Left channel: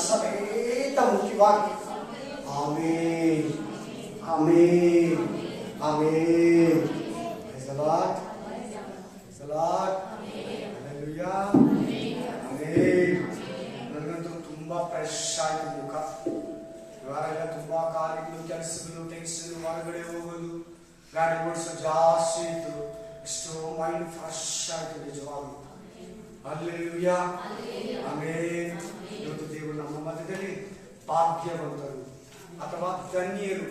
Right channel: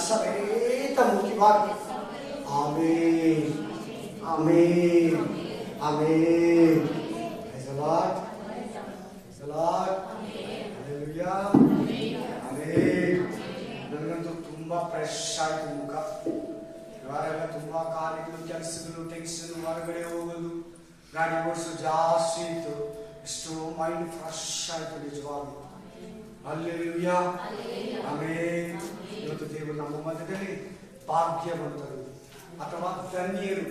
ಸಮೇತ ಮುಖ್ಯವಾಗಿ ಆಮೇನ್ ಆಮೇನ್ ಆಮೇನ್. Praise the Lord. Praise the Lord. Hallelujah. ಆಮೇನ್. ನನಗಂತೂ ತುಂಬಾ ಫ್ರೆಶ್ ಆಯ್ತು ಮುಖ. ಇವಾಗೆಲ್ಲ ತುಂಬಾ ಕಾರ್ಯಗಳು, ಕೆಲಸಗಳು, ಟೆನ್ಷನ್, ಹೊರಗಡೆ ಹೋಗೋದು, ಗಾಡಿ ಓಡಿಸೋ ಜಾಸ್ತಿ ಇತ್ತು. ಎಷ್ಟೋ ಮೈಂಡ್ ಫ್ರೆಶ್ ಆಯ್ತು ನಿಜವಾಗಿ. Hallelujah amen. ಇವತ್ತು ದೇವರು ನಮ್ಮ ಮಧ್ಯದಲ್ಲಿ ಭಾಗ್ಯವಂತರು ಅಥವಾ ಧನ್ಯರು,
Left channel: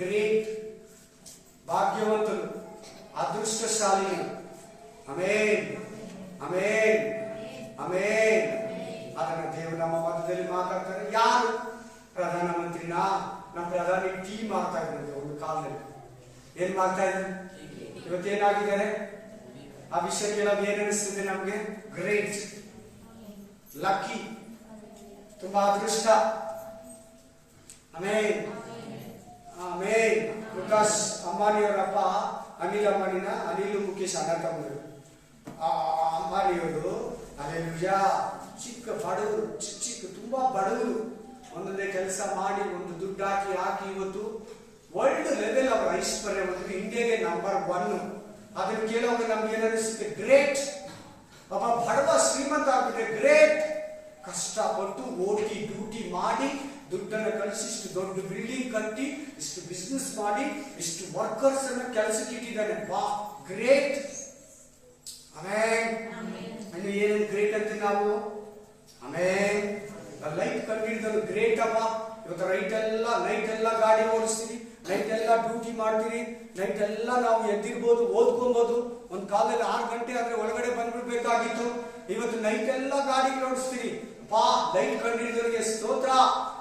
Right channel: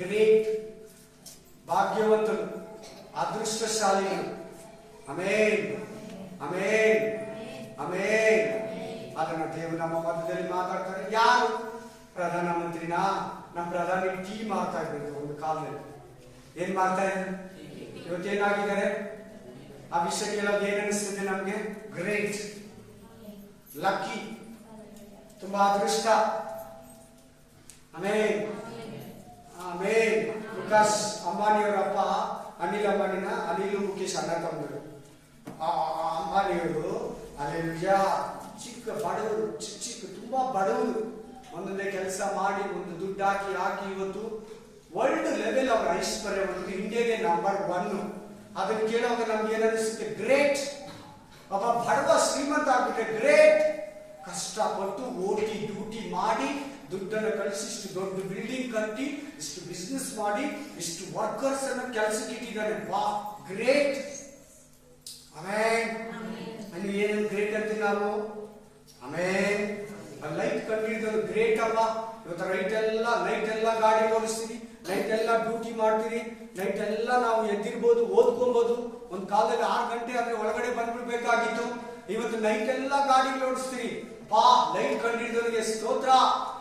ಗ್ರೇಟ್, ಭಾಗ್ಯವಂತರು, ಅದೃಷ್ಟಶಾಲಿಗಳು. Amen amen amen. ಅದನ್ನ ದೇವರು ನಮ್ಮ ಮಧ್ಯದಲ್ಲಿ ಮಾತಾಡ್ತಾರೆ. ಯಾರು? ಪ್ರಧಾನಮಂತ್ರಿನ ನಮ್ಮ ಪ್ರಧಾನಿ ಟೀ ಮಾಡ್ತಾ ಇದ್ರು ಒಂದು ಕಾಲದಲ್ಲಿ. ಏನ್ ಮಾಡ್ತಾ ಇದ್ರು? ಇವತ್ತೇನಾಗಿದ್ದಾರೆ? ಆ ವಿಷಯ ಕೇಳೋದು ಏನ್ ಅನಿಸ್ತಿದೆ ನಮ್ಗೆ? ಗ್ರೇಟ್, ಲಕ್ಕಿ, ತುಂಬಾ ಅದೃಷ್ಟ. ಆಮೇನ್ ಆಮೇನ್. ಮುಖೇಶ್ ಅಂಬಾನಿಯವರಪ್ಪ ಅನಿಲ್ ಅಂಬಾನಿನ, ಅನಿಲ್ ಮುಖೇಶ್ ಅಣ್ಣ ತಮ್ಮರು. ಅಂಬಾನಿಯವರು ಅಲ್ಲೆಲ್ಲೂಯಾ ಚಿಕ್ಕ ಬಡವರು, ಚಿಕ್ಕ ತುಂಬಾ ಬಡವರು, ಒಂದೊಂದೇ ಕೆಲಸ ಮಾಡಿ ಒಂದು ದುಡ್ಡು ಹಾಕಿ ಇವತ್ತು ವರ್ಲ್ಡ್ ಲೆವೆಲ್ ಅವರ ಐಶ್ವರ್ಯ ಬಂದು ಇಂಡಿಯಾಗೆ ನಂಬರ್ 1. ಅದನ್ನು ಕೇಳೋವಾಗ ನಮ್ಗೆ ಏನಿಸುತ್ತೆ? ಗ್ರೇಟ್. ಒಬ್ಬ ಬಡವ ಶ್ರೀಮಂತ ಆಗ್ಬಿಟ್ರೆ ಗ್ರೇಟ್. ಕಷ್ಟಪಟ್ಟು ಓಟಿ ಡ್ಯೂಟಿ ಮಾಡಿ ದುಡ್ಡನ್ನು ಕಳಿಸಿ ಇಷ್ಟು ದೊಡ್ಡ ಬಿಲ್ಡಿಂಗ್ ಕಟ್ಟಿ ಇಷ್ಟು ಬಿಸ್ನೆಸ್ ಮಾಡಿ ಇಷ್ಟು ವರ್ಕರ್ಸ್ ಅನ್ನ ಕೆಲಸಕ್ಕೆ ಇಟ್ಟಿದ್ದಾನೆ. ವಾ, ಗ್ರೇಟ್. ಆಮೇನ್. ಇನ್ನು ಏನೇನು ಗ್ರೇಟ್ ಅಂತ ನಾವು ಆಮೇನ್. ಲೈಟ್ ಕಂಡಿಡಿದ್ರು ಗ್ರೇಟ್ ಅಪ್ಪ. ಇವತ್ತು ನೈಟ್ ಎಲ್ಲ ಗಾಡಿ ಓಡಿಸ್ತೀವಿ, ನೈಟ್ ಎಲ್ಲ ಡ್ಯೂಟಿ ಮಾಡ್ತೀರಿ, ನೈಟ್ ಎಲ್ಲ ನಾವು ಎದ್ದಿರ್ಬೋದು, ಓದ್ಕೊಬಹುದು. ಒಂದ್ ಕಾಲದಲ್ಲಿ 6 ಗಂಟೆ ಆದ್ರೆ ಒಳಗಡೆ ಬಂದ್ಬಿಡ್ಬೇಕಾಗಿತ್ತು. ಇವತ್ತು ನೈಟ್ ಎಲ್ಲ ಗಾಡಿಗಳು ಓಡಿಸ್ತೀರಿ. ಪಾ, ಲೈಟ್ ಕಂಡಿಡಿದವರಿಗೆ ಸ್ತೋತ್ರ.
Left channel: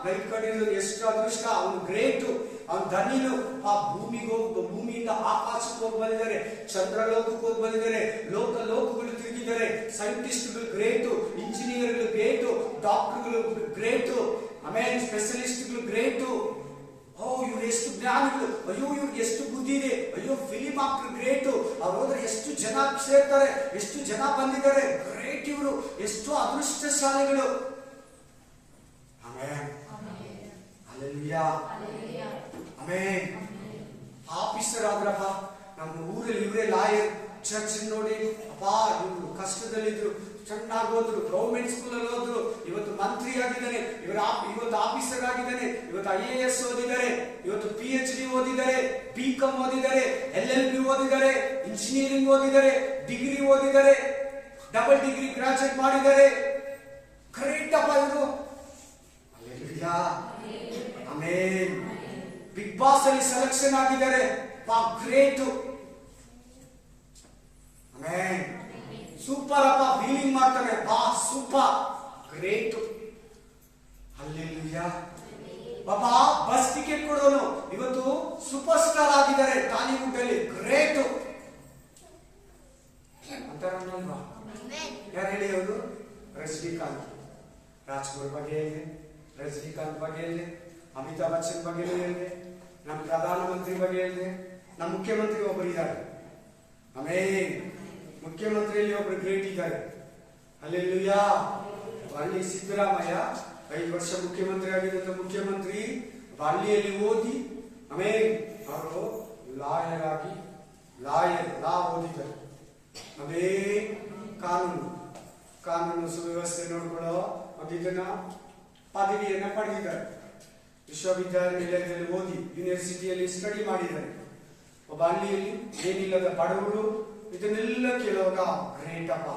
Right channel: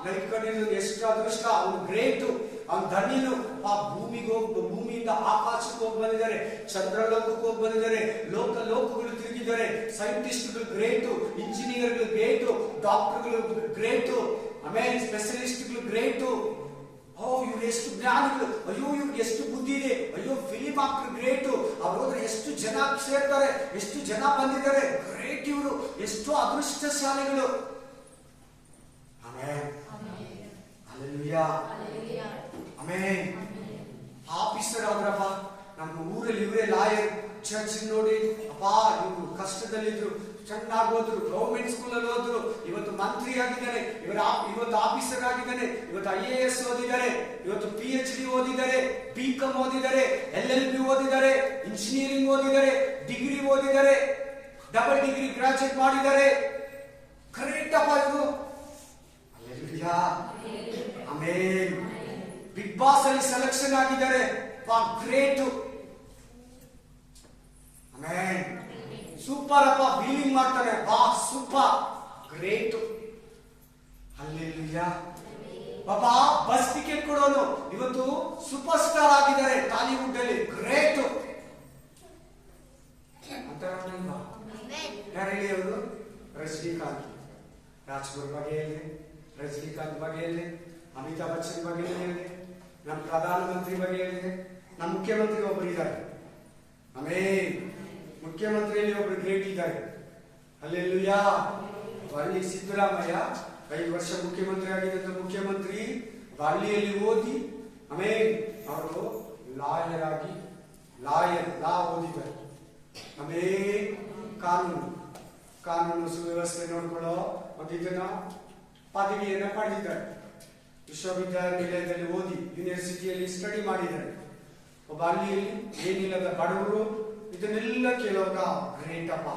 ಲೈಟ್ ಕಂಡಿಡಿದವ್ರಿಗೆ ಎಷ್ಟು ಅದೃಷ್ಟ. ಅವನು ಗ್ರೇಟು, ಅವನು ಧನಿನು. ಆ ಭೂಮಿಯಿಂದ ಆಕಾಶಕ್ಕೆ ಹೋಗಿ ಬಂದಿದ್ದಾರೆ, ಚಂದ್ರಲೋಕಕ್ಕೆ ಹೋಗಿ ಬಂದಿದ್ದಾರೆ, ಲೋಕಗಳು ತಿರುಗಿದ್ದಾರೆ. ಸೈಂಟಿಸ್ಟ್ಗಳು ಗ್ರೇಟು, ಇಂಜಿನಿಯರ್ಗಳು ಗ್ರೇಟು, ಡಾಕ್ಟರ್ಗಳು ಗ್ರೇಟು, ಆಮೇಲೆ ಸ್ಪೆಷಲಿಸ್ಟ್ಗಳು ಗ್ರೇಟು. ಇವ್ರು ಎಷ್ಟು ಜ್ಞಾನಿಗಳು, ಅಯ್ಯೋ ಇವ್ರಿಗೆ ಎಷ್ಟು ಬುದ್ಧಿ ಇದೆ, ಅಯ್ಯೋ ಫಿಲಿಂ ಆಕ್ಟರ್ ಗ್ರೇಟು, ಅವ್ರು ಹೋದ್ರೆ ಎಷ್ಟು ಜನ ಸೇರ್ತಾರೆ, ಎಷ್ಟು ಜನ ಬಂದಿದ್ದಾರೆ, ಗ್ರೇಟ್ ಇವರು, ಎಷ್ಟು ಅದೃಷ್ಟಶಾಲಿಗಳು. ಆಮೇನ್ ಹಲ್ಲೆಲೂಯಾ ಆಮೇನ್. ಆಫೀಸರ್ ಆದ್ರಪ್ಪ ನಮ್ಮ ಊರಲ್ಲಿ, ಇವರೇ ಲಾಯರ್. ಚರ್ಚ್ ನೋಡಿ ಅಪ್ಪ, ಇವರು ಕಷ್ಟದಲ್ಲಿದ್ರು, ಚೆನ್ನಾಗಿ ಹೋದ್ರು, ಗೌರ್ಮೆಂಟ್ ಸ್ಕೂಲ್ ಅಲ್ಲಿ ಹೋದ್ರು, ಇವತ್ತು ಮಂತ್ರಿ ಆಗಿದ್ದಾರೆ, ಇವತ್ತು ಆಫೀಸರ್ ಆಗಿದ್ದಾನೆ, ಇವತ್ತು IAS ಓದಿದ್ದಾರೆ, ಇವತ್ತು PhD ಓದಿದ್ದಾರೆ, BCom ಓದಿದ್ದಾರೆ, LLB ಓದಿದ್ದಾರೆ, ಇಂಜಿನಿಯರಿಂಗ್ ಓದಿದ್ದಾರೆ, ಡಿಗ್ರಿ ಓದಿದ್ದಾರೆ, ಡಬಲ್ ಡಿಗ್ರಿ ಗ್ರಾಜುಯೇಟ್ ಮಾಡಿದ್ದಾರೆ. ಗ್ರೇಟ್ ಅಪ್ಪ ಇವರು. Hallelujah amen. ಬಿಗ್ ಬಾಸ್ ಅಲ್ಲಿ ಸೆಲೆಕ್ಷನ್ ಆಗಿದ್ದಾರೆ. Great amen. ಸೂಪರ್ ಅಪ್ಪ, ಬೀಲಿಂಗ್ ಮಾಡ್ತಾನೆ, ಸೂಪರ್, ಗ್ರೇಟ್. ಹಲ್ಲೆಲೂಯಾ. ಬಾಬಾ ಬಸ್ ಟಿಕೆಟ್ ಕೊಡೋನು ಇವತ್ತು ಸೂಪರ್ ಸ್ಟಾರ್ ಆಗಿದ್ದಾರೆ ಟಾಲಿವುಡ್ ಅಲ್ಲಿ. ಗ್ರೇಟ್ ಅಂತಾರಲ್ವಾ? ಯಾರು ಹೇಳಿ? ಅವರು ರಜನಿಕಾಂತ್. ರಾಜ್ಕುಮಾರ್ ಬಗ್ಗೆ ಹೇಳಿದೆ, ರಜನಿಕಾಂತ್ ಬಗ್ಗೆ ಹೇಳಿದೆ, ಅಮಿತಾಬ್ ಬಚ್ಚನ್ ಬಗ್ಗೆ ಹೇಳಿದೆ, ನಮ್ಮ ಪ್ರಧಾನಮಂತ್ರಿ ಬಗ್ಗೆ ಹೇಳಿದೆ, ನಮ್ಮ ಮುಖ್ಯಮಂತ್ರಿ ಒಬ್ಬರು ಇದ್ದಾರೆ. ಆಮೇನ್. ಮುಖ್ಯಮಂತ್ರಿಯಲ್ಲಿ ಒಬ್ರು ಗ್ರೇಟ್ ಇದ್ದಾರೆ. ಅಲ್ಲೆಲ್ಲೂಯಾ. ಅಲ್ಲಿ ಸಿದ್ದರಾಮಯ್ಯ 5 ವರ್ಷ ಮುಖ್ಯಮಂತ್ರಿ ಆಗಿದ್ದಂತ ಮುಖ್ಯಮಂತ್ರಿ ಹಳ್ಳಿಯಲ್ಲಿ ಓದಿ ಆಮೇಲೆ ಅವರು ಲಾ ಓದಿದ್ದಾರೆ. ಆಮೇಲೆ ಕಾನೂನು ಸುವ್ಯವಸ್ಥೆ ನೋಡ್ಕೊಳ್ಳೋ ಒಂದು ಇದನ್ನ ಪದವಿಯನ್ನ ಪಡೆದಿದ್ದಾರೆ. ವಿಶ್ವವಿದ್ಯಾನಿಲಯದಲ್ಲಿ ಓದಿ ಯೂನಿವರ್ಸಿಟಿಯಲ್ಲಿ ಸ್ಟಡಿ ಮಾಡಿದ್ದಾರೆ. ಒಬ್ಬ ಹಳ್ಳಿಯಲ್ಲಿ ಏನಿಲ್ಲದ ಬಡವರು ಇದನ್ನೆಲ್ಲ ಕೇಳುವಾಗ ಗ್ರೇಟ್ ಅಪ್ಪ.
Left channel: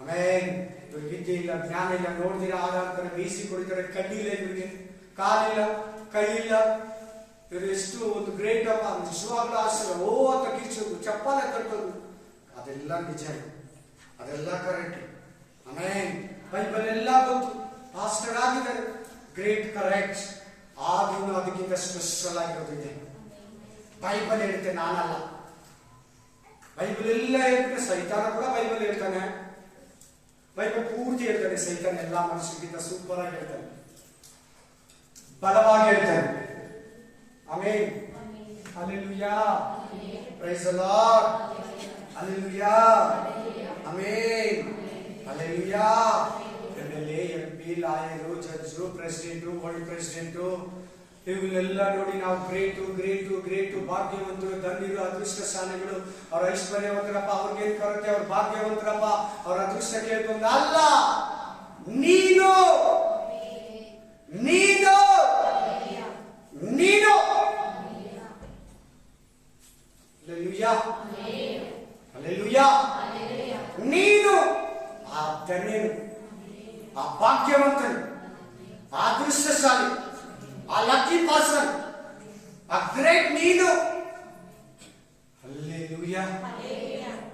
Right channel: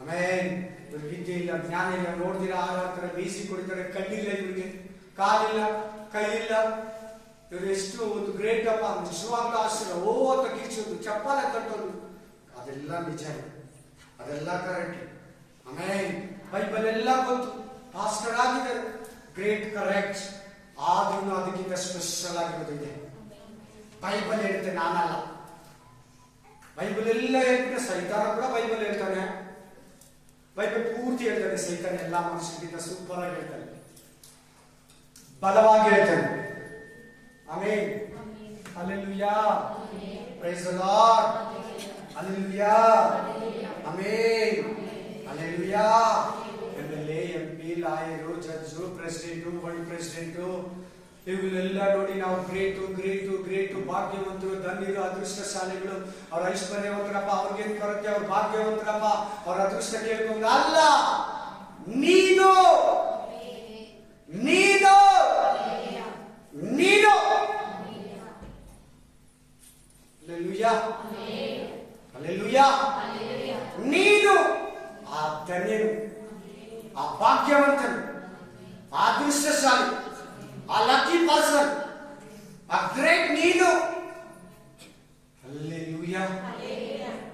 ಆಮೇನ್. ಇವ್ರಿಗೆ ವಿದ್ಯೆ ಇಲ್ಲ, ಜ್ಞಾನ ಇಲ್ಲ, ನೋಡಿದಿರ ಆರಾಡ್ತಾರೆ, ಬೇಯಿಸಿ ಕೊಡಿತಾರೆ, ಕಣ್ಣಿಲ್ಲ ಇವರಿಗೆ, ಕಾಲಿಲ್ಲ, ಕೈ ಇಲ್ಲ. ಇವರು ಎಷ್ಟು ಒಂದು ಗ್ರೇಟ್ ಅಪ್ಪ. ನಿಜವಾಗ್ಲೂ ಆಶ್ಚರ್ಯ. ಅಂತ ಕಿರ್ಚೋದು, ಚಪ್ಪಾಳೆ ತಟ್ಟೋದು, ಅದೆಲ್ಲ ನಿಜ, ಅದೆಲ್ಲ ಕರೆಕ್ಟ್. ಆಮೇನ್. ಬೈಬಲ್ ಎಲ್ಲ ಗೊತ್ತು, ಪಾಸ್ಟರ್ ಆಗಿದ್ದಾರೆ, ಗ್ರೇಟ್, ಕರೆಕ್ಟ್. ಆದ್ರೂ ಅದಕ್ಕಿಂತ ಸ್ಪೆಷಲ್ ಆಗಿರೋದು ಇದೆ. ಬೈಬಲ್ ಹೇಳುತ್ತೆ, ನಾನಲ್ಲ. ಬೈಬಲ್ ಎಲ್ಲ ಹೇಳ್ತಾನೆ. ಸೈತಾನ ಕೂಡ ಬೈಬಲ್ ಹೇಳ್ತಾನೆ. ಬೈಬಲ್ ಪೂರ್ತಿ ಹೇಳ್ತಾನೆ. ಸೈತಾನ ಎಲ್ಲ ಮನುಷ್ಯರಿಗಿಂತ ಸೂಪರ್ ಆಗಿ ಹೇಳ್ತಾನೆ, ಬಲವಾಗಿ ಹೇಳ್ತಾನೆ. Amen. Hallelujah. Praise the Lord. Hallelujah. Amen. Hallelujah. ಎಂಬಲ್ಲಿ MP, lawyer, judge, president, world president, ಇವುಗಳೆಲ್ಲ ನೋಡಿ ನಾವು ಗ್ರೇಟು ಭಾಗ್ಯವಂತರು, ಧನ್ಯರು, ಅದೃಷ್ಟಶಾಲಿಗಳು. ಅವ್ರ ಐಶ್ವರ್ಯವಂತರಪ್ಪ, ಅವ್ರಿಗೇನ್ ಕೊರತೆ, ಅವ್ರ ಭಾಗ್ಯವಂತರಪ್ಪ, ಅವ್ರ ಅದೃಷ್ಟ ಕೇಳ್ಕೊಂಡು ಅಲ್ಲ. ನೀನು ನೀನು ನೀನು ನೀನು ಆ ಧನ್ಯನು, ಆ ಭಾಗ್ಯವಂತನು, ಆ ಅದೃಷ್ಟಶಾಲಿ, ಆ ಲಕ್ಕಿ ಪರ್ಸನ್, ಆ ಗ್ರೇಟ್ ನೀನು. Hallelujah,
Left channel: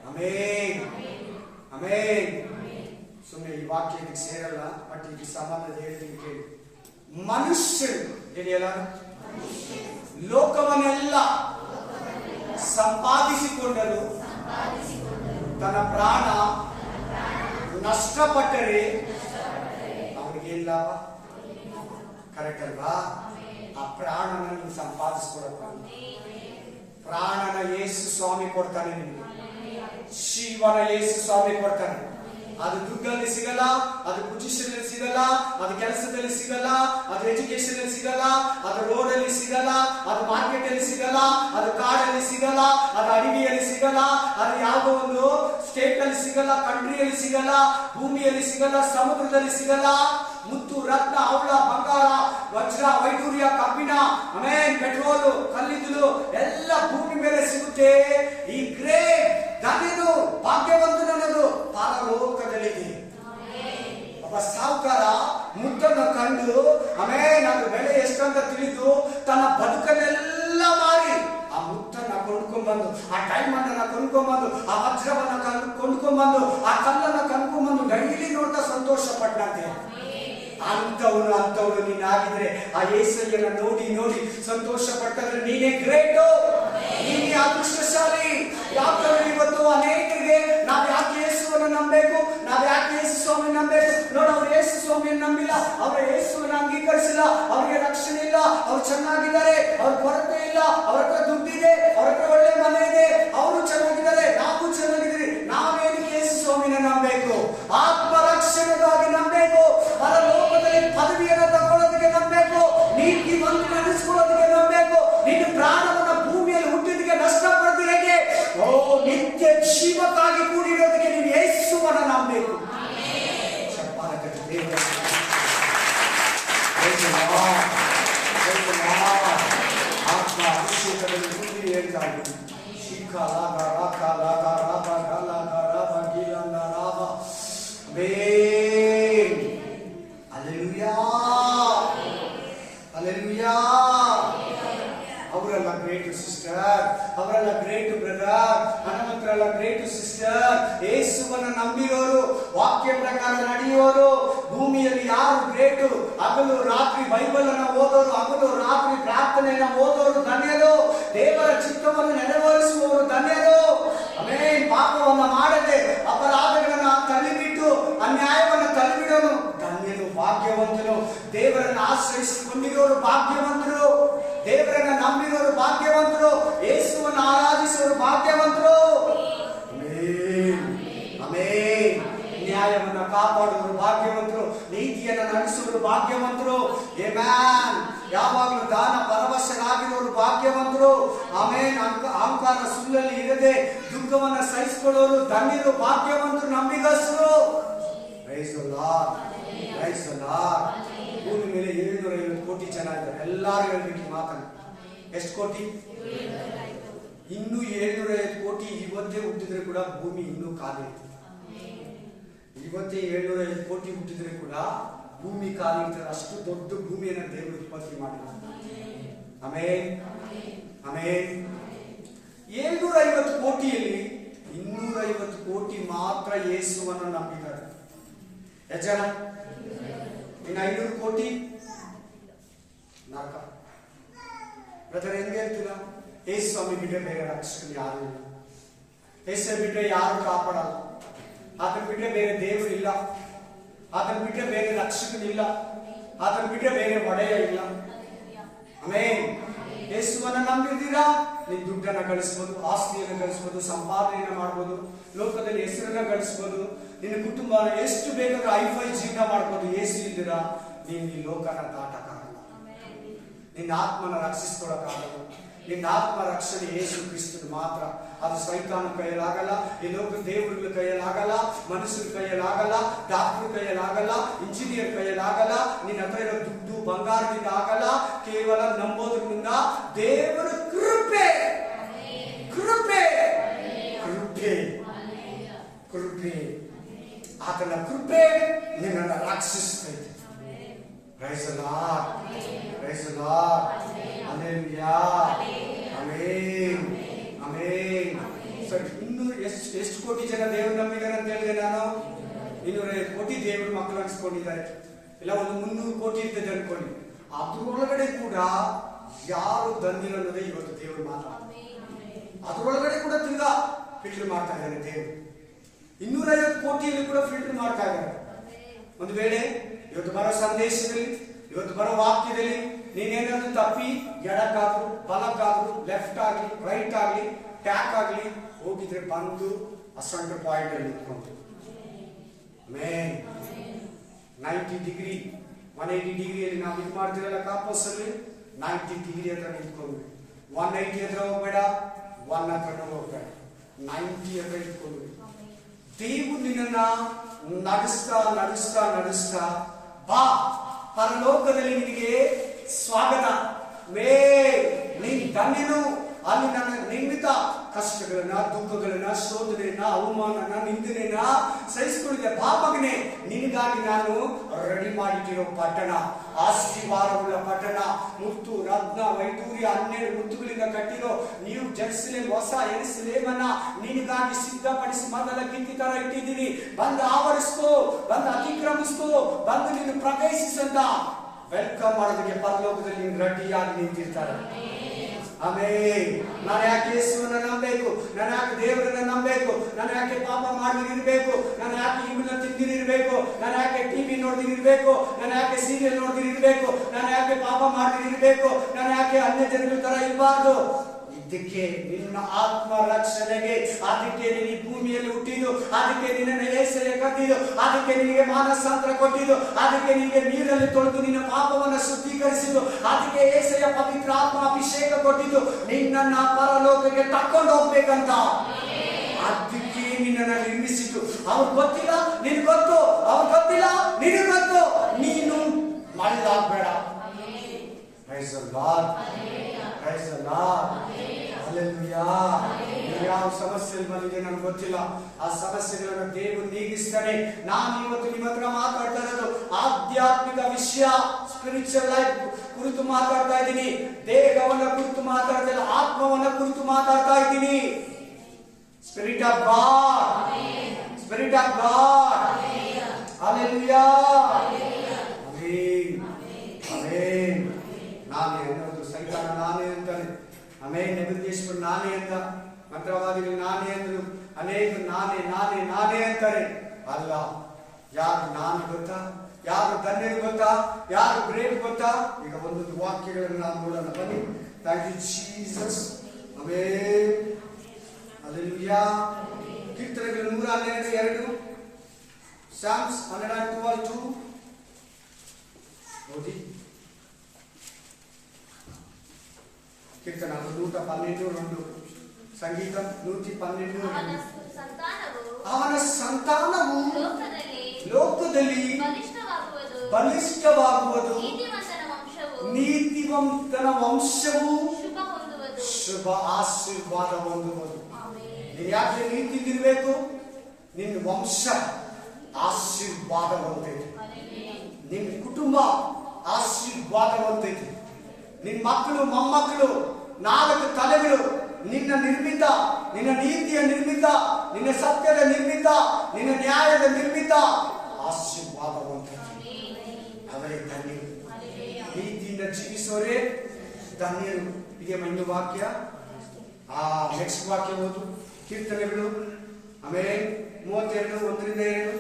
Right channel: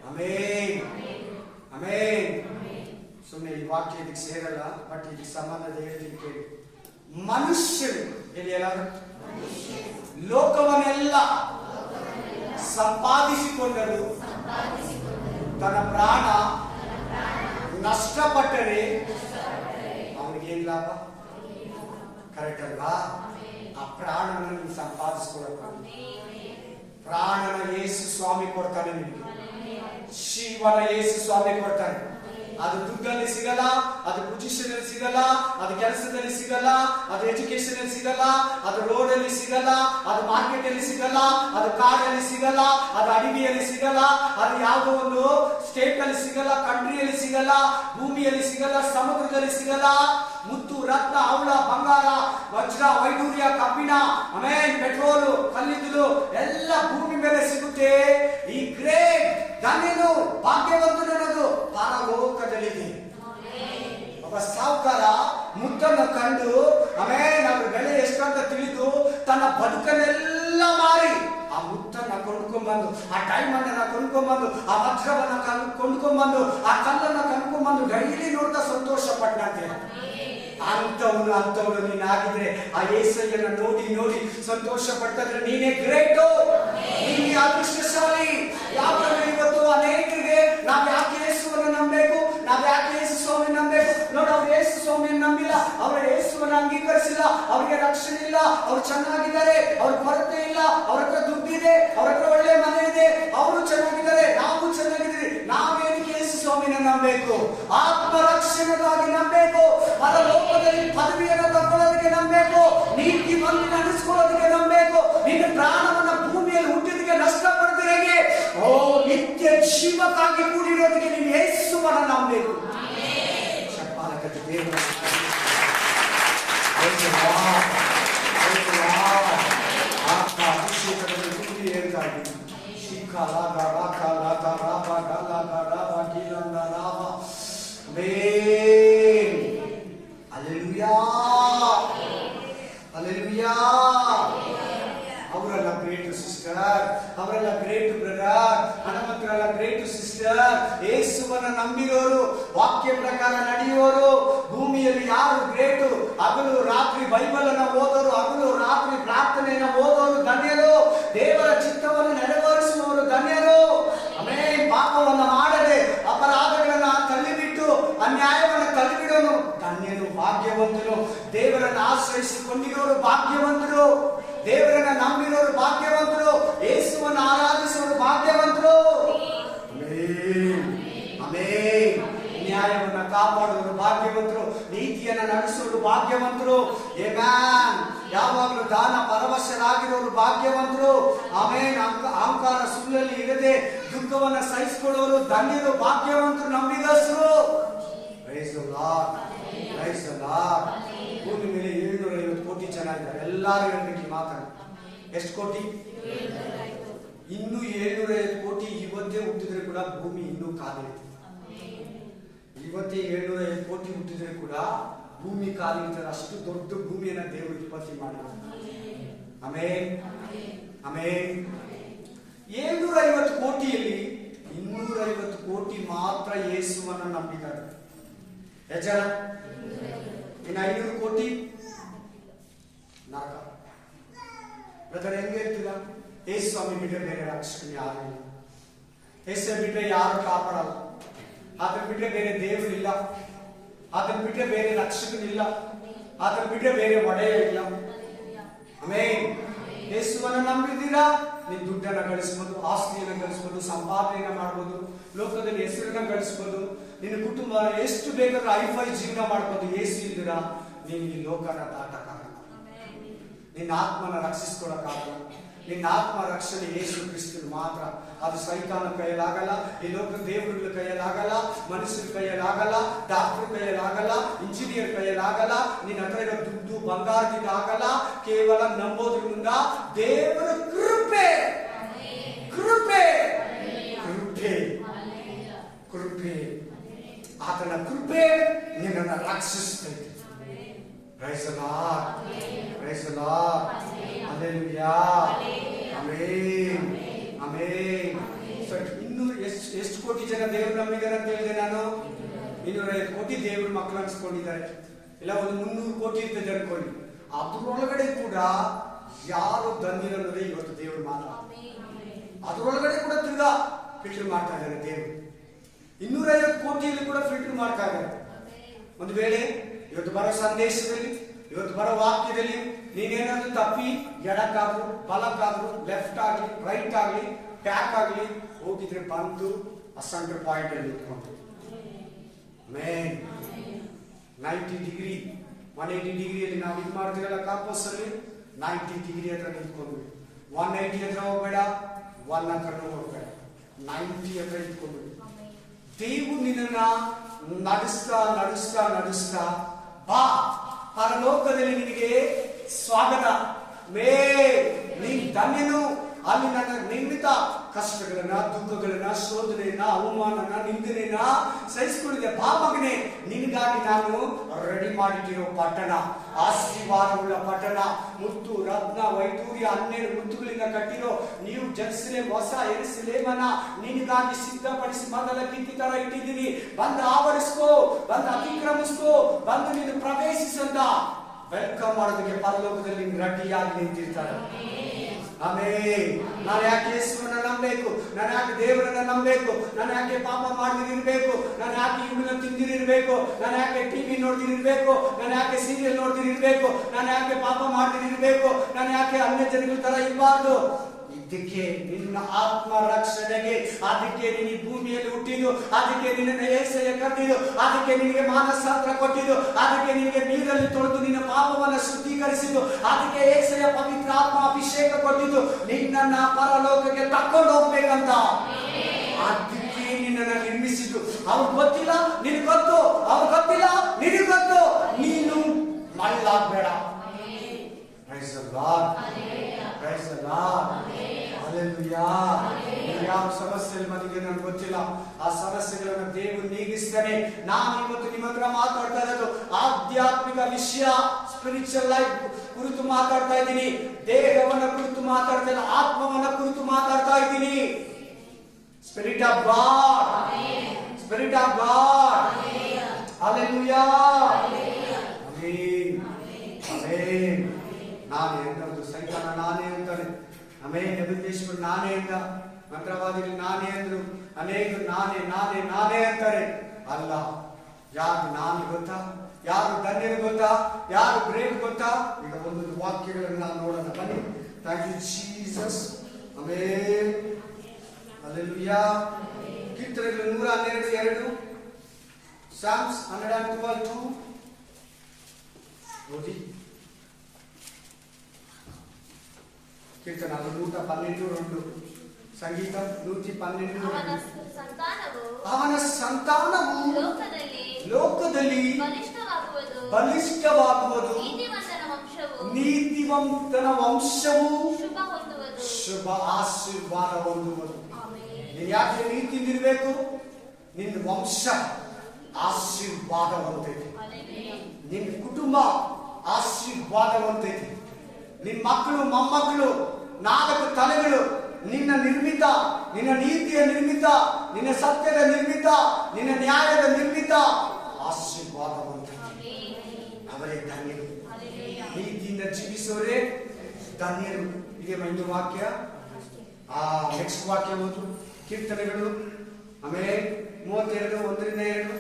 amen, amen. ಸುಮ್ಮನೆ ಈ ವಾಕ್ಯ ಇದಕ್ಕೆ ಸೇರಲ್ಲ, ಬಟ್ ಇದಕ್ಕೆ ಸಂಬಂಧದ ಹೇಳ್ತೀನಿ ಕೇಳಿ. ಮನುಷ್ಯರು ಹೇಳಿ ಎಲ್ಲಾದ್ರೂ ಲೋಕವನ್ನೆಲ್ಲ ಸಂಪಾದಿಸಿಕೊಂಡರು ತನ್ನ ಪ್ರಾಣ ನಷ್ಟಪಟ್ಟರೆ ಅವನಿಗೇನ್ ಲಾಭ? ಕರೆಕ್ಟ್ ಅಲ್ವಾ? ಆ ಪ್ರಾಣನ ನೀನು ಸಂಪಾದಿಸ್ಕೊಳ್ತಾನೆ. ಪ್ರಾಣನ ಯೇಸು ಸ್ವಾಮಿ ಕೊಡ್ತಾನೆ ನಿನಗೆ. ಶಿವನ ಯೇಸು ಸ್ವಾಮಿ ಕೊಡ್ತಾನೆ. ಅದು ದುಡ್ಡಲ್ಲಿ ಸಿಗಲ್ಲ, ಅದು ಪೊಸಿಷನ್ ಅಲ್ಲಿ ಸಿಗಲ್ಲ, ಅದು ಕೆಲಸದಲ್ಲಿ ಸಿಗಲ್ಲ, ಅದು ಎಜುಕೇಶನ್ ಅಲ್ಲಿ ಸಿಗಲ್ಲ, ಅದು ರೋಡ್ ಅಲ್ಲಿ ಸಿಗಲ್ಲ, ಅದು ಮಾರ್ಕೆಟ್ ಅಲ್ಲಿ ಸಿಗಲ್ಲ, ಅದು ಕಾಡಲ್ಲಿ ಸಿಗಲ್ಲ, ಅದು ಅಡವಿಯಲ್ಲಿ ಸಿಗಲ್ಲ, ಅದು ಯಾವುದೋ ಒಂದು ಸ್ಟೇಟ್ ಅಲ್ಲಿ ಸಿಗಲ್ಲ, ಕಂಟ್ರಿಯಲ್ಲಿ ಸಿಗಲ್ಲ, ಭೂಮಿಯಲ್ಲಿ ಸಿಗಲ್ಲ, ಸಮುದ್ರದಲ್ಲಿ ಸಿಗಲ್ಲ. ಮುತ್ತು, ರತ್ನ, ಹವಳ, ಬಂಗಾರ, ವಜ್ರ, ವೈಡೂರ್ಯ, ಕಬ್ಬಿಣ, ಆಮೇಲೆ ಪೆಟ್ರೋಲು, ಕಲ್ಲಿದ್ದಲು ಎಲ್ಲ ಭೂಮಿ ಮೇಲೆ ಸಿಗುತ್ತೆ. ಈ ಗ್ರೇಟ್ ಧನ್ಯನು, ಭಾಗ್ಯವಂತನು ಅನ್ನೋದು ಪರಲೋಕದಲ್ಲಿದೆ. ಒಬ್ಬ ಸಾಹುಕಾರ ಮುತ್ತನ್ನು ಕಂಡು ಆಮೇಲೆ ಅದ್ರ ಬೆಲೆ ಎಷ್ಟು ಅಂತ ತಿಳಿದು ತನ್ನ ಬದುಕನ್ನೆಲ್ಲ ಮಾರಿ ಆ ಮುತ್ತನ್ನ ಕೊಂಡ್ಕೊಂಡ್ಬಂದು, ಆ ಡೈಮಂಡ್ ಅನ್ನ ಕೊಂಡ್ಕೊಂಡ್ಬಂದು, ಆ ವಜ್ರವನ್ನ ಕೊಂಡ್ಕೊಂಡ್ಬಂದು, ಆ ಕಲ್ಲನ್ನ ಕೊಂಡ್ಕೊಂಡ್ಬಂದು ಡೈಲಿ ನೋಡ್ತಾ ಸಂತೋಷ ಪಟ್ಟಂತೆ. ಅಂತವನು ನೀನಾಗಿದ್ರೆ ಆ ಯೇಸಯ್ಯನ ನೋಡಿ ಸಂತೋಷ ಪಡ್ತಾರೆ. ನೀನೇ ಗ್ರೇಟು, ನೀನೇ ಅದೃಷ್ಟಶಾಲಿ. ಯಾಕಂದ್ರೆ ಇವತ್ತು ಅನೇಕರಿಗೆ ನಾವ್ ಯಾಕೆ ಯೇಸುವನ್ನು ನಂಬಬೇಕು, ನಾವ್ ಯಾಕೆ ಯೇಸು ಸ್ವಾಮಿ ನಂಬಬೇಕು? ನೋಡು, ಅವ್ರು ಯೇಸು ಸ್ವಾಮಿಯನ್ನು ನಂಬಿಲ್ಲ, ಅವರ ಯೇಸುವನ್ನು ಅಂಗೀಕರಿಸಿಲ್ಲ, ಅವರಿಗೆ ರಕ್ಷಣೆ ಇಲ್ಲ, ಅವ್ರು ಚೆನ್ನಾಗಿದ್ದಾರೆ, ಅವ್ರ ಕೊರತೆ ಇಲ್ಲ, ಅವ್ರ ಹತ್ರ ದುಡ್ಡಿದೆ, ಅವ್ರ ಹತ್ರ ಒಳ್ಳೆ ಮನೆ ಇದೆ, ಅವರು ಚೆನ್ನಾಗಿದ್ದಾರೆ, ನಾವು ಚೆನ್ನಾಗಿದ್ದೀರಿ. ನಾವೇನಕ್ಕೆ ಯೇಸು ಸ್ವಾಮಿನ ನಂಬಬೇಕು? ಆತ್ಮ ರಕ್ಷಣೆಗಾಗಿ ನಂಬಬೇಕು, ಪರಲೋಕದಲ್ಲಿ ಪದವಿಯನ್ನು ತಗೊಳ್ಳೋದಕ್ಕೆ ನಂಬಬೇಕು, ನೀತಿ ಬಂದು ನಡೆಸ್ಕೊಳ್ಳೋದಕ್ಕೆ ನಂಬಬೇಕು. ನಿನ್ನ ಪ್ರಾಣವನ್ನ ಭೂಮಿಯಲ್ಲಿ ಹುಟ್ಟಿದಕ್ಕೆ ನಷ್ಟಪಡದೆ ಹೇಗೆ ನಿತ್ಯ ಜೀವಕ್ಕಾಗಿ ಕೂಡಿರೋದಕ್ಕೆ ನೀನು ಯೇಸುವನ್ನು ನಂಬಬೇಕು. ಚಪ್ಪಾಳಕತೆ ದೇವರ ಆತ್ಮ ಅಭಿಷೇಕದಲ್ಲಿ ತುಂಬಿ ಹೇಳ್ತಾರೆ. ಅವರೆಲ್ಲ ಗ್ರೇಟ್ ಸಿಸ್ಟರ್, ಅವರೆಲ್ಲ ಗ್ರೇಟ್ ಬ್ರದರ್, ಹನುಮಂತರೆಲ್ಲ ಗ್ರೇಟ್ ಸಿಸ್ಟರ್. ಯೇಸುವನ್ನು ನಂಬಿರೋರು, ವಾಕ್ಯ ಪ್ರಕಾರ ನಡೆಯೋರು, ಭೂಮಿಯಲ್ಲಿ ಯಾರು ಗ್ರೇಟು? ಹಗಲು ರಾತ್ರಿ ಬೈಬಲ್ ಅನ್ನ ಓದೋರು, ಹಗಲು ರಾತ್ರಿ ಪ್ರಾರ್ಥನೆಯನ್ನು ಓದೋರು ಧನ್ಯರು. ದೇವರ ಚಿತ್ತವನ್ನು ನೆರವೇರಿಸುವವರು ಧನ್ಯರು. ಆಮೇಲೆ ಪಾಪವನ್ನು ಮಾಡದೆ ಅಪರಾಧಗಳನ್ನ ತಳ್ಳಿಬಿಟ್ಟು ಅನ್ಯಾಯವನ್ನು ತಳ್ಳಿಬಿಡೋನು ಧನ್ಯನು, ಭಾಗ್ಯವಂತನು. ದೇವರನ್ನು ಆಶ್ರಯಿಸಿಕೊಂಡಿರೋರು ಭಾಗ್ಯವಂತರು, ದೇವರನ್ನ ನಂಬಿರೋರು ಭಾಗ್ಯವಂತರು, ಯೇಸುವನ್ನು ಆರಾಧಿಸುವವರು ಭಾಗ್ಯವಂತರು. ಆಮೆನ್. ನ್ಯಾಯವನ್ನು ಕಾಪಾಡುವರು ಭಾಗ್ಯವಂತರು, ನೀತಿಯನ್ನು ನಡೆಸುವರು ಭಾಗ್ಯವಂತರು. ಆಮೆನ್. ಯಾವಾಗಲೂ ದಾನ ಪರವಶರಾಗಿರೋರು ಭಾಗ್ಯವಂತರು. ಆಮೇನ್. ಅಹಂಕಾರ ಸುಳ್ಳಲ್ಲಿ ಇರದೆ ದುಃಖವನ್ನು ಸಹಿಸಿಕೊಳ್ಳೋರು ಧನ್ಯರು, ಭಾಗ್ಯವಂತರು, ನಂಬಿಗಸ್ತರು. Praise the Lord, praise the Lord. ಭೂಮಿ ಮೇಲೆ 750 ಕೋಟಿ ಜನ ಇದ್ದಾರೆ. ಎಲ್ಲರೂ ಹೇಳ್ಬೇಕು ಈ ಮಾತನ್ನು. ಎಷ್ಟು ಕೋಟಿ? ಇನ್ನೂ 750 ಕೋಟಿ ಇವತ್ತೇ ಹುಟ್ಟಿದ್ರೆ ಕೂಡ ಭೂಮಿ ಇನ್ನೂ ಖಾಲಿ ಇರ್ತದೆ. ಇವತ್ತೇ 750 ಕೋಟಿ ಹುಟ್ಟಿದ್ರೆ ಕೂಡ ಭೂಮಿ ಖಾಲಿ ಇರ್ತದೆ. ಅಷ್ಟು ದೊಡ್ಡ ಭೂಮಿಯನ್ನ ದೇವರು ಉತ್ಪತ್ತಿ ಮಾಡಿದ್ದಾರೆ. Amen, amen. 750 ಕೋಟಿಯಲ್ಲಿ 250 ಕೋಟಿ ಮಾತ್ರ ಯೇಸುವನ್ನು ನಂಬಿದ್ದಾರೆ. ಎಷ್ಟು ಜನ? ಇನ್ನು 500 ಕೋಟಿ ನರಕ. ಬ್ರದರ್ ಹೆಂಗೆ ಹೇಳ್ತೀರ? ಯೇಸು ಸ್ವಾಮಿ ಬಿಟ್ಟರೆ ಬೇರೆ ರಕ್ಷಕರು ಯಾರು ಇಲ್ಲ. ಯೇಸು ಬಿಟ್ಟರೆ ಯಾರು ಕಾಪಾಡಲ್ಲ. ಅದನ್ನ ಬಿಟ್ಟರೆ ಬೇರೆ ದೇವರು ಇಲ್ಲ, ಅದನ್ನ ಬಿಟ್ಟರೆ ಬೇರೆ ರಕ್ಷಕನಿಲ್ಲ, ಅದನ್ನ ಬಿಟ್ಟರೆ ಬೇರೆ ಒಡೆಯ ಇಲ್ಲ. ಆಮೆನ್. ಯೇಸುವನ್ನು ನಂಬಿದ್ದೀರಾ? ನೀನ್ ದುಡ್ಡನ್ನ ಗಳಿಸಬಹುದು, ಆಸ್ತಿಯನ್ನು ಗಳಿಸಬಹುದು, ಸಂಪಾದನೆಯನ್ನ ಮಾಡಬಹುದು, ಲೋಕದಲ್ಲಿ ಹೆಸರನ್ನ ಗಳಿಸಬಹುದು, ನಿನ್ನ ಕುಟುಂಬ ಎಷ್ಟು ಬೇಕಾದ್ರೂ ಹೈಫೈ ಜೀವನ ಮಾಡ್ಬೋದು, ಎಸಿ ಇಲ್ದಿರ ನೀನು ಈ ಲೋಕನ ದಾಟಕ್ಕಾಗಲ್ಲ. ನಿನ್ನ ಆತ್ಮನ ರಕ್ಷಿಸ್ಕೊಳಕ್ಕಾಗಲ್ಲ. ನಿನ್ನ ಆತ್ಮ ರಕ್ಷಣೆ ಯೇಸು ಕ್ರಿಸ್ತನ ಮಾತ್ರ. ಅದು ಸೈತಾನ ಕೈಯಲ್ಲಾಗಲ್ಲ, ಈ ಲೋಕದ ದೇವರುಗಳ ಕೈಯಲ್ಲಾಗಲ್ಲ, ಮನುಷ್ಯರ ಕೈಯಲ್ಲಾಗಲ್ಲ, ಡಾಕ್ಟರ್ ಕೈಯಲ್ಲಾಗಲ್ಲ, ಇಂಜಿನಿಯರ್ ಕೈಯಲ್ಲಾಗಲ್ಲ, ನಿನ್ನ ಹತ್ರ ಇರೋ ದುಡ್ಡು ಬಂಗಾರದಿಂದ ಆಗಲ್ಲ. ಕೇವಲ ನಂಬೋದ್ರಿಂದ ದೇವರ ಕೃಪೆ ಕೃಪೆ ಕೃಪೆ ಕೃಪೆ ಆತನ ಕೃಪೆ ನಿನ್ನನ್ನು ರಕ್ಷಿಸ್ತೈತೆ. Praise the Lord, praise the Lord, hallelujah, amen, amen. ಸರಿ, ಇನ್ನು ಎಷ್ಟು ಕೋಟಿ ಜನ ದೇವರು ನಂಬಿದ್ದಾರೆ ಅಂತ ಹೇಳಿದೆ ನಾನು? 250 ಕೋಟಿ ದೇವ್ರ ಮಕ್ಕಳು ಅನ್ಸ್ಕೊಂಡಿದ್ದಾರೆ. ಇಲ್ಲ ಒಂದು 300 ಕೋಟಿ ಇರ್ತದೆ ಅನ್ಕೊಳ್ಳಿ. ಅದ್ರೊಳಗಡೆ ಕೂಡ ಯಾರು ಧನ್ಯರನ್ನೋದೇ ಇವತ್ತು ದೇವರು ಮಾತಾಡ. ಅದ್ರೊಳಗಡೆ ಕೂಡ ತಿರ್ಗಾ ಫಿಲ್ಟರ್ ಮಾಡ್ತಾ ಇದ್ದಾರೆ ದೇವರು. 250 ಕೋಟಿಯಲ್ಲಿ ಕೂಡ ಫಿಲ್ಟರ್ ಮಾಡ್ತಾ ಇದ್ದಾರೆ. ಒಂದು ವೇಳೆ ಇವತ್ತು ಬರೋ ಸಂದೇಶದಲ್ಲಿ, ಇವತ್ತು ಬರೋ ವಾಕ್ಯದಲ್ಲಿ ನೀನೇನಾದ್ರೂ ತಪ್ಪಿ ಎಡಕ್ಕಾದ್ರು, ಬಲಕ್ಕಾದ್ರು, ಲೆಫ್ಟ್ ಆಗಲಿ, ರೈಟ್ ಆಗಲಿ, ಟ್ಯಾಕ್ ಆಗಲಿ ಹೋಗಿದ್ರೆ ಬಂದು ಅಸಂಟ್ ಪಾಯಿಂಟ್ ಅಲ್ಲಿ ನಿಂತ್ಕೊಂಡು 90 ಡಿಗ್ರಿ 180 ಡಿಗ್ರಿಯಲ್ಲಿ ನಾವು ಇದು ಮಾಡ್ತೀರಲ್ಲ ಕಾಂಪಸ್ ಅಲ್ಲಿ 90 ಡಿಗ್ರಿ ಹತ್ರ ನಿಂತ್ಕೊಂಡು 180 ಹತ್ರ ಹೋಗ್ಬೇಡ, 1 ಹತ್ರ ಹೋಗ್ಬೇಡ, 90 ಹತ್ರ ನಿಂತ್ಕೊಂಡು ದೇವರು ನಿನ್ನನ್ನ ನಡೆಸ್ತಾ ನಡೆಸ್ತಾ ನಡೆಸ್ತಾ ಬಾ, ಪರಲೋಕದಲ್ಲಿ ನಿನಗೆ ಸ್ವಾಗತ, ನೀನ್ ಧನ್ಯನು. ಅಲ್ಲಿ ನನ್ನ ನಿಮಿತ್ತ ಕಷ್ಟಗಳನ್ನ, ದುಃಖಗಳನ್ನ, ಶೋಧನೆಯನ್ನ, ಅವಮಾನನ, ನಿಂದನೆಯನ್ನ ಸಹಿಸಿಕೊಂಡಿದ್ದೆ. ಬಾ ಮಗನೇ, ನಿನಗಾಗಿ ನಾನು ರೆಡಿ ಮಾಡಿಟ್ಟಿರೋ ಪಟ್ಟಣ, ಆಶೀರ್ವಾದವುಳ್ಳ ಪಟ್ಟಣ, ಮುತ್ತು ರತ್ನ ವೈಡೂರ್ಯ 12 ಮುತ್ತುಗಳಿಂದ ಕಟ್ಟಿರೋ ನೀವು ಜೆರುಸಲೇಮ್ ಹೊಸ ಯೆರೂಸಲೇಮನ್ನ ನಿನಗಾಗಿ ಸಿದ್ಧಪಡಿಸಿ ಮೊದಲ ಕಿತ್ತಿ ತರ ಇಟ್ಟಿದ್ದೀನಿ. ಬಂದು ಆವರಿಸ್ಕೋ, ಬಂದು ಅತಿಕ್ರಮಿಸ್ಕೋ, ಬಂದು ನೀನು ಪ್ರವೇಶಿಸಂತ ವೆಲ್ಕಮ್ ಮಾಡೋದಕ್ಕೆ ಪರಲೋಕದಲ್ಲಿ ನೀನು ರೆಡಿಯಾಗಿ ನಿಂತಿರ್ತಾರೆ. ಆಮೆನ್. ನಾನು ಯಾಕೆ ಯೇಸುವನ್ನ ನಂಬಬೇಕು? ನಾನು ಯಾಕೆ ದೇವರನ್ನ ನಂಬಬೇಕು? ನಾನು ಯಾಕೆ ಪಾಪ ಮಾಡದಿರಬೇಕು? ನಾನು ಯಾಕೆ ಇವುಗಳನ್ನ ತಿಂದಿರಬೇಕು? ನಾನು ಯಾಕೆ ಟಿವಿ ನೋಡ್ದಿರಬೇಕು? ನಾನು ಯಾಕೆ ಸೀರಿಯಲ್ ನೋಡ್ದಿರಬೇಕು? ನಾನು ಯಾಕೆ ಪಾಪ ಮಾಡದಿರಬೇಕು? ನಾನು ಯಾಕೆ ಅನ್ಯ ಜನಗಳ ತರ ಇರಬಾರ್ದು? ಇದಕ್ಕೆ ನಿನ್ನ ಆತ್ಮ ರಕ್ಷಣೆಗೆ, ಅದಕ್ಕೆ ನೀನು ಈ ಭೂಮಿಯಲ್ಲಿ ಹುಟ್ಟಿದ್ದು, ಅದಕ್ಕೆ ನಿನ್ನ ಯೇಸಯ್ಯ ಕಟ್ಟಿದ್ದು, ಅದಕ್ಕೆ ನಿನಗೆ ಮಾನಸಾಂತರ ಕೊಟ್ಟಿದ್ದು, ಅದಕ್ಕೆ ನಿನಗೆ ನೀರಲ್ಲಿ ತೊಳೆದು ನಿನ್ನ ಪಾಪವನ್ನು ಶುದ್ಧೀಕರಿಸಿದ್ದು, ಅದಕ್ಕೆ ಯೇಸಯ್ಯ ಪವಿತ್ರ ಆತ್ಮ ಅಭಿಷೇಕ ಕೊಟ್ಟಿದ್ದು, ನಿನ್ನನ್ನ ಪರಲೋಕಕ್ಕೆ ತಕೊಂಡು ಹೋಗ್ಬೇಕಂತ. ಅದಕ್ಕೆ ನಿನ್ನನ್ನು ನಿರ್ಮಿಸಿದ್ದು. ಅವ್ರು ಗೊತ್ತಿಲ್ಲ, ನಿನ್ ಗೊತ್ತು. ಅವ್ರು ಗೊತ್ತಿಲ್ಲ, ನಿನಗೆ ಗೊತ್ತು. ನೀನು ಮಳ್ಳಾಗ್ಬೇಡ. Praise the Lord, praise the Lord, hallelujah. ಯಾವ ಸಮಸ್ಯೆಯಲ್ಲಿ ಮನೆಗೆ ನನಗೆ ಗೊತ್ತಿಲ್ಲ, ಆ ಸಮಸ್ಯೆಗಳನ್ನು ದೇವರು ನೀಗಿಸ್ತಾನೆ. ನಾನು ಇವತ್ತು ನಿಮ್ಮ ಹತ್ರ ಮಾತಾಡ್ತಾ ಇರೋದು ಆಧ್ಯಾತ್ಮಿಕ ವಿಷಯ, ಸ್ಪಿರಿಚುವಲ್ ಲೈಫ್ ಕುರಿತು ಮಾತಾಡ್ತಾ ಇದ್ದೀನಿ. ದೇಹವನ್ನ ಕುರಿತು ಮಾತಾಡ್ತಾ ಇಲ್ಲ, ಆತ್ಮವನ್ನ ಕುರಿತು ಮಾತಾಡ್ತಾ ಇದ್ದೀನಿ. Spirit of God, spirit of god, hallelujah, amen, amen. ನಾನೇ ಅನ್ನೋದು ಸೈತಾನ ನಾನೇ ಅಂತಾನೆ. ಆಮೇಲೆ ನೆಬೂಕದ್ನೆಚ್ಚರ್ ನಾನೇ ಅಂತ, ಮಂತ್ರವಾದಿಗಳು ನಾನೇ ಅಂದ್ರು, ಅನೇಕರು ನಾನೇ ನಾನೇ ನಾನೇ ಅಂತಾರೆ. ಅಲ್ಲ, ಯಾರು ನಾನು ಗೊತ್ತಾ? ಯಾರು ಧನ್ಯರು ಗೊತ್ತಾ? ಯಾರು ಗ್ರೇಟ್ ಗೊತ್ತಾ? ಈಗ ಒಂದೊಂದು ವಾಕ್ಯಗಳನ್ನು ನಾವು ನೋಡೋಣ ಬನ್ನಿ. Thank you Jesus. Amen, hallelujah. ಕೀರ್ತನೆಗಳು 112:2, ಸಾಮ್ಸ್ 112:2 ಓದಿ. ಕೀರ್ತನ 112:2, ಸಂಗೀತ 112:2. ಅವನ ಸಂತಾನವು ಲೋಕದಲ್ಲಿ ಬಲಿಷ್ಠವಾಗುವುದು, ನೀತಿವಂತನ ವಂಶವು ಶುಭ ಆಶೀರ್ವಾದ ಹೊಂದುವುದು. ನೀನು ಯಾಕೆ ನೀತಿಂದಿರ್ಬೇಕು? ನಿನ್ನ ವಂಶ ಆಶೀರ್ವಾದ ಹೊಂದೈತಿ, ನಿನ್ನ ಕುಟುಂಬ ಆಶೀರ್ವಾದ ಹೊಂದೈತಿ, ನಿನ್ನ ಮಕ್ಕಳು ಮೊಮ್ಮಕ್ಕಳು 4 ತಲೆಗಳು ನಿನ್ನ ನಿರ್ಮಿತ, ನಿನ್ನ ನೀತಿಯ ನಿರ್ಮಿತ, ನಿನ್ನ ಸತ್ಯದ ನಿರ್ಮಿತ, ನಿನ್ನ ನ್ಯಾಯದ ನಿರ್ಮಿತ ಆಶೀರ್ವಾದ ಹೊಂದೈತಿ. ಅವರೇ ಧನ್ಯರು. ನೀತಿಯಿಂದ ಜೀವಿಸೋರೇ ಧನ್ಯರು. ಹೀಗೆ ಒಂದು ವಾಕ್ಯ, ನೆಕ್ಸ್ಟ್ ವಾಕ್ಯ ಓದು. ಕೀರ್ತನೆಗಳು ಆಮೇಲೆ 32:1-2,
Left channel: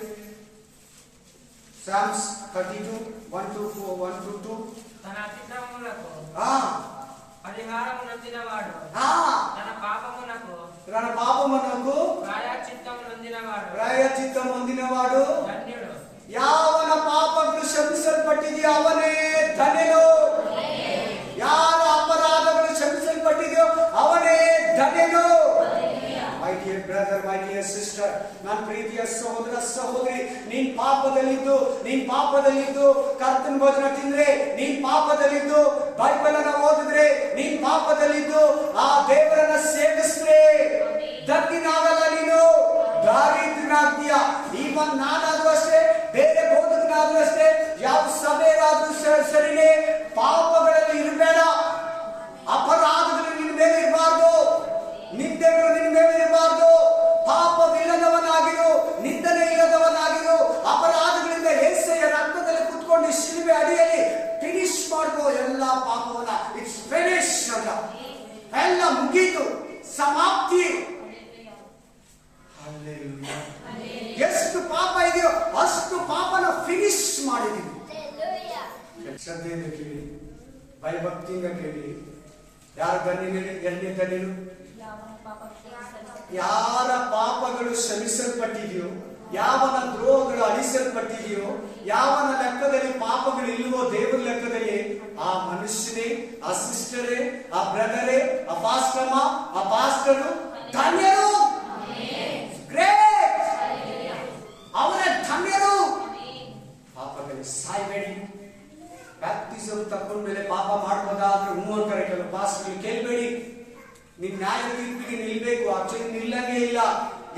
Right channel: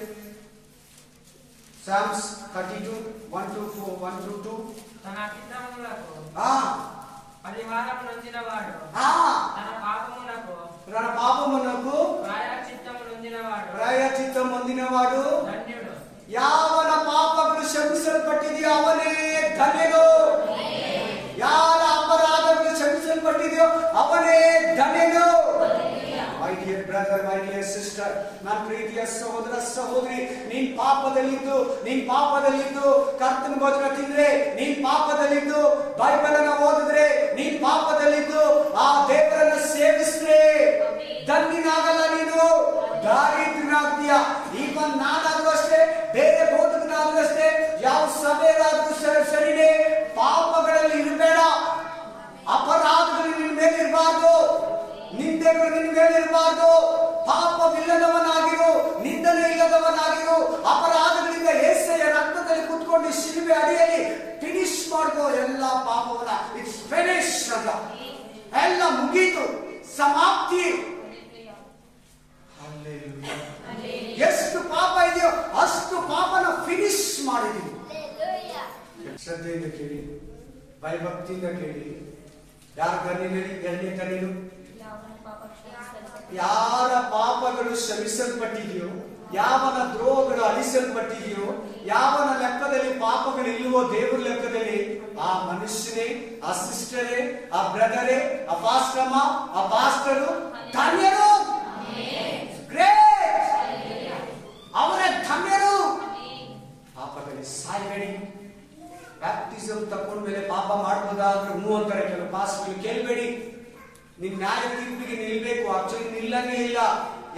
ಸಾಮ್ಸ್ 32:1-2. తన అతిక్రమములకు పరిహారము నొందినవాడు, తన పాపమునకు ప్రాయశ్చిత్తము ಪ್ರಾಯಶ್ಚಿತ್ತ ಹೊಂದಿನವಾಡು ಯಾವನ ಪಾಪಗಳು ಕ್ಷಮಿಸಲ್ಪಟ್ಟಿದೆಯೋ ಅವನೇ ಧನ್ಯನು. ಯಾರ ಅಪರಾಧಗಳು ಕ್ಷಮಿಸಲ್ಪಟ್ಟಿದೆಯೋ ಅವನೇ ಧನ್ಯನು. My dear brother, my dear sister, ನನ್ನ ಪ್ರೀತಿಯ ಸಹೋದರ ಸಹೋದರಿ, ನೀನ್ ಪಾಪದಲ್ಲಿದ್ದು ಕರ್ತನ ಭೋಜನ ತಿಂದ್ರೆ, ನೀನ್ ಪಾಪದಲ್ಲಿದ್ದು ಬೈಬಲ್ ಅನ್ನ ಓದಿದ್ರೆ, ನೀನ್ ಪಾಪದಲ್ಲಿದ್ದು ಆ ದೇವರನ್ನ ಸೇವಿಸಿದ್ರೆ ಧನ್ಯನಾಗಲ್ಲ. ನೀನು ದಾರಿದ್ರ್ಯನಾಗ್ತೀಯ. ಈವನ್ ನಾನಾದ್ರೂ ಅಷ್ಟೇ, ಬೇರೆ ಬೋಧಕನಾದ್ರೂ ಅಷ್ಟೇ, ಯಾವ ಸಭೆಯಾದ್ರೂ ಸರಿನೇ, ಪಾಪಗಳಲ್ಲಿ ಇರಬೇಡ. ಅಪರಾಧಗಳು ನಿನ್ನ ಮೇಲೆ ಇರಬಾರ್ದು, ನಿಂದೆಗಳು ನಿನ್ನ ಮೇಲೆ ಇರಬಾರ್ದು. ಪಾಪವಿಲ್ಲದವನಾಗಿರು, ನಿಂದನೆ ಇಲ್ಲದವನಾಗಿರು. ಅಪರಾಧಗಳಿಂದ ಯೇಸುವಿನ ರಕ್ತದಲ್ಲಿ ಕುತ್ಕೊಂಡು ಶಿಲುಬೆ ಅಡಿಯಲ್ಲಿ ಫಿನಿಶ್ ಮಾಡ್ಕೋ ಎಲ್ಲ ಪಾಪವನ್ನ. ಇಟ್ಸ್ ಫಿನಿಶ್ ಅಂತ, ಎಲ್ಲ ಮುಗೀತು, ಸಮಾಪ್ತಿ. ಎಷ್ಟು ಪಾಪ ಇದೆಯೋ ಅಷ್ಟು ಪಾಪನ ಫಿನಿಶ್ ಮಾಡಿದೀವಿ. ಶ್ರದ್ಧೆಯಿಂದ ಕೇಳಿ, ಭಯಭಕ್ತಿಯಿಂದ ಕೇಳಿ. ಯಾರ ಧನ್ಯನು? ಎರಡನೇ ಧನ್ಯನು ಯಾರ ಪಾಪಗಳು ಕ್ಷಮಿಸಲ್ಪಟ್ಟಿದೆಯೋ, ಯಾವನ ದ್ರೋಹಗಳು ಅಳಿಸಲ್ಪಟ್ಟಿದೆಯೋ, ಯಾವನ ಲೆಕ್ಕದಲ್ಲಿ ಪಾಪಗಳು ಇಲ್ಲವೋ ದೇವರ ಲೆಕ್ಕದಲ್ಲಿ, ಆ ಮನುಷ್ಯನೇ, ಆ ಸಿಸ್ಟರೇ, ಆ ಬ್ರದರೇ, ಆ ಪಾಸ್ಟಮ್ಮ, ಆ ಪಾಸ್ಟರು ಧನ್ಯರು. ಗ್ರೇಟ್, ಅವರ ಧನ್ಯರು. ಪಾಪದಲ್ಲಿ ಸಾಯ್ಬೇಡಿ. ಬ್ಯಾಪ್ಟಿಸಮ್ ತಕೊಂಡ್ಮೇಲೆ ಪಾಪ ಮಾಡಬಹುದಾದ್ರೆ ಅಂತಾರೆ ಕೆಲವು ಪಾಸ್ಟರ್ಗಳು. ಕೇಳಬೇಡಿ, ನಿನ್ ನ್ಯಾಯ ತೀರ್ಪಿಗೆ ನಿಲ್ಬೇಕು. ಆಕ್ಚುಲಿ ನಿಲ್ಲಂಗೆ ಇಲ್ಲ.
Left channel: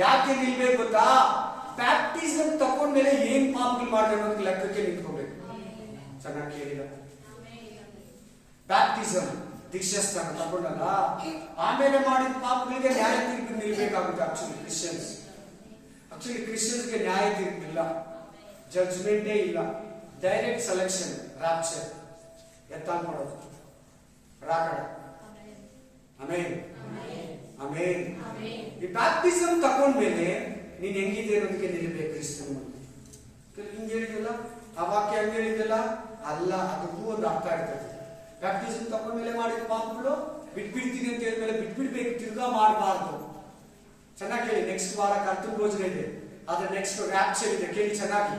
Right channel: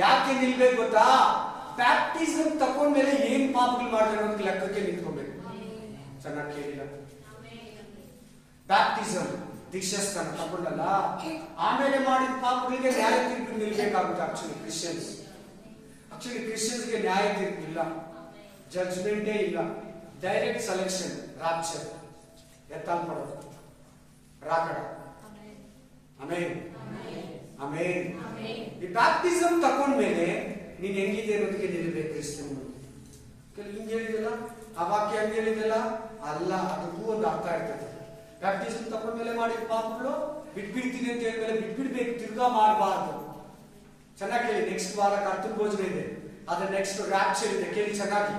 ಯಾಕೆ ನಿಲ್ಬೇಕು ಗೊತ್ತಾ? ಬ್ಯಾಪ್ಟಿಸಮ್ ತಕೊಂಡ್ಮೇಲೆ ಏನ್ ಪಾಪಗಳು ಮಾಡಿದ್ರೆ ಅನ್ನೋದಕ್ಕೆ ಲೆಕ್ಕಕ್ಕೆ ನಿಂತ್ಕೋಬೇಕು. ಚೆನ್ನಾಗಿ ಕೇಳಿಲ್ಲ. ಬ್ಯಾಪ್ಟಿಸಮ್ ದೀಕ್ಷಾಸ್ಥಾನ ತಗೊಂಡಲ್ಲ, ಆಮೇಲೆ ಮಾಡಿದ ಪಾಪಗಳಿಗೆ ನ್ಯಾಯ ತೀರ್ಪಿಗೆ ನಿಲ್ಬೇಕಾಗುತ್ತೆ. ಆಕ್ಚುಲಿ ಕ್ರಿಶ್ಚಿಯನ್ಸ್ಗೆ ನ್ಯಾಯ ತೀರ್ಪಿಲ್ಲ, ಜಡ್ಜ್ಮೆಂಟೇ ಇಲ್ಲ. ಡೈರೆಕ್ಟ್ ಸೆಲೆಕ್ಷನ್, ರಾಪ್ಚರ್, ಎತ್ತಾಲ್ ಮಾಡೋದು, ರಾಕಡ. ಆಮೇನ್, ಆಮೇನ್. ಈ ಬ್ಯಾಪ್ಟಿಸಮ್ ತಕೊಂಡ್ಮೇಲೆ ನೀನ್ ಹೆಂಗಿದೆ ಅನ್ನೋದಕ್ಕೆ ನಿಲ್ಬೇಕು. ಕ್ರಿಸ್ತನು ಹಿಂಗ್ ಹೇಳಿದಲ್ಲ, ಆ ವಾಕ್ಯ ಹಂಗ ಹೇಳಿದಲ್ಲ, ಅಲ್ಲ, ಅದಕ್ಕೂ ಒಂದು ಅರ್ಥ ಇರ್ತದೆ. ಬ್ಯಾಪ್ಟಿಸಮ್ ತಕೊಂಡ್ಮೇಲೆ ಮಾಡಿದ ಪಾಪಗಳು ಬಿಟ್ಬಿಡ್ತೀನಿ ಅಂತ ಹೇಳಿದ್ಮೇಲೆ ಬಿಟ್ಬಿಡ್ಬೇಕು, ತಿರ್ಗಾ ಮಾಡಬಾರ್ದು. ಚೆನ್ನಾಗಿ ಕೇಳಿ. ನೆಕ್ಸ್ಟ್ ವಾರ ಕರ್ತನ ಭೋಜನ ಇದೆ, ಅದ್ರ ನೆಕ್ಸ್ಟ್ ರ್ಯಾಪ್ಚರ್ ಇದೆ. ಕೇಳಿ ಚೆನ್ನಾಗಿ.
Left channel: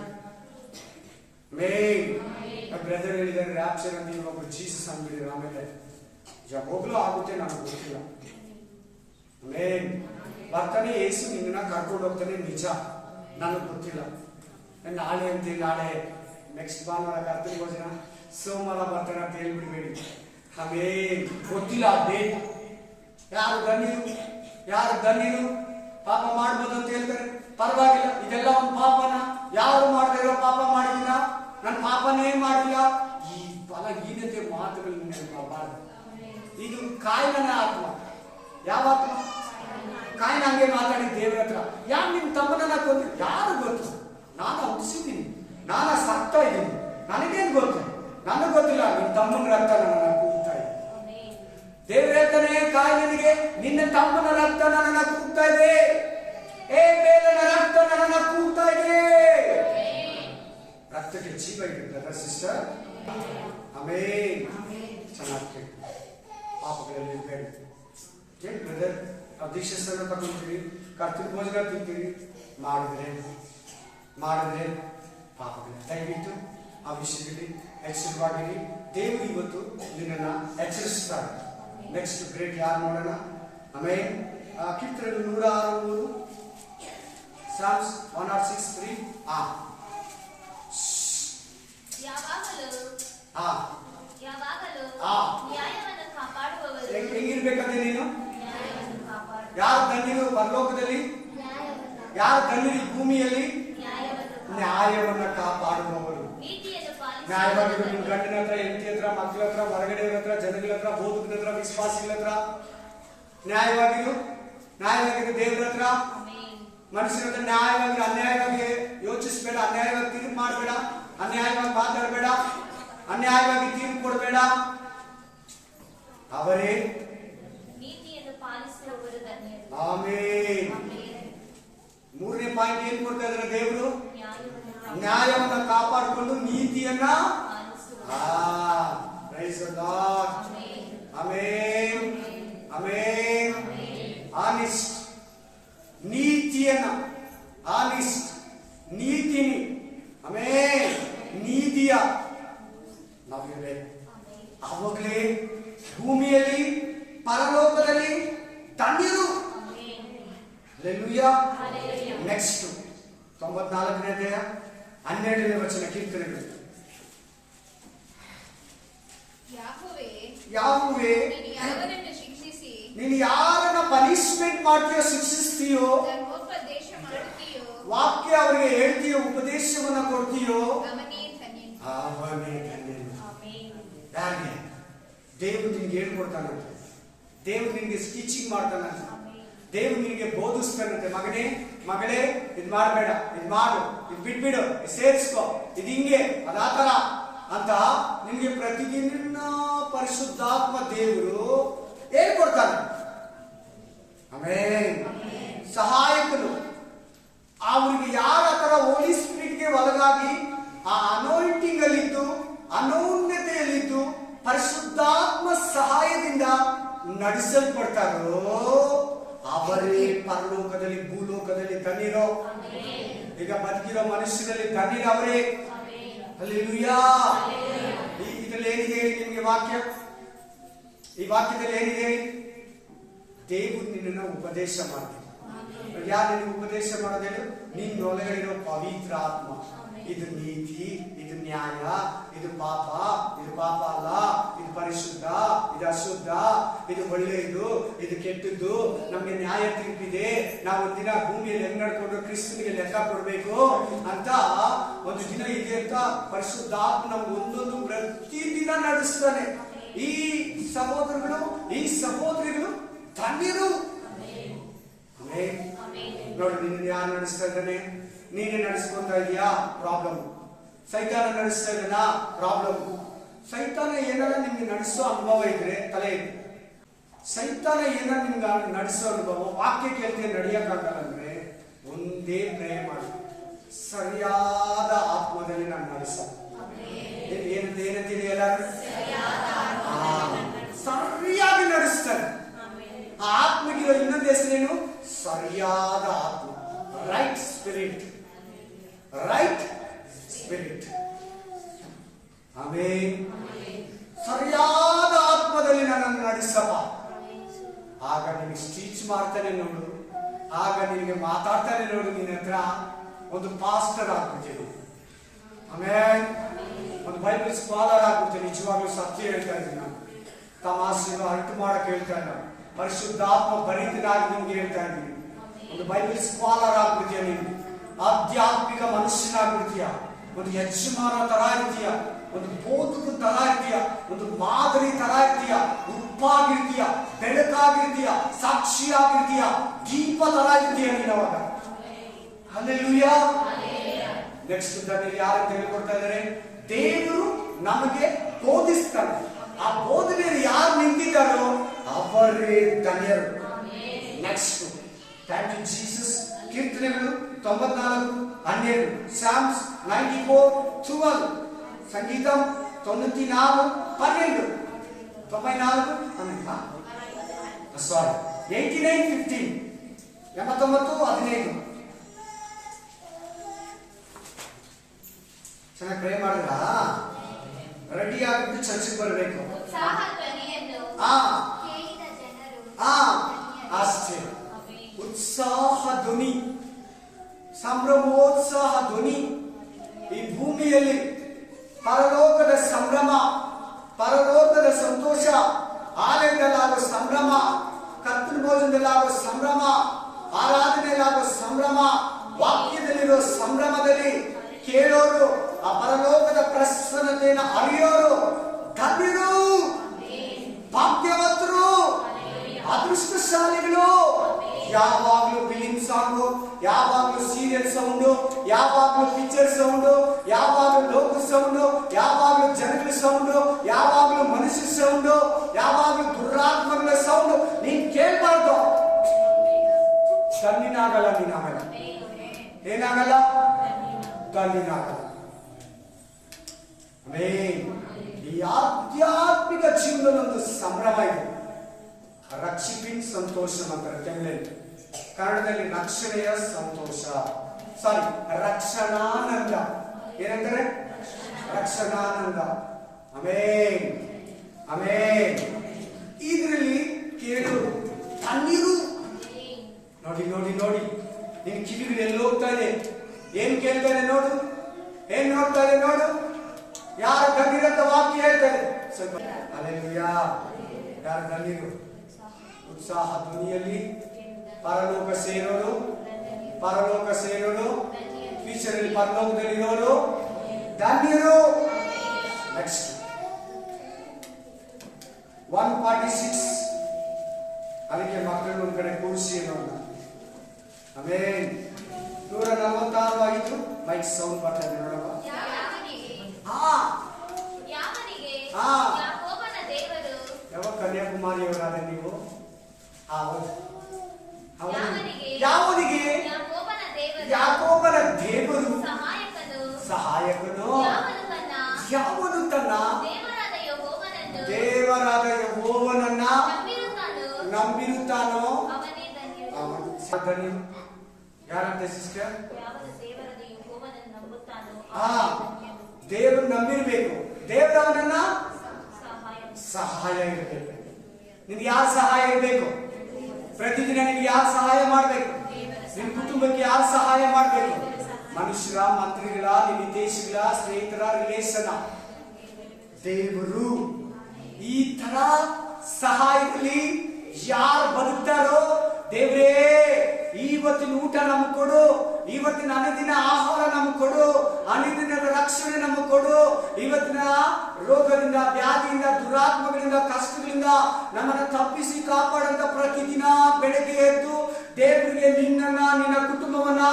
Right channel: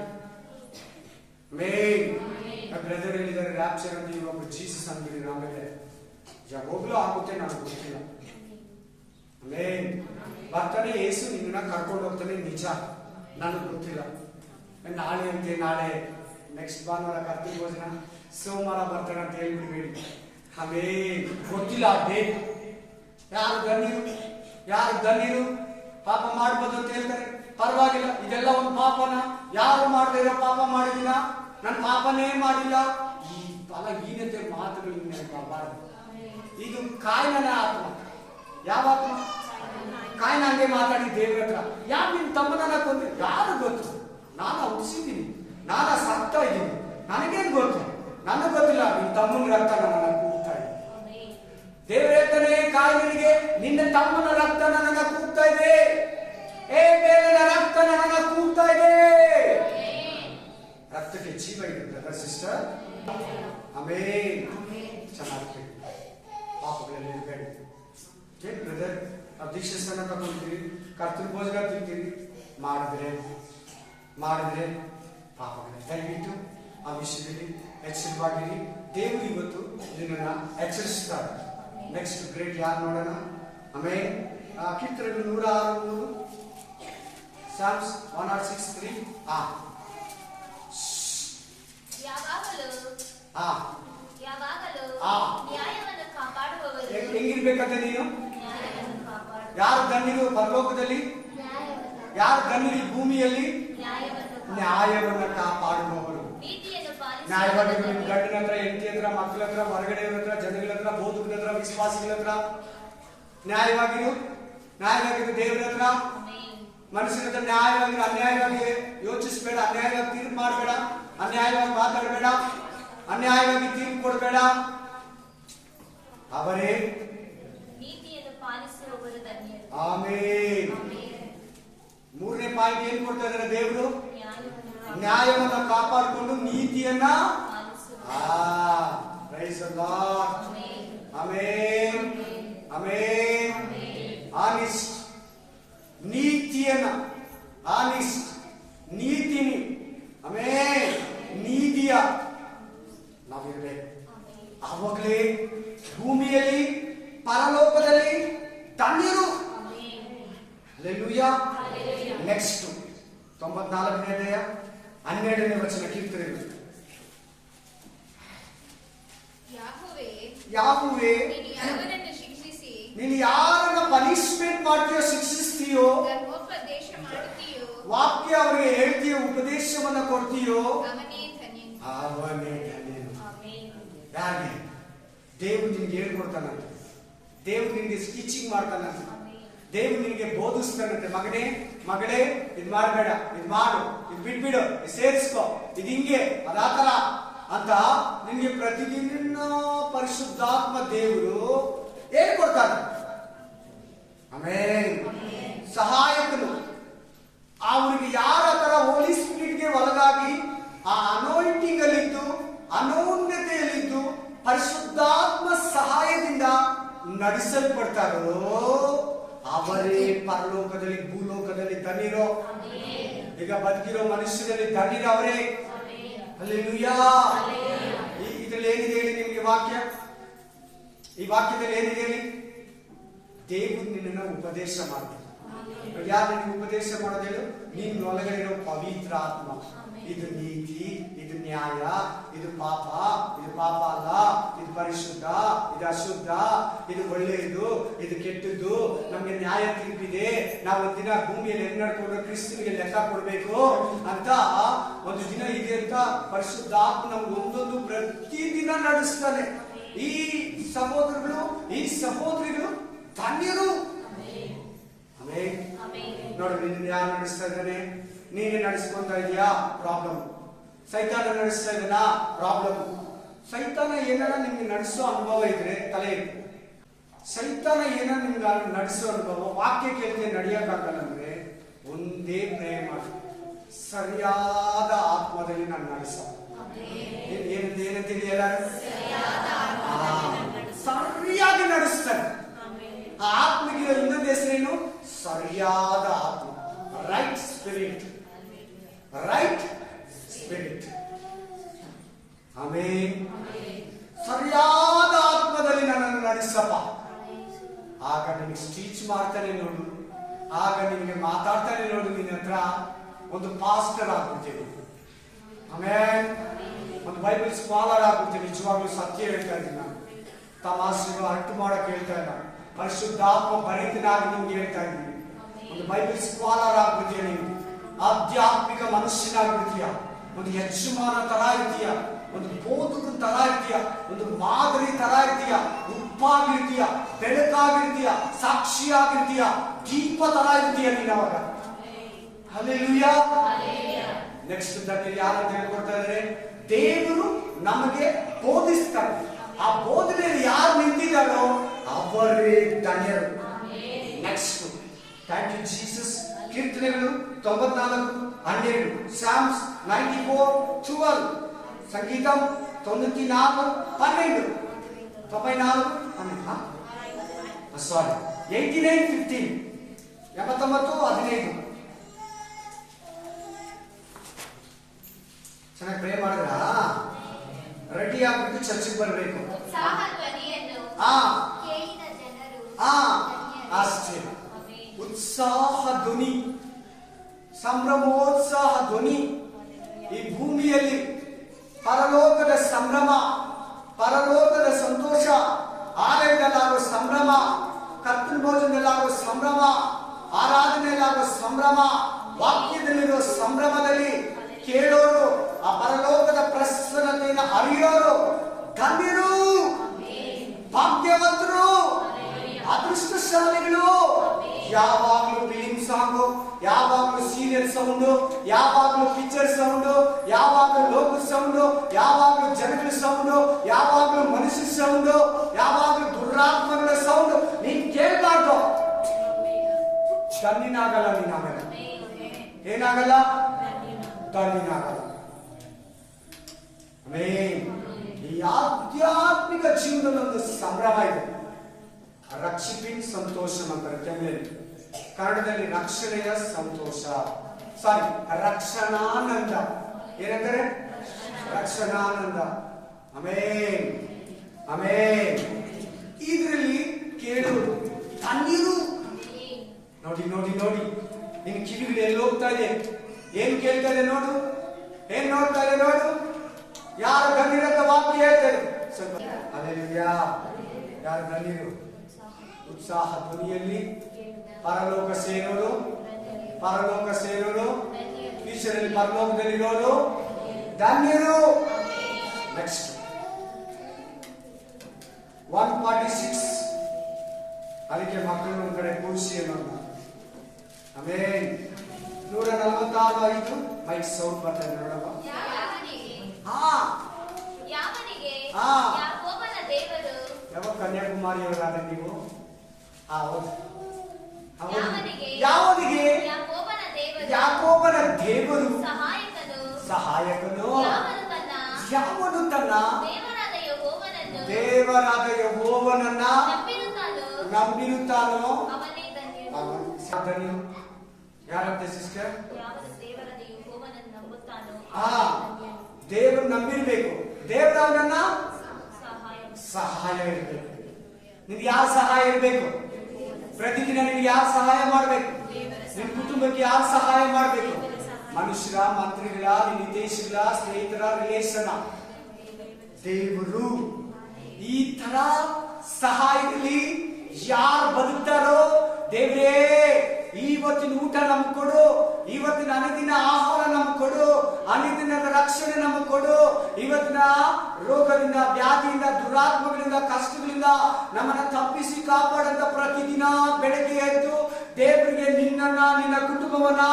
ಮೇನ್ ಬ್ರದರ್ ಹೇಳಿದ್ದಾರೆ ರ್ಯಾಪ್ಚರ್ ಅಂತ, ಇನ್ನೊಬ್ಬ ಜೀಸಸ್ ಅಂದ್ಬಿಡಿ. ಆಮೇಲೆ ಯಾವಾಗ್ಲೂ ಆಗುತ್ತೆ, ನನಗೆ ಗೊತ್ತಿಲ್ಲ. ಮೇನ್ ಬರ್ತಾನೆ ಯೇಸು, ನಿನ್ನ ಕರ್ಕೊಂಡು ಹೋಗ್ತಾನೆ, ನಿಜ, ನನಗೆ ಗೊತ್ತಿಲ್ಲ. ನಾಳೆ ಅಂತೆ, ನಾಳೆ ನೆಕ್ಸ್ಟ್ ಭಾನುವಾರ ಕರ್ತನ ಭೋಜನ, ಸೋಮವಾರ ಬರ್ತಾನೆ ಅಂತ ಹೇಳ್ಬಿಡ್ಬೇಡಿ. ಆಮೇನ್, ಗೊತ್ತಿಲ್ಲ ಆ ಡೇಟ್. ಯಾರು ಧನ್ಯರು? ಪಾಪ ಮಾಡ್ಬೋದು ಅಂತ ಹೇಳ್ತಾರೆ, ಪರವಾಗಿಲ್ಲ. ಇದೆಲ್ಲ ಒಂದು ಪಾಪನ? ಯಾರು ಮಾಡದೇ ಇರೋ ಪಾಪ ಮಾಡಿದಿನ? ನನ್ನ ಪಾಪನೇ ಮಾಡಿಲ್ಲ. ಈ ಹೀನತೆ ಮಾತುಗಳು ನೆನಪಾಗಬಾರದು. ಇದು ಕಾಯಿನ ಆತ್ಮ. ಯಾವ ಆತ್ಮ? ಕಾಯಿನ ಹಂಗೆ ಮಾತಾಡಿ ದೇವರ ಹತ್ರ, ಯಾರು ನಿಮ್ ತಮ್ಮನನ್ನ ಕೊಂದು? ಯಾರು ಗೊತ್ತು? ನಾನು ಹುಟ್ಟಿಸಿದ್ದೀನಿ, ನಾನು ಸಾಕ್ತಾ ಇದ್ದೀನಿ, ನನಗೇನು ಗೊತ್ತು? ನನಗೆ ಗೊತ್ತಿಲ್ಲ. ನಿನ್ ತಮ್ಮನ ರಕ್ತ ನನ್ನನ್ನ ಕೂಗ್ತಾ ಇದೆ. ದೇವರು ಹೇಳ್ತಾನೆ ಕಾಯಿನಿಗೆ, ನಿನ್ನ ತಮ್ಮನ ರಕ್ತ ನನ್ನನ್ನ ಕೂಗ್ತಾ ಇದೆ. ಬೇಲನ ರಕ್ತ ನನ್ನನ್ನ ಕೂಗ್ತಾ ಇದೆ. ರಕ್ತಕ್ಕೆ ಜೀವ ಇದೆ ಬ್ರದರ್, ಸಿಸ್ಟರ್. ಆಮೇನ್. ಚೆನ್ನಾಗಿ ಕೇಳಿ. ಪಾಪಗಳಲ್ಲಿ ಇರಬೇಡಿ. ಏನ್ ಬ್ರದರ್, ನಾವು ದೀಕ್ಷಾಸ್ಥಾನ ತಗೊಂತೀರಿ, ಕರ್ತನ ಭೋಜನ ತಿಂತೀರಿ, ಮಾಡಿದ್ರೆ ಪಾಪಗಳ ದಯವಿಟ್ಟು ಆ ವಿಷಯದಲ್ಲಿ ಎಚ್ಚರವಾಗಿರಿ. ದೇವರು ಇವತ್ತು ನಿನ್ನನ್ನ ಎಚ್ಚರಿಸುತ್ತಾರೆ. ನೆಕ್ಸ್ಟ್ ಗ್ರೇಟ್ ಯಾರು ನೋಡೋಣ? ಆಮೇಲೆ ಕೀರ್ತನೆಗಳು 106:3, ಸಾಮ್ಸ್ 106:3. ಹೆಂಗಿರ್ಬೇಕಂತೆ ನೀನು? ಯಾರು ಧನ್ಯರು ಪರಲೋಕದಲ್ಲಿ? ಯಾರು ಧನ್ಯರು ಭೂಮಿಯಲ್ಲಿ? ನ್ಯಾಯವನ್ನ ಕಾಪಾಡುವವರು. ನ್ಯಾಯವಾಗಿ ನಿಮ್ ಗಂಡನ ಹತ್ರ, ಹೆಂಡತಿ ಹತ್ರ, ಮಕ್ಕಳ ಹತ್ರ, ಹೊರಗಡೆ ಹತ್ರ, ಜನಗಳ ಹತ್ರ, ಬೋಧಕರ ಹತ್ರ, ವಿಶ್ವಾಸಿಗಳ ಹತ್ರ ನ್ಯಾಯವಾಗಿರು. ದೇವರ ಹತ್ರ, ಮನುಷ್ಯರ ಹತ್ರ ನ್ಯಾಯವಾಗಿ. ಅನ್ಯಾಯವಾಗಿ ಯೋಚಿಸಬೇಡ, ಅನ್ಯಾಯವಾಗಿ ತೀರ್ಪು ಮಾಡಬೇಡ, ಅನ್ಯಾಯವಾಗಿ ಮಾತಾಡಬೇಡ, ಅನ್ಯಾಯವಾಗಿ ತೀರ್ಪು ಕೊಡಬೇಡ. ಅವರೇ ಆಮೇನ್. ಮೂರನೇ ಪಾಯಿಂಟ್ ಏನ್ ಕೊಡ್ತಾ ಇದ್ದಾರೆ ದೇವರು? ನ್ಯಾಯವನ್ನ ಕಾಪಾಡಿಕೊಂಡು ನೀತಿಯನ್ನ. Praise the Lord. Amen, amen. Honest, ನೀತಿ ನೀತಿಯನ್ನ, ಆನೆಸ್ಟ್, ನೀತಿನಿ, ಆಮೇಲೆ ನೀತಿಯ ನಾವಿರ್ಬೇಕು. ಆವಾಗಲೇ ಭೂಮಿಯಲ್ಲಿ ಪರಲೋಕದಲ್ಲಿ ಧನ್ಯರು. ಹಲ್ಲೆಲೂಯಾ. ನೆಕ್ಸ್ಟ್ 94ನೇ ಅಧ್ಯಾಯ 12ನೇ ವಚನ ಕೀರ್ತನೆಗಳು. ಯಾಹುವೇ, ನೀನು ಯಾರನ್ನ ಪನಿಷ್ಮೆಂಟ್ ಮಾಡ್ತೀಯೋ, ಶಿಕ್ಷಿಸ್ತೀಯೋ, ವಾಕ್ಯ ಅವರಿಗೆ ಹೇಳ್ತೀಯೋ, ಉಪದೇಶವನ್ನ ಕೊಡ್ತೀಯೋ, ಅವನೇ ಧನ್ಯನು. ಯಾರಿಗೆ? ದೇವರು ನಿನ್ಗೆ ಹೇಳ್ಕೊಡ್ತಾನಂತೆ, ದೇವರು ನಿನ್ಗೆ ಟೀಚಿಂಗ್ ಮಾಡ್ತಾನಂತೆ, ದೇವರು ನಿನ್ಗೆ ಬೋಧಿಸ್ತಾನಂತೆ. ಮಗನೇ, ಮಗಳೇ, ಇದ್ ಮಾಡಬೇಡ, ಇದ್ ಮಾಡು, ಇದ್ ಬಿಟ್ಬಿಡು, ಇದ್ ಸೇರಿಸ್ಕೋ, ಇದ್ ಹಿಂಗೆ, ಅದಾತರ ಅಂತ ನಿನ್ಗೆ ಪ್ರತಿದಿನ ಪರಿಶುದ್ಧಾತ್ಮ ದೇವರು ಹೇಳ್ಕೊಡ್ತಾನೆ. ಆಮೇಲೆ ಸಹಾಯಕನು ಅವ್ರಿಗೆ ಯಾರ ತರ ಹೋಲಿ ಸ್ಪಿರಿಟ್ಗೆ ಒಳಗಾಗಿ ಆ ಅನಾಯಿಂಟಿಂಗ್ ಅಲ್ಲಿದ್ದು, ಅನೋನ್ಯತೆಯಲ್ಲಿದ್ದು, ಪರಿಶುದ್ಧಾತ್ಮ ಸಹಾಯದಿಂದ ನಡೆಸಲ್ಪಡ್ತಾರೋ ಅವರೇ ಪರಲೋಕದಲ್ಲಿ ಭೂಲೋಕದಲ್ಲಿ ಧನ್ಯರೋ. ಈಗ ಬದುಕಿರೋ ಮನುಷ್ಯರಲ್ಲಿ ಧನ್ಯರವರೇ. ಹಲ್ಲೆಲೂಯಾ. ಇದ್ರಲ್ಲಿ ಏನಿದೆ ಹೇಳಿ ನಿಮ್ಗೆ ವಾಕ್ಯ? ಈ ವಾಕ್ಯದಲ್ಲಿ ಏನಿದೆ ಹೇಳಿ? ದೇವರು ನಿನ್ನನ್ನು ಉಪದೇಶ ಮಾಡ್ತಾನೆ. ಯಾರು ನಿನಗೆ ಉಪದೇಶ ಮಾಡೋದೇನು? ನಿನ್ನೊಳಗಡೆರೋ ಪವಿತ್ರ ಆತ್ಮ. ಇದು ನೀತಿ, ಇದು ನ್ಯಾಯ, ಇದು ಪಾಪ, ಇದು ಪಾಪ ಅಲ್ಲ, ಇದು ಪರಿಶುದ್ಧ, ಇದು ಅಶುದ್ಧ, ಇದು ಒಳ್ಳೆಯದು, ಇದು ಕೆಟ್ಟದ್ದು, ನಮ್ಗೆ ನ್ಯಾಯ ತೀರ್ಪಿದೆ, ನಾವು ಒಂದಿನ ಭೂಮಿಯಲ್ಲಿ ಹೆಂಗ್ ನಡ್ಕೊಂಡು ಕ್ರಿಸ್ತನಿಗೆ ಲೆಕ್ಕ ಕೊಡ್ಬೇಕು ಅಂತ ಒಂದು ದಿನ ಇದೆ ಅಂತ ಪರಿಶುದ್ಧಾತ್ಮ ನಮ್ಗೆ ಒಂದೊಂದು ಪ್ರತಿದಿನ ನಡೆಸ್ತಾನೆ. ಈ ಸಹೋದರಗಳು, ಈ ಸಹೋದರಿಗಳು ಧನ್ಯರು. ನೋಡಿ, ನಿನ್ನ ಯಾರು ನಡೆಸ್ತಾ ಇದ್ದಾನೆ? ನೀನೇ ನಡೆಸ್ಕೊಂತ ಇದೆಯಾ? ಪ್ರಾಬ್ಲಮ್. ಸೈತಾನ ನಡೆಸ್ತಾ ಇದ್ದಾನ? ಪ್ರಾಬ್ಲಮ್. ಸೈತಾನ ಏನಾರ ನಿಮ್ಗೆ ನಡೆಸೋ ಅನುಭವ ಇದ್ರೆ ತಲೆ ಇತ್ತು. ಸೈತಾನ ಏನಾರ ನಿಮ್ಗೆ ನಡೆಸೋ ಅನುಭವ, ವಾಕ್ಯ ಕೇಳ್ತೀಯ ನಡೆಯಕ್ಕಾಗಲ್ಲ ಅಂದ್ರೆ ಒಂದೇ ಪ್ರೇ ಮಾಡಿ, ಸರಿಯಾದ ಆತ್ಮದಲ್ಲಿ ನಾನು ನಡೆಸೋ. ಏನಂತ ತಿಳಿಯಲ್ಲ, ಸರಿಯಾಗಿ ನಡೆಸ್ತಾನೆ. ಆ ಆತ್ಮಗಿರೋ ಇನ್ನೊಂದು ಹೆಸರೇನು? ಸರಿಯಾದ ಆತ್ಮ. Right spirit, right spirit. ಆಮೇಲೆ ಸರಿಯಾದ ಆತ್ಮದಲ್ಲಿ ನನ್ನನ್ನು ನಡೆಸಪ್ಪ. ಆಗ ನಿನಗೆ ಸ್ಟೀಚ್ ಮಾಡ್ತಾನೆ ನೋಡು, ಆಗ ನಿನಗೆ ಮಾತಾಡ್ತಾನೆ ನೋಡು. ನಿನ್ನ ಹತ್ರ ಒಂದು ಪಾಸ್ಟರ್ ಆಗ್ಬಿಡ್ತೀನಿ, ಆಮೇಲೆ ಒಂದು ಬೈಬಲ್ ಸ್ಕಾಲರ್ ಆಗ್ಬಿಡ್ತೀನಿ. ನಿಜವಾಗ್ಲೂ ಸತ್ಯ ಹೇಳ್ತಾ ಇದ್ದೀನಿ ನಾನು, ತಮಾಷೆ ಅಂಟು ಮಾಡಕ್ ಹೇಳ್ತಾ ಇಲ್ಲ. ಪರಿಶುದ್ಧಾತ್ಮ ಭರಿತನಾಗಿ ನಿಮ್ಗೆ ಹೇಳ್ತಾ ಇದ್ದೀನಿ. ಒಂದು ಬೈಬಲ್ ಸ್ಕಾಲರ್ ಆಗ್ಬಿಡ್ತೀಯ, ನೀವು ಆಧ್ಯಾತ್ಮಿಕ ಮನುಷ್ಯನಾಗ್ಬಿಡ್ತೀಯ, ಒಂದು ಯಜಮಾನ ತರ ಇರ್ತೀಯ, ಒಂದು ಬೋಧಕ ತರ ಇರ್ತೀಯ, ಒಂದು ಮಾದರಿ ತರ ಇರ್ತೀಯ, ಉಪ್ಪಾಗಿರ್ತೀಯ, ಬೆಳಕಾಗಿರ್ತೀಯ, ಸಾಕ್ಷಿಯಾಗಿರ್ತೀಯ, ದೀಪ ತರ ಇರ್ತೀಯ ನೀನು ಅವಾಗ. ಹಲ್ಲೆಲೂಯಾ. ನೆಕ್ಸ್ಟ್ ಯಾರಂತ ಹೇಳ್ಕೊಡ್ತಾ ಇದ್ದಾರೆ? ದೇವರು ನಮಗೆ ಬೋಧಿಸ್ತಾರೆ. ಆ ಬೋಧನೆಯಲ್ಲಿ ಯಾರು ನಿಂತಿದ್ದಾರೋ ಅವರೇ ಧನ್ಯರು. Next, thank you Jesus. ಕೀರ್ತನೆಗಳು 94:12, ಸಾಮ್ಸ್ 94:12, ಸಂಗೀತಂ 94:12, 94:12, ಸಾರಿ 89:15, 89:15. ಚೆನ್ನಾಗಿ ಪ್ರೇ ಮಾಡಿದ್ರ? ರೆಡಿ ಆಗ್ಬಿಟ್ಟು ಚರ್ಚಿಗೆ ಬರಬೇಕು. ಅಷ್ಟೇ. ಉತ್ಸಾಹ ಧ್ವನಿ, ಸಂಭ್ರಮೋತ್ಸಾಹ ಧ್ವನಿ ಈ ಭೂಮಿಯಲ್ಲಿ. ಪರಲೋಕದ ಸಂಭ್ರಮ, ಪರಲೋಕದ ಸಂತೋಷ, ಆಲಯದಲ್ಲಾಗುವ ಸಂಭ್ರಮ, ಕರ್ತನ ಭೋಜನದಲ್ಲಾಗುವ ಸಂಭ್ರಮ, ಆರಾಧನೆಯಲ್ಲಾಗುವ ಸಂಭ್ರಮ, ವಾಕ್ಯದಲ್ಲಿರುವ ಸಂಭ್ರಮದಲ್ಲಿ ಕೇಳೋರು, ಆ ಪರಲೋಕದ ಪ್ರಸನ್ನತೆಯನ್ನು ಅರಿಯೋರು ಧನ್ಯರು, ಭಾಗ್ಯವಂತರು, ಅದೃಷ್ಟಶಾಲಿಗಳು. ಯಾವಾಗ್ಲೂ ಫಿಲಿಂ ಸಾಂಗು, ಯಾವಾಗ್ಲೂ ಸೀರಿಯಲ್ ಸೌಂಡು, ಯಾವಾಗ್ಲೂ ಪಿಕ್ಚರ್ ಸೌಂಡು, ಯಾವಾಗ್ಲೂ ಲೋಕ ಸೌಂಡು, ಯಾವಾಗ್ಲೂ ಜನಗಳ ಸೌಂಡು, ಯಾವಾಗ್ಲೂ ಮನುಷ್ಯ ಸೌಂಡು, ಯಾವಾಗ್ಲೂ ದುರಾತ್ಮಗಳ ಸೌಂಡು ನೀನ್ ಕೇಳ್ಬಾರ್ದು. ತನ್ನಿನಾಗಲ್ಲ ನೀನ್. ಆಮೇಲೆ ಏನಾಗಲ್ಲ? ತನ್ನಿನಾಗಲ್ಲ. ಈ ಆಧ್ಯಾತ್ಮಿಕ ಜೀವನದೊಂದು ಸಂಭ್ರಮ ಇದೆ. ರಕ್ಷಿಪಿನ್ ಸಂತೋಷ ಅಂತಾರೆ ತಮಿಳಲ್ಲಿ. ಕನ್ನಡದಲ್ಲಿ ರಕ್ಷಣೆಯ ಸಂತೋಷ, ಸಾರಿ ರಕ್ಷಣಾನಂದ. ಏನಂತಾರೆ? ರಕ್ಷಣಾನಂದ. Amen, amen. ಇದರಲ್ಲಿ ಕೇಳುವುದು ತಣ್ಣೀರು. ನೋಡಿ ನೋಡಿ ನೋಡಿ, ನಿನ್ ಕಿವಿಗಳು ಎಲ್ಲಿ ಹೋಗ್ತಾ ಇದೆ? ಏನ್ ಕೇಳ್ತಾ ಇದೆ ನೋಡು, ಏನ್ ನೋಡ್ತಾ ಇದೆ ನೋಡು. ಯಾರು ಧನ್ಯರಂತ ವಾಕ್ಯ ಹೇಳ್ತಾರೆ ಸ್ವಲ್ಪ. ಹಲ್ಲೆಲೂಯಾ. ಯಾರು ಧನ್ಯರು? ಉತ್ಸಾಹ ಧ್ವನಿಯಲ್ಲಿ ಪರಲೋಕ ಸೇರೋರು, ಪರಲೋಕ ಸೇರೋರು, ಫ್ಯೂಚರಲ್ಲಿ ಪರಲೋಕದಲ್ಲಿರೋರು ಧನ್ಯರು. ನೆಕ್ಸ್ಟ್ 146. ಅದಕ್ಕೆ ಮಕ್ಕಳು ಒಂದ್ ಕಡೆ ಕೂರಿಸಿ ಅನ್ನೋದು. ಆಮೇಲೆ 146 ಮೈಕ್ ಸೌಂಡ್ ಬರ್ತಾ ಇದೆ ನೋಡೋಣ. ಯಾವ ಕನ್ಯಾಕುಮಾರಿಯವರಾದ ನೀವು? ಹೌದು ಹೌದು. ಯಾವನಿಗೆ? ಯಾಕೋಬನ ದೇವರು ಸಹಾಯಕನು. ಯಾವನು ತನ್ನ ದೇವರಾದ ಯೆಹೋವನನ್ನ ನಂಬಿರುತ್ತಾನೋ ಅವನು ಧನ್ಯನು. ಯಾರಂತೆ ಸಿಸ್ಟರ್? ದೇವರು ನಂಬಿರ್ಬೇಕು. ದೇವರವನನ್ನ ಸಹಾಯ ಇರಬೇಕು. ನಿನ್ಗೆ ಯಾರ ಸಹಾಯ ಇರಬೇಕು? ಪ್ರತಿದಿನ ನಿನ್ಗೆ ಯಾರು ಸಹಾಯ ಮಾಡ್ಬೇಕು? ನಿನ್ ಕುಟುಂಬಕ್ಕೆ ಯಾರು ಸಹಾಯ ಮಾಡ್ಬೇಕು? ಮನುಷ್ಯರ, ಮಂತ್ರಿಗಳ, ನಿನ್ನ ಹಿತೈಷಿಗಳ, ಸ್ನೇಹಿತರ, ರಿಲೇಷನ್. ದೇವರು ಈ ತರ ಸಹಾಯದಲ್ಲಿ ಯಾರು ಬದುಕ್ತಾರೋ, ದೇವ್ರೇ ಇವತ್ತಿನ ಊಟ ನಮ್ಗೆ ಕೊಡು, ಇವತ್ತಿನ ಅನುದಿನ ಆಹಾರ ನಮ್ಗೆ ಕೊಡು, ಅನುದಿನದ ರಕ್ಷಣೆ ನಮ್ಗೆ ಕೊಡು, ಇವತ್ತಿನ ರೋಗದಿಂದ, ವ್ಯಾಧಿಯಿಂದ, ದುರಾತ್ಮಗಳಿಂದ, ಕಷ್ಟಗಳಿಂದ ನಮ್ಮನ್ನ ತಪ್ಪಿಸಿ ಕಾಪಾಡಂತ ಪ್ರತಿದಿನ ಬೆಳಗ್ಗೆ ಎದ್ದು ದೇವರಿಗೆ ನಿನ್ನನ್ನ, ನಿನ್ನ ಕುಟುಂಬವನ್ನ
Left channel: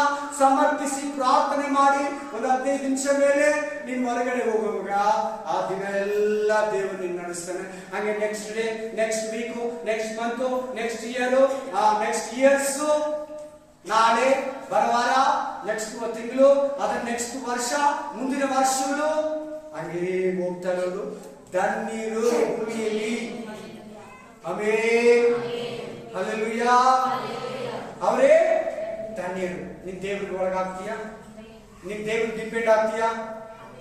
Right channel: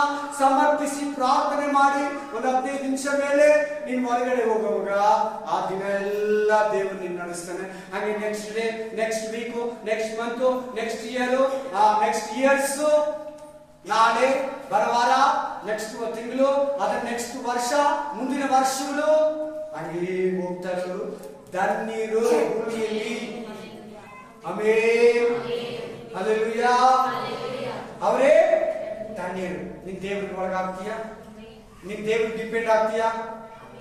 ಸಮರ್ಪಿಸಿ ಪ್ರಾರ್ಥನೆ ಮಾಡಿ ಒಂದು 15 ನಿಮಿಷ ಮೇಲೆ ನೀನ್ ಹೊರಗಡೆ ಹೋಗುವಾಗ ಆ ದಿನ ಎಲ್ಲ ದೇವರು ನಿನ್ನ ನಡೆಸ್ತಾನೆ. ಹಾಗೆ next day, next week, next month, next year, next years, ನಾಳೆ ಬರವಾರ, ನೆಕ್ಸ್ಟ್ ತಿಂಗಳು, ಅದರ ನೆಕ್ಸ್ಟ್ ವರ್ಷ, ಮುಂದಿನ ವರ್ಷಗಳು ಹಂಗೇ ಹೋಗ್ತಾ ಇರೋದು ಧನ್ಯರು ಭೂಮಿಯಲ್ಲಿ. Amen, hallelujah. ಅವರೇ ಧನ್ಯರು. ನಿನ್ ದೇವ್ರಿಗೆ ಒಳಗಾಗ್ತೀಯಾ? ನಿನ್ ದೇವ್ರಿಗೆ ಡಿಪೆಂಡ್ ಆಗ್ತೀಯಾ?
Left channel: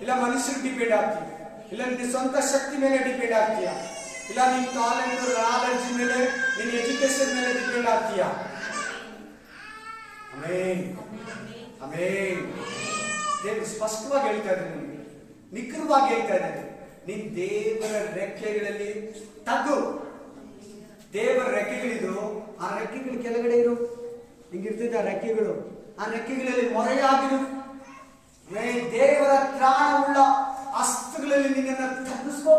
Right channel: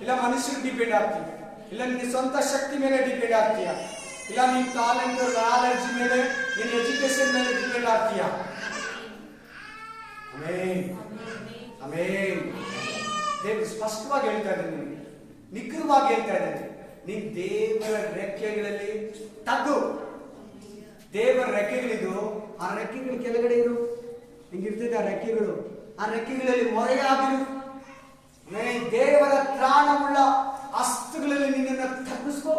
ಇಲ್ಲ ಮನುಷ್ಯರಿಗೆ ಡಿಪೆಂಡ್ ಆಗ್ತೀಯ? ಇಲ್ಲ ನಿನ್ನ ಸ್ವಂತ ಶಕ್ತಿ ಮೇಲೆ ಡಿಪೆಂಡ್ ಆಗ್ತೀಯಾ? ಇಲ್ಲ ನಿನ್ ಟ್ಯಾಲೆಂಟ್, ನಾಲೆಡ್ಜ್ ಮೇಲೆ, ನಿನ್ನ ಎಜುಕೇಶನ್ ಮೇಲೆ ಡಿಪೆಂಡ್ ಆಗ್ತೀಯಾ? Amen, amen. ದೇವರು ಸ್ಪಷ್ಟವಾಗಿ ಹೇಳ್ತಾ ಇದ್ದಾನೆ, ನಿಮಗೆ ನಿಖರವಾಗಿ ಹೇಳ್ತಾ ಇದ್ದಾನೆ. ನಿನ್ ದೇವರ ರೆಕ್ಕೆಗಳಲ್ಲಿ ತಗ್ಗು. ದೇವರ ರೆಕ್ಕೆಗಳಿದ್ದು, ಆ ರೆಕ್ಕೆಗಳು ಕೆಳಗಡೆ ಇರು. ಹಿಂಗಿರ್ತದೆ ಆ ರೆಕ್ಕೆಗಳು. ಆ ರೆಕ್ಕೆಗಳಲ್ಲಿ ಮೊರೆಯಾಗಿರು. ದೇವರ ತ್ರಾಣವುಳ್ಳ ಹಸ್ತಗಳಲ್ಲಿ ನಿನ್ನನ್ನು ತಗ್ಗಿಸ್ಕೋ.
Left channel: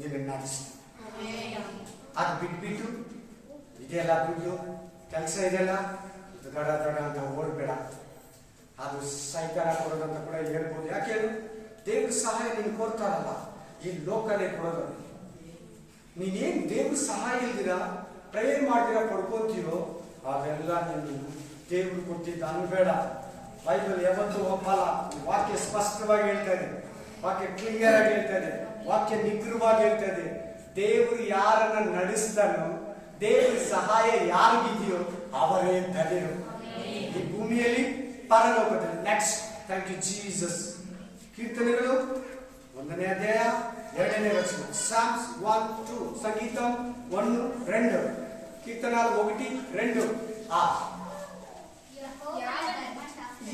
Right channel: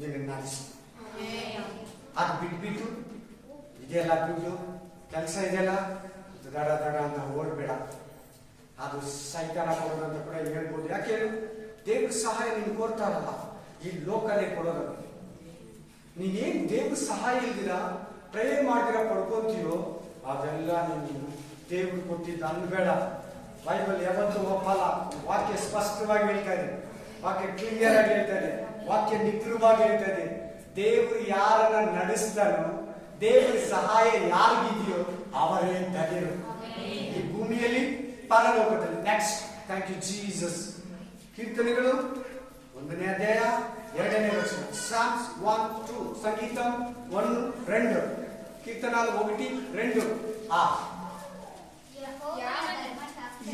ನಿನ್ನ ನಡೆಸಿ. ಅದು ಬಿಟ್ಬಿಟ್ಟು ಇದೆಲ್ಲ ದುಡ್ಡು ಕೆಲಸ ಇದೆಲ್ಲ ದಡ ದಡ ಅಂತ ಓಡ್ಬೇಡ. ಅದು ಸೈತಾನ ಕೊಡೋದು ಅಂತ ಕೂಡ ಹೇಳ್ಬೋದು. ಯಾಕೆ ಹೇಳು? ದೇವ್ರ ಸಹಾಯ ನೀನು ಕೋರ್ತಾರಲ್ಲ, ಈ ಲೋಕನೇ ಕೊಡೋದು. ನೀನೇನ್ ದೇವ್ರ ಸಹಾಯ ಇಲ್ದಿರ ಪ್ರೇಯರ್ ಮಾಡ್ದಿರ ಪಡ್ಕೊಂತೀಯೋ ಅದೆಲ್ಲ ನೀನು ದೇವ್ರು ಕೊಟ್ಟಿದ್ದ ಅನ್ಬೇಡ. ಬೈಬಲ್ ಯಾವತ್ತೂ ಒಪ್ಪಲ್ಲ. ವಾಕ್ಯ ಸ್ಪಷ್ಟವಾಗಿ ಹೇಳ್ತಾ ಇದೆ, ವಾಕ್ಯ ಕ್ಲಿಯರ್ ಆಗಿ ಹೇಳ್ತಾ ಇದೆ, ವಾಕ್ಯ ನಿಗ್ರಹವಾಗಿ ಹೇಳ್ತಾ ಇದೆ. ದೇವರು ಯಾರನ್ನ ನಡೆಸ್ತಾನೋ, ದೇವರ ಸಹಾಯ ಯಾರಿಗಿದೆಯೋ ಅವರೇ ಧನ್ಯರು ಈ ಭೂಮಿಯಲ್ಲಿ, ಪರಲೋಕದಲ್ಲಿ. Next, thank you Jesus. ಕೀರ್ತನೆಗಳು 1ನೇ ಅಧ್ಯಾಯ 2ನೇ ವಚನ. ಸಾಮ್ಸ್ 1-2, ಸಂಗೀತಂ 1-2, ಕೀರ್ತನಾలు 1-2.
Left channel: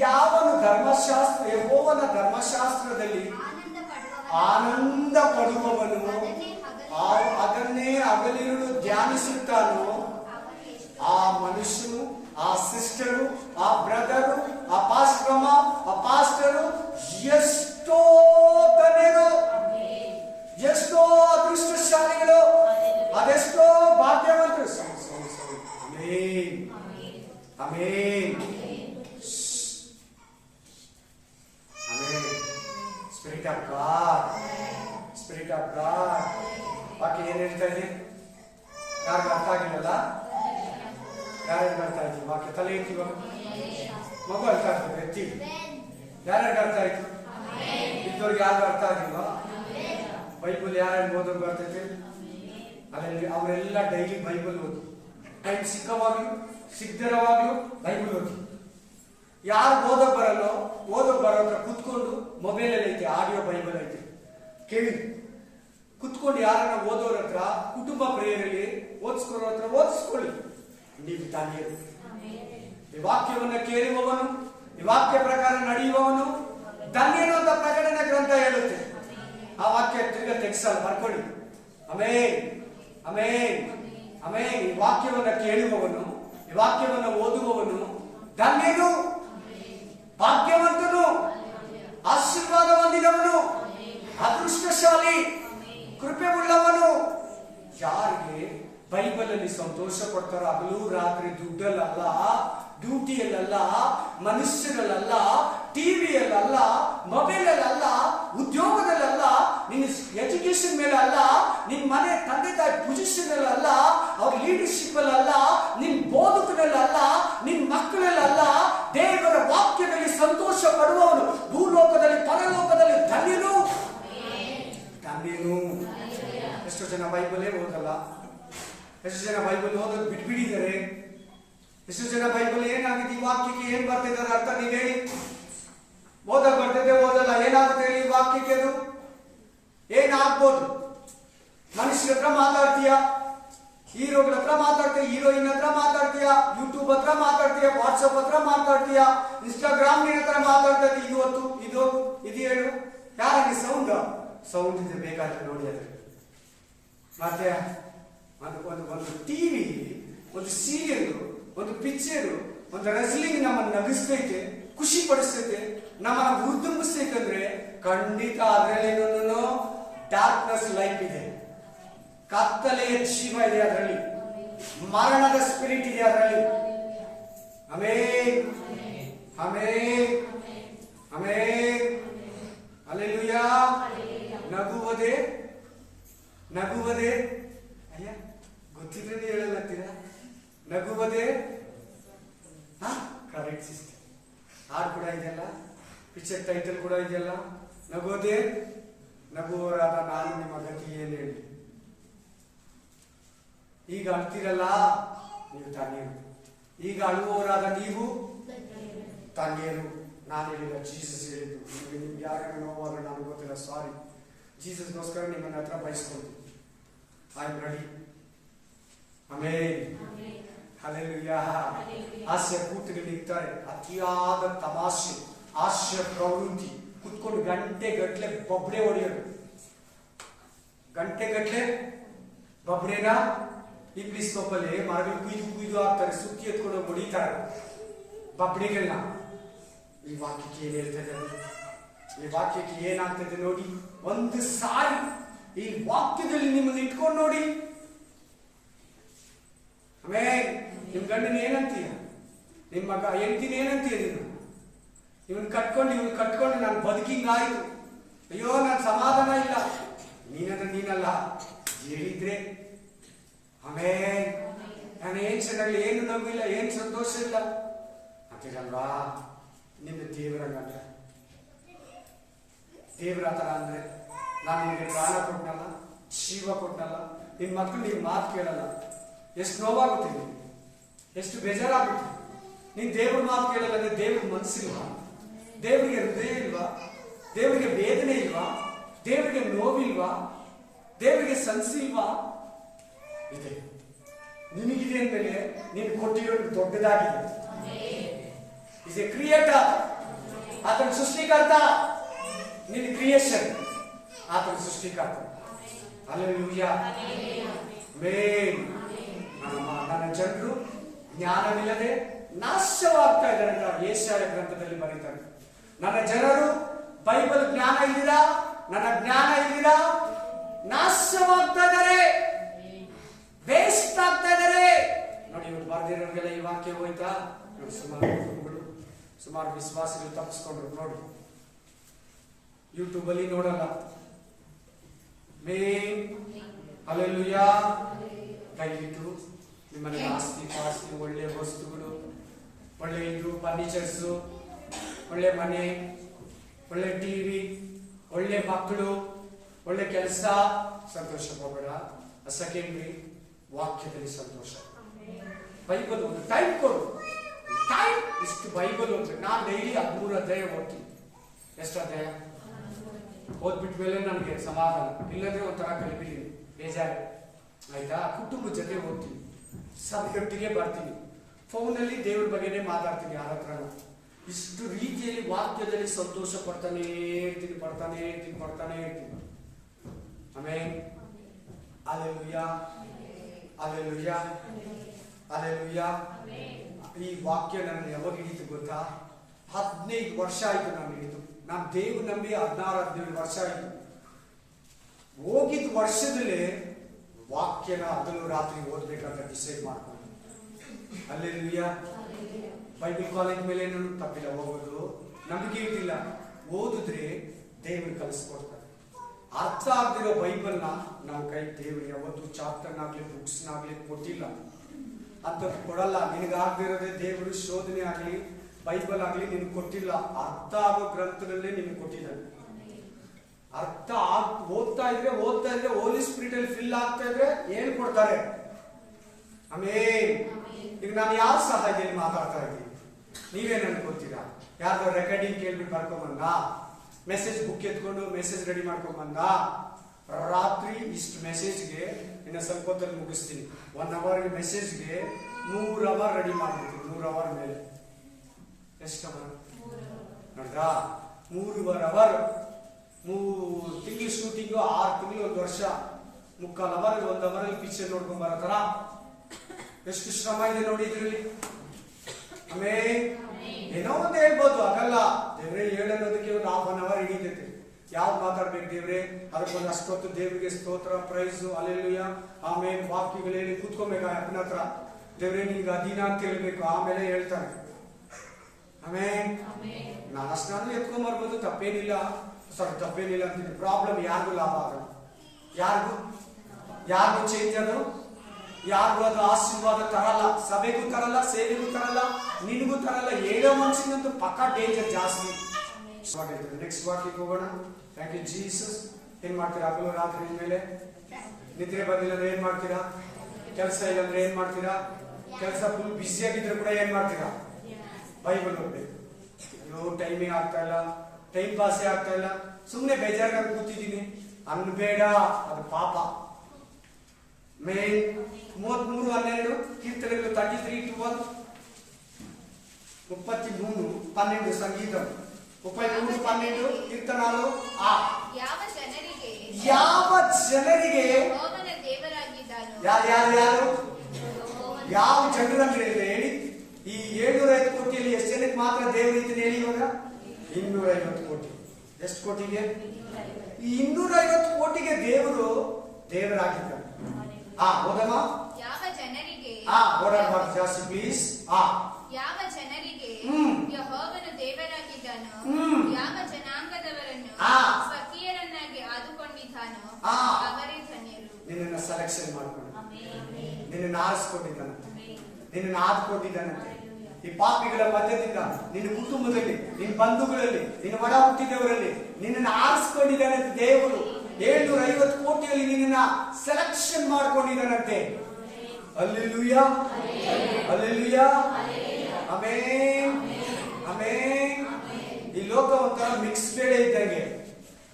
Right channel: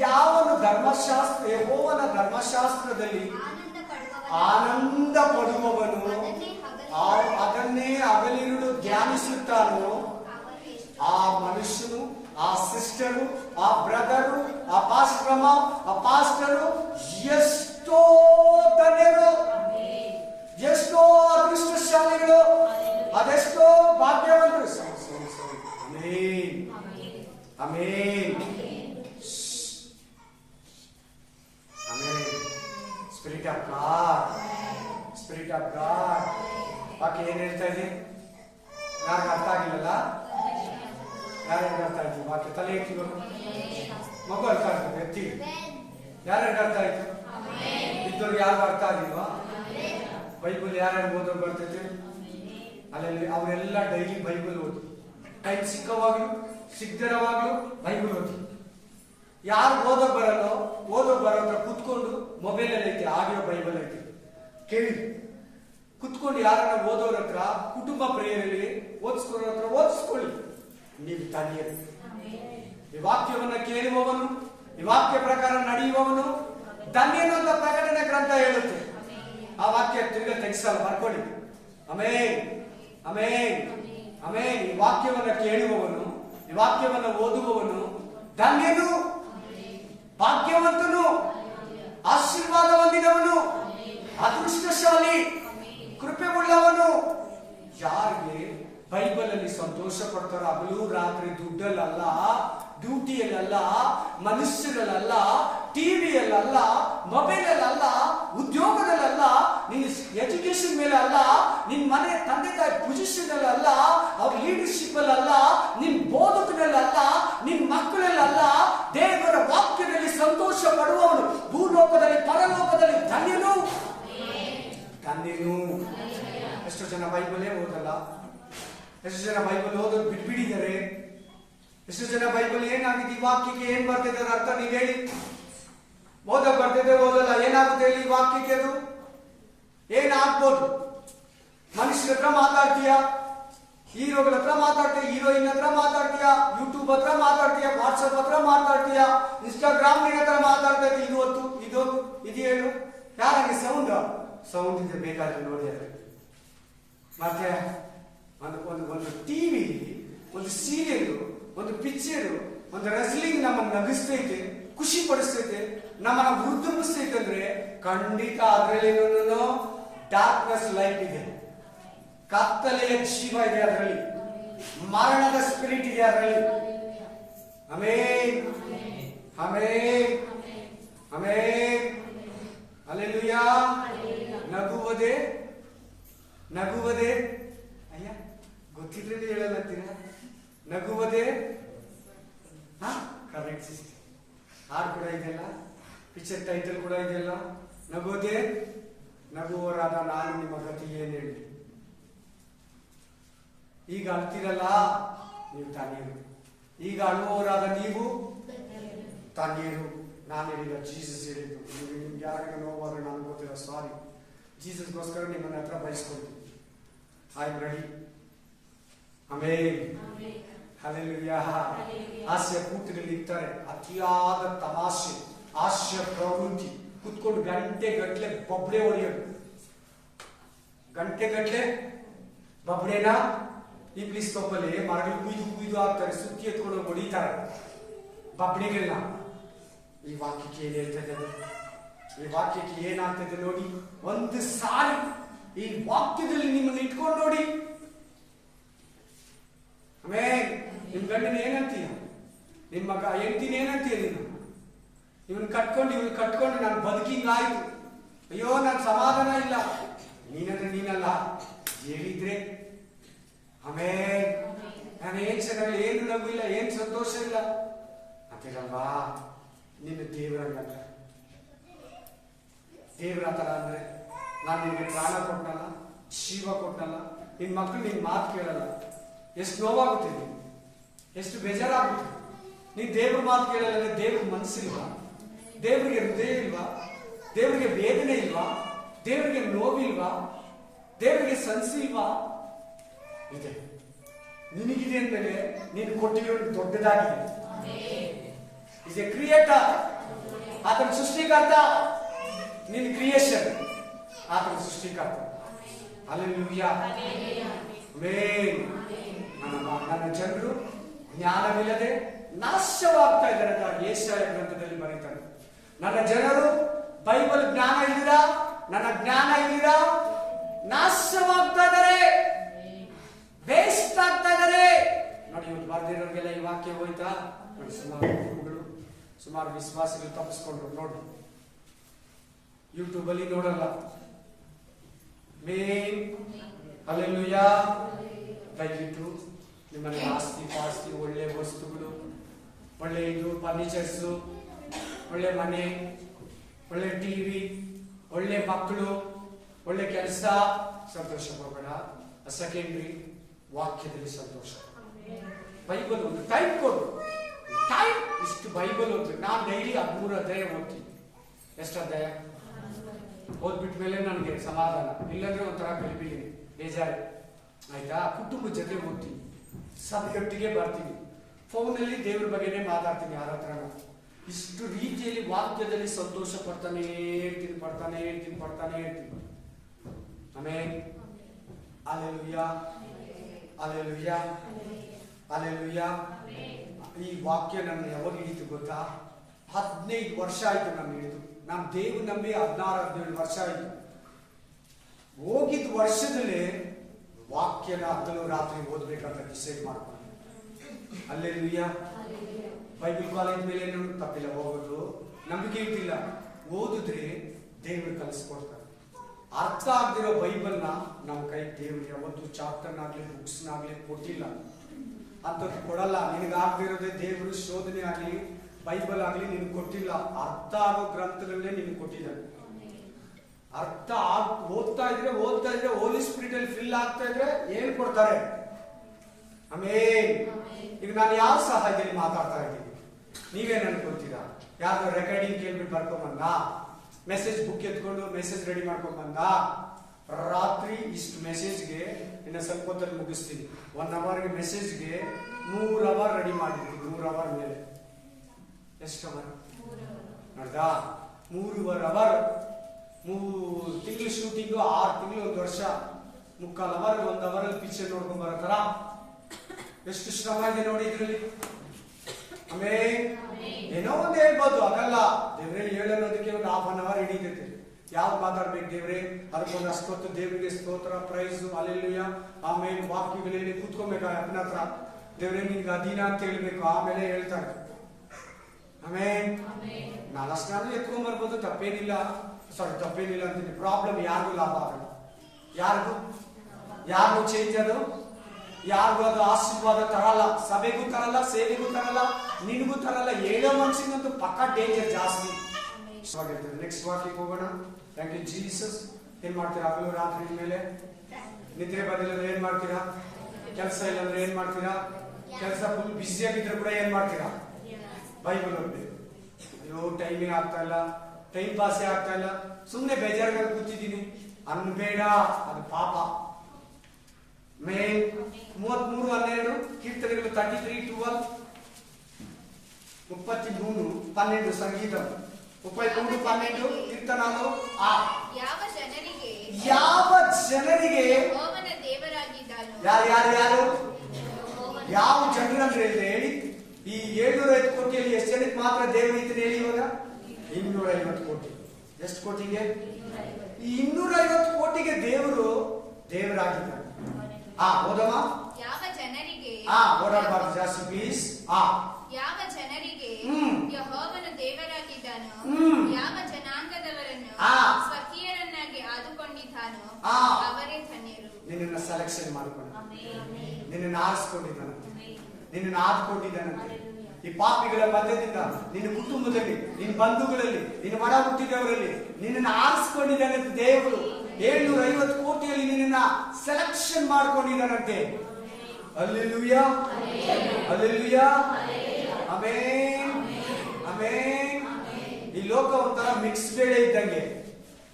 ಯಾವನು ಧರ್ಮಶಾಸ್ತ್ರ, ಯೆಹೋವನ ಧರ್ಮಶಾಸ್ತ್ರದಲ್ಲಿ ಆನಂದ ಪಡುವವನು, ಅದನ್ನೇ ಹಗಲಿರುಳು ಧ್ಯಾನಿಸುತ್ತಾನೋ, ಆ ಮನುಷ್ಯನು, ಆ ಸಿಸ್ಟರು, ಆ ಬ್ರದರು, ಆ ಪಾಸ್ಟ್ರಮ, ಆ ಪಾಸ್ಟರು ಎಷ್ಟೋ ಧನ್ಯರು, ಎಷ್ಟೋ ಅದೃಷ್ಟಶಾಲಿಗಳು, ಅದೆಷ್ಟೋ ಭಾಗ್ಯವಂತರು. Amen, amen, amen. Spirit of God, spirit of God. ಬಾಕಿ ಏನ್ ಹೇಳ್ತಾ ಇದೆ? ಯಾರು ಅರ್ಥ ಆಗಿಲ್ಲಲ್ಲ? ಯಾರ್ಯಾರು ಅರ್ಥ ಆಯ್ತು? ವಾಕ್ಯ ತಲೆ ಎತ್ತೀವ, ಮಗು ಅರ್ಥ ಆಗ್ತದೆ, ಎತ್ತಿ. ಯಾರ್ಯಾರು ಅರ್ಥ ಆಯ್ತು? ಇದ್ದವ್ರಿಗೆ ಯಾರು ಅರ್ಥ ಆಗಿಲ್ವಾ? ಬೈಬಲ್ ಯಾರ್ಯಾರು ಓದೋರು ಬರ್ತೈತೆ ಅಲ್ಲಿ, ಅವರೆಲ್ಲ ಡೈಲಿ ಬೈಬಲ್ ಓದಿ ಟೈಮ್ ಸಿಕ್ಕವಾಗಲೂ ಸಿಗ್ದಿರೋವಾಗ್ಲೂ ಬೈಬಲ್ ಓದಿ. ಯಾರು ಓದೋಕ್ ಬರೋ ಹತ್ರ ಕುತ್ಕೊಂಡು ಮೊಬೈಲ್ ಅಲ್ಲಿ ಐತೆ, ಆಡಿಯೋ ಬೈಬಲ್ ಐತೆ, ಕೇಳಿ ಕುತ್ಕೊಂಡು ಯಾರನ್ನ ಓದೋರ ಹತ್ರ, ಕುಟುಂಬ ಪ್ರಿಯರಲ್ಲಿ ಓದಿಸ್ಕೊಳ್ಳೋ ಹತ್ರ ಓದಿಸ್ಕೊಳ್ಳಿ. ನೀವು ತಂದೆಯರು. ಈ ವಾಕ್ಯವನ್ನ ಕೇಳುವವನು, ಈ ವಾಕ್ಯ ಪ್ರಕಾರ ನಡೆಯುವವನು ಧನ್ಯನು ಅಂತ ಪ್ರಕಟಣೆ ಗ್ರಂಥ ಹೇಳುತ್ತೆ. ಆ ವಾಕ್ಯ ತಿರ್ಗ ತೆಗಿಸಲ್ಲ, ಬರ್ಕೊಳ್ಳಿ. ಆಮೇನ್ ಆಮೇನ್ ಆಮೇನ್. ಈ ವಾಕ್ಯವನ್ನ ಕೇಳುವವನು, ಈ ವಾಕ್ಯವನ್ನ ಓದುವವನು ಧನ್ಯನು, ಭಾಗ್ಯವಂತನು, ಆಶೀರ್ವಾದ ಹೊಂದಿದವನು, ಅದೃಷ್ಟಶಾಲಿ, ಕೃಪೆ ಉಳ್ಳವನು. ಯಾರಿಗೆ ಬೈಬಲ್ ಅಲ್ಲಿ ಸಂತೋಷ ಪಡ್ತಾರೋ, ಹಗಲು ರಾತ್ರಿ ದುಡ್ಡಲ್ಲಲ್ಲ, ಡ್ಯೂಟಿಯಲ್ಲ, ಮನುಷ್ಯರಲ್ಲ, ಟಿವಿಯಲ್ಲ, ಮೊಬೈಲ್ ಅಲ್ಲ, ಉದ್ಯೋಗದಲ್ಲ, ನಿನ್ನ ಎಜುಕೇಶನ್ ಮೇಲೆ ಅಲ್ಲ, ನಿನ್ ಮನೆ ತಂದೆ ತಾಯಿ ಪೊಸಿಷನ್ ಅಲ್ಲ, ಅವ್ರ ಲೀಡರ್ಶಿಪ್ ಅಲ್ಲ, ನಿನ್ ಬೋಧಕನಲ್ಲ, ನಿನ್ ಮಕ್ಕಳಲ್ಲ, ದೇವರ ವಾಕ್ಯದಲ್ಲಿ ಸಂತೋಷ ಪಡುವವನು ಭೂಲೋಕದಲ್ಲಿ ಪರಲೋಕದಲ್ಲಿ ಧನ್ಯನು ಧನ್ಯನು. ಎಷ್ಟು ಜನ ಬೈಬಲೇ ಓದಲ್ಲ, ಎಷ್ಟು ಜನ ಬೈಬಲ್ ಓದೋದು ಬಿಟ್ಬಿಟ್ಟಿದ್ದಾರೆ, ಎಷ್ಟು ಜನ ಬೈಬಲ್ ಏನಾಗಿದೆ, ಈ ವಾಕ್ಯಕ್ಕೆ ಏನ್ ಬರ್ತಿದೆ ಅದ ಅರ್ಥ ನೀವ್ ಹೇಳಿ. ಓದಕ್ ಬರ್ತಿದೆ, ಓದಲ್ಲ, ಏನಾಗುತ್ತೆ ಹೇಳಿ ಈ ವಾಕ್ಯಕ್ಕೆ? ಅದು ಏನಾಗ್ಬೋದು? ಮನುಷ್ಯರ ಹತ್ರ ಮಾತಾಡ್ತೀಯ, ಹೀರೋಗಳ ಹತ್ರ ಮಾತಾಡ್ತೀಯ, ಹೀರೋಯಿನ್ ಹತ್ರ ಮಾತಾಡ್ತೀಯ, ಯೂಟ್ಯೂಬ್ ಹತ್ರ ಮಾತಾಡ್ತೀಯ, ವಾಟ್ಸಪ್ ಹತ್ರ ಮಾತಾಡ್ತೀಯ, ಇನ್ಸ್ಟಾಗ್ರಾಮ್ ಹತ್ರ ಮಾತಾಡ್ತಾ ಇದ್ದೀಯ. ಇದು ಹೊತ್ತು ಇದು ಹೇಳು, ಯಾರಿಗೆ ಸೌಂಡ್ ಇದೆ ಬೇಕಾದ್ರೆ ನೋಡಿ. ಅದ್ರ ಮತ್ತೆ ಒಂದು ಟಿವಿ, ಒಂದು ಸೀರಿಯಲ್, ಒಂದು ಪಿಕ್ಚರ್, ಒಂದು ರೆಸ್ಲಿಂಗ್ ನಮ್ಮನ್ನು ನಗಿಸ್ತೈತೆ, ಖುಷಿ ಪಡಿಸ್ತೈತೆ, ನಮ್ಮನ್ನ ಹುರಿದುಂಬಿಸ್ತೈತೆ ಅಂದ್ರೆ ಖಂಡಿತ ಅದರಲ್ಲಿ ಡಾರ್ಕ್ನೆಸ್ ಲೈಫ್ ಇದೆ, ಕತ್ತಲೆಯ ಜೀವ ಇದೆ, ಅದರಲ್ಲಿ ಮರಣದ ಸ್ಪಿರಿಟ್ ಇದೆ ಅದರಲ್ಲಿ. Amen amen amen hallelujah. ನಗುವುದೇ ಅಯ್ಯ ಗೊತ್ತಿದ್ರೆ ಹೇಳಲತ್ತೀರಾ? ನಗುವುದೇ ಕರೆಕ್ಟ್ ಸಿಸ್ಟರ್. ಹಾಡು ಕೂಡ ಇದೆಯಲ್ಲ, ಪಿಕ್ಚರ್ ಟೈಟಲ್ ಕೂಡ ಇದೆಯಲ್ಲ, ನಗುವುದೇ. ನಗುವವರಾದ ನಾನು ನಿಮ್ಮ ಗತಿ ಏನು ಹೇಳಿ? ಈಗ ಅಳ್ತೀರಲ್ಲ, ನೀವು ಧನ್ಯರು. ಈಗ ಅಳುವವರಾದ ನೀವು ಧನ್ಯರು. ನಾನು ಹೇಳಿಲ್ಲ, ಜೀಸಸ್ ಹೇಳಿದ್ದು. ನಿಮ್ಗೆ ಯಾರಿಗೆ ನೋವಾದ್ರೆ ನಾನು ಗೊತ್ತಿಲ್ಲ, ಸಾರಿ. ಜೀಸಸ್ಗೋಸ್ಕರ ನಿಮ್ಮನ್ನ ಹತ್ರ ಬಯಸ್ಕೊಳ್ತೀನಿ. I am ready. Amen hallelujah. ಹಾಸ್ಯ ಕೂಟದಲ್ಲಿ ಇರ್ತಾರೆ, ಅತಿಯಾದ ತಮಾಷೆ, ಹಾಸ್ಯ ಪ್ರವೃತ್ತಿ, ಕುತ್ಕೊಂಡು ಗಂಟೆ ಗಟ್ಲೆ ಬೊಬ್ಬಡೆ ಹೊಡೆಯೋದು, ಗಂಟೆ ಗಟ್ಲೆ ಬೊಬ್ಬಡೆನ ಇಡ್ಲಿ ಸ್ಟೋಪಲ್ಲಿ ಮರಗಳು ಕುಯ್ದು ಹಾಕ್ತಾರೆ, ಸುತ್ತಿ ಎತ್ಕೊಂಡು ಹೊಡಿತಾರೆ ಬಬ್ಬಡಿಗಳನ್ನ. ಈ ವಾಕ್ಯಕ್ಕೆ ಏನ್ ಹೇಳ್ತಾ ಇದ್ದಾರೆ? ಈ ವಾಕ್ಯಕ್ಕೆ ಏನಾಗ್ತದೆ ನೋಡಿ. ಒಂದು ಸಾರಿ ಈ ವಾಕ್ಯದಲ್ಲಿ ನಿಮ್ಮನ್ನ ಇಟ್ಕೊಂಡು ನೋಡಿ. ಆಮೇಲೆ ನಿಮ್ ಗಂಡನ ಏನಂತೀಯ, ನಿಮ್ಮ ಮಗ ಹೆಂಡತಿನ ಏನಂತೀಯ? ಇವನ್ ಕಟ್ಕೊಂಡು ನಾನು ಬದುಕಿಂಗಾಯ್ತು, ಅಯ್ಯೋ ನನ್ ಸಮಾಧಾನ ಇಲ್ಲ, ನೀನಂದ್ರೆ ನೀನಲ್ಲ ಹೇಳಿದ್ರೆ. ಆಮೇಲೆ ನಾನು ಏನ್ ಚೆನ್ನಾಗಿ, ಏನು ನಗು ಇಲ್ಲ, ಏನ್ ಸಂತೋಷ ಇಲ್ಲ ಅಂತೀರಲ್ವಾ? ನಿನ್ನ ದೇವರ ಹತ್ರ ಅಂದ್ರೆ, ನಾನು ನಿನ್ಗೆ ಪ್ರಾಣ ಕೊಟ್ಟನಲ್ಲ, ಜೀವ ಕೊಟ್ಟನಲ್ಲ, ನಿನ್ ಮಕ್ಕಳು ನಿನ್ ಮಾತು ಕೇಳಲ್ಲ, ಎಷ್ಟು ನೋವಾಗುತ್ತೆ, ಎಷ್ಟು ಬೇಜಾರಾಗುತ್ತೆ. ನೀನ್ ದೇವ್ರ ಮಾತು ಕೇಳಲ್ಲ ಅಂದ್ರೆ ದೇವ್ರ ಮನಸ್ಸಿಲ್ವಾ? ದೇವರಿಗೆ ಹೃದಯ ಇಲ್ವಾ? ದೇವರಿಗೆ ವೇದನೆ ಇಲ್ವಾ? ದೇವರಿಗೆ ನೋವಿಲ್ವಾ? ದೇವರಿಗೆ ಸನ್ಸಿಲ್ವಾ? ಇದೆ. ನಿನಗಿದೆ ಅಂದಮೇಲೆ ನೀನು ಕೊಟ್ಟಿರೋದು ದೊಡ್ಡದಾಗಿದೆ. ಇಸ್ ಎ ಕ್ರಿಯೇಟರ್, ಆತನ ಸೃಷ್ಟಿಕರ್ತ. ನಿನ್ನ ಕ್ರಿಯೇಷನ್, ಆತನ ಸೃಷ್ಟಿಕರ್ತ. Hallelujah amen. ನನ್ನ ಜನರು ಜ್ಞಾನವಿಲ್ಲದೆ ನಾಶವಾಗ್ತಾ ಇದ್ದಾರೆ ಅಂತ ಯೆಶಾಯ ಗ್ರಂಥದಲ್ಲಿ ಬರೀತಾರೆ. ನನ್ನ ಜನರು ಬೈಬಲ್ ಜ್ಞಾನ ಇದ್ದೀರಾ, ನನ್ನ ಜ್ಞಾನ ಇದ್ದೀರಾ, ನಾಶವಾಗ್ತಾ ಇದ್ದಾರೆ, ವೇಸ್ಟ್ ಆಗ್ತಾ ಇದ್ದಾರೆ. ನೋಡಿ, ಇವತ್ತು ಬರ್ದಿರೋರಿಗೆಲ್ಲ ಈ ವಾಕ್ಯ ಹೋಯ್ತಾ? ಸುಮಾರು ವಿಶ್ವಾಸಿಗಳು ತಪ್ಪಿಸ್ಕೊಂಡ್ರು. ನೋಡಿ, ಯೂಟ್ಯೂಬ್ ಅಲ್ಲಿ ನೋಡಲ್ಲ. Main hallelujah. ದಯವಿಟ್ಟು ನಿಮ್ಮನೆ ಆಸ್ತಿ ಪಾಸ್ತಿ, ಒಳ್ಳೆ ವಸ್ತುಗಳು, ಒಳ್ಳೆ ಇದು ಫರ್ನಿಚರ್ಸ್, ಒಳ್ಳೆ ಮನೆ, ಒಳ್ಳೆ ಟಿವಿ, ಒಳ್ಳೆ ಮಕ್ಕಳು, ಒಳ್ಳೆ ಕೆಲಸ, ಸಂತೋಷ ಪಡಬೇಡ. ಸೆಕೆಂಡ್ರಿ ವಾಕ್ಯದಲ್ಲಿ ಸಂತೋಷ. ಬೈಬಲ್ ಓದು, ಟೈಮ್ ಕೊಡು. ಟೈಮ್ ಇಷ್ಟು ಬೈಬಲ್ ಓದ್ಬೇಕು. ನಾನು ಡೈಲಿ 13 ಅಧ್ಯಾಯ ಓದ್ತೀನಿ. ಎಷ್ಟು ಅಧ್ಯಾಯ ಓದ್ಬಿಟ್ಟ ಮೇಲೆ ನನಗೆ ಸಮಾಧಾನ, ಇಲ್ಲಂದ್ರೆ ಒಂಥರ ಕಲಿಬಿಲಿ ಬೇಜಾರು. ಆಯ್ತಾ? ಕುಟುಂಬದ ಜೊತೆ ಓದ್ತೀನಿ, ಸಭೆಯೊಟ್ಟಿಗೆ ಬರ್ತೀನಿ, ಫೋನಲ್ಲಿ ದೇವ್ರ ಬಗ್ಗೆನೇ ಮಾತಾಡ್ತೀನಿ ಯಾರ ಹತ್ರ. ಇಷ್ಟು ರೀತಿಯಲ್ಲಿ ವಾಕ್ಯದಲ್ಲಿ ಸಂತೋಷ ಪಡ್ತಾನೇ ಇರ್ತೀನಿ. ಆಮೇಲೆ ಅಲ್ಲೆಲೂಯಾ, ಅಲ್ಲೆಲೂಯಾ, ಅಲ್ಲೆಲೂಯಾ. ಈ ವಾಕ್ಯ ನನ್ನ ಯಾವಾಗ ಹಿಡಿತು ಗೊತ್ತಾ? 15 ವರ್ಷ ಆಯ್ತು ನಾನು ಹಿಡಿದು. ನಾನು ದೇವ್ರ ನಂಬಿ 16-17 ವರ್ಷ ಆಯ್ತು. ಹೋಗಿದ್ದ ವರ್ಷದಲ್ಲೇ ವಾಕ್ಯನ ಹಗಲು ರಾತ್ರಿ ಓದ್ಬೇಕಂತ ಡಿಸೈಡ್ ಮಾಡ್ಕೊಂಡು, ಅಲ್ಲೆಲೂಯಾ. ಬೈಬಲ್ ಕಾಲೇಜ್ ಮೇಲೆ ನಾನು ತಪ್ಪಿಲ್ಲ, ಹೋಗೋದು ನಂಬಿಕೆ ಇಟ್ಟಿಲ್ಲ. ಓದಿದ್ರೆ ದೇವರು ಕಲಿಸ್ಕೊಡ್ತಾರೆ. ಅರ್ಥ ಆಗದಿರೋ ಬೈಬಲ್ನ ನಮ್ಮ ಕೈ ದೇವರು ಯಾವತ್ತು ಚಾಪ್ಟರ್ನಾಗ್ಲಿ ಬುಕ್ಸ್ನಾಗ್ಲಿ ಕೊಟ್ಟಿಲ್ಲ. ಅಂಥದ್ದು ಕೊಡಲ್ಲ. ನಿನಗಾಗದಿರೋದೇ ದೇವರು ಶೋಧನೆ ಆಗಲಿ ಬೈಬಲ್ ಆಗಲಿ ನಿನಗೆ ಕೊಟ್ಟಿಲ್ಲ. ಅರ್ಥ ಆಗೋ ಗ್ರಂಥಗಳನ್ನೇ ನಿನಗೆ ಕೊಟ್ಟಿದ್ದಾನೆ. ಅರ್ಥ ಓದ್ತಾ ಇದ್ರೆ ಹೋಲಿ ಸ್ಪಿರಿಟ್ ಅಲ್ಲಿ ಫಿಲ್ ಆಗ್ತಾ ಇದ್ರೆ ಹೇಳ್ಕೊಡ್ತಾರೆ. ಆಮೇಲೆ ಈಗ ನಾನು ಯಾವ ಸಹಾಯದಲ್ಲಿ ಮಾತಾಡ್ತಾ ಇದ್ದೀನಿ, ನೀವೇನ್ ಅನ್ಕೊಳ್ತೀರಾ? ಯಾರ್ದೋ ರೆಕಾರ್ಡಿಂಗ್ ಕೇಳ್ಬಿಟ್ಟು ಬರ್ಕೊಂಬಂದ, ಮೆಸೇಜ್ ಬುಕ್ ಎತ್ಕೊಂಡು ಮೆಸೇಜ್ ರೆಡಿ ಮಾಡ್ಕೊಂಬಂದ. ರಾತ್ರಿ ಇಷ್ಟು ಮೆಸೇಜ್ಗೆ ಇನ್ನು ಸ್ವಲ್ಪ ಹೊತ್ತಲ್ಲಿ ಮುಗಿಸ್ತೀನಿ. 1 ಅವರ್ಗೆ ಮೆಸೇಜ್ಗೆ 3 ಅವರ್ ರೆಡಿ ಮಾಡಿರ್ತೀನಿ. 3 ಅವರ್ ಮೇಲೆ ಎಷ್ಟು ಅವರ್ ನೋಡ್ದಾ? 3.5 ಅವರ್. 3 ತಿಂಗಳು ಶೂಟಿಂಗು, 6 ತಿಂಗಳು, 1 ವರ್ಷ, 3/4 ಅವರ್, 1 ಅವರಲ್ಲಿ ಪಿಕ್ಚರ್ ನೋಡ್ಕೊಂಡ್ ಬರೋ ತರ ಎಷ್ಟು ಶ್ರಮ ಇದೆ ನೋಡಿ ಇದ್ರಲ್ಲಿ. ಆಮೇಲೆ ಏನೋ ಒಂದು ಹೇಳ್ಬೋದು, ಅದಲ್ಲ ದೇವ್ರೆ ಹೇಳೋದಕ್ಕೆ ಒಂದು 1/2 ಅವರ್ ಹಿಡಿತೈತೆ. ಯಾವ್ದು ಮಾತಾಡ್ಬೇಕು ದೇವ್ರೆ, ಅದಕ್ಕೊಂದು ಅಷ್ಟೊತ್ತು ದೇವರಿಗೆ ಸ್ತೋತ್ರ, ಪ್ರೈಸು, ಅಲ್ಲೆಲೂಯ. ಆಮೇಲೆ ವಾಕ್ಯಗಳು ಹೇಳಿ ಕೂತ್ಕೊಬೇಕಾ ಅಪ್ಪನ ಹತ್ರ. ದೇವ್ರೆ ನಿನ್ಗೆ ಅಧೀನ ಅಂತ ಹೇಳ್ಬೇಕು, ಆಮೇಲೆ ಹೇಳ್ತಾರೆ. ಆಮೇಲೆ ನಾನು ಅಷ್ಟನ್ನಾದ್ರೂ ಎತ್ಕೊಂಡ್ಬರ್ಬೋದು, ತಪ್ಪೇನಿಲ್ಲ ಅಂತೀನಿ. ಪ್ರಾಬ್ಲಮ್ ಯಾರಿಗೂ ಲಾಭ ಆಗಲ್ಲ. ಯಾರಿಗೂ ಚೇಂಜ್ ಅದು, ಯಾರಿಗೂ ಅದು ಆಶೀರ್ವಾದ ತರಲ್ಲ. ಸಭೆಗೂ ತರಲ್ಲ, ಸೇವೆಗೂ ತರಲ್ಲ, ನಿನಗೂ ತರಲ್ಲ. ಹೇಳೋ ಮನುಷ್ಯನಂತೂ ಪಕ್ಕ ಡೇಂಜರ್ ಜಾಸ್ತಿ. ನೆಕ್ಸ್ಟ್ ವಾಕ್ಯಕ್ಕೆ ಹೋಗೋಣ. Thank you Jesus. ಏನ್ ಮಾಡ್ತೀರಾ ಹಗಲು ರಾತ್ರಿ ಮೇಲೆ? ನಿದ್ರೆ ಬಂದಿಲ್ಲ ಅಂದ್ರೆ ಏನ್ ಮಾಡ್ತೀರಾ? ಕೆಲಸ ಇಲ್ಲ ಅಂದ್ರೆ ಏನ್ ಮಾಡ್ತೀರಾ? ಕೆಲಸ ಫುಲ್ ಬ್ಯುಸಿ ಆಗಿದ್ರೆ ಕೂಡ ಏನ್ ಮಾಡ್ತೀರಾ? ಬೈಬಲ್ ಓದ್ಬೇಕು. ಅಯ್ಯೋ ಟೈಮಿಂಗ್ ಆಗ್ತಾ ಇಲ್ಲ, ಟೈಮ್ ಪಾಸೇ ಆಗ್ತಾ ಇಲ್ಲ, ಸುಮ್ನೆ ಬೇಜಾರಾಗಿ ಕೂತಿದ್ದೀನಿ ಅನ್ಬೇಡ, ಅದು ಪಾಪ. ಮೇ 33:12 ಕೀರ್ತನೆಗಳು 33:12 33:12 ಸಂಗೀತ 33:12 ಕೀರ್ತನಾలు ಯಾವ ಜನರಿಗೆ ಯಾರು ಯಾವ ಜನರು ಅಂದ್ರೆ ಹೇಳಿ. ಈ 750 ಕೋಟಿಯಲ್ಲಿ ಎಷ್ಟು ಜನಕ್ಕೆ ಮಾತ್ರ ದೇವರು ಇದ್ದೀನಿ ಹೇಳಿ? ಇವಾಗ 250 ಕೋಟಿ. ಎಷ್ಟು ಕೋಟಿಗೆ? ಈ 250 ಕೋಟಿಗೆ ದೇವರಾಗಿದ್ದಾರೆ. ಓದಮ್ಮ. ಯಾವ ಜನರಿಗೆ ಓಡಾಡಬಾರ್ದು ಜಾಸ್ತಿ ಪ್ಲೀಸ್. ಯಾವ ಜನರಿಗೆ ಯೆಹೋವನು ದೇವರಾಗಿದ್ದಾನೋ, ಯಾವ ಜನಾಂಗದವರನ್ನು ಸ್ವಕೀಯರನ್ನಾಗಿ ಆದುಕೊಂಡಿದ್ದಾನೋ ಅವರೇ ಧನ್ಯರು. ನಿನ್ನನ್ನು ಸೆಲೆಕ್ಷನ್ ಮಾಡ್ಕೊಂಡು, ನಿನ್ನನ್ನು ಆರಿಸ್ಕೊಂಡಿದ್ದಾನಂತೆ, ನಿನ್ನನ್ನು ಆದ್ಕೊಂಡಿದ್ದಾನಂತೆ. ಈ ಪಾಪಿಗಳ ಮಧ್ಯದಿಂದ ನಿನ್ನ ಕುಟುಂಬದಲ್ಲಿ, ನಿನ್ನ ಬಂಧುಗಳಲ್ಲಿ, ನಿನ್ನ ಮಡ ಹುಟ್ಟಿದವರಲ್ಲಿ ನಿನ್ನನ್ನು ಆರಿಸ್ಕೊಂಡಿದ್ದಾನಂತೆ ದೇವರು. 750 ಕೋಟಿಯಲ್ಲಿ ನಿನ್ನ ಸೆಲೆಕ್ಷನ್ ಮಾಡ್ಕೊಂಡಿದ್ದಾನಂತೆ. Hallelujah, hallelujah, amen, amen. ಈ ಲೋಕ ಒಂಥರ ಮಿಕ್ಸ್ ಬೇಳೆ ಇದ್ದಂಗೆ.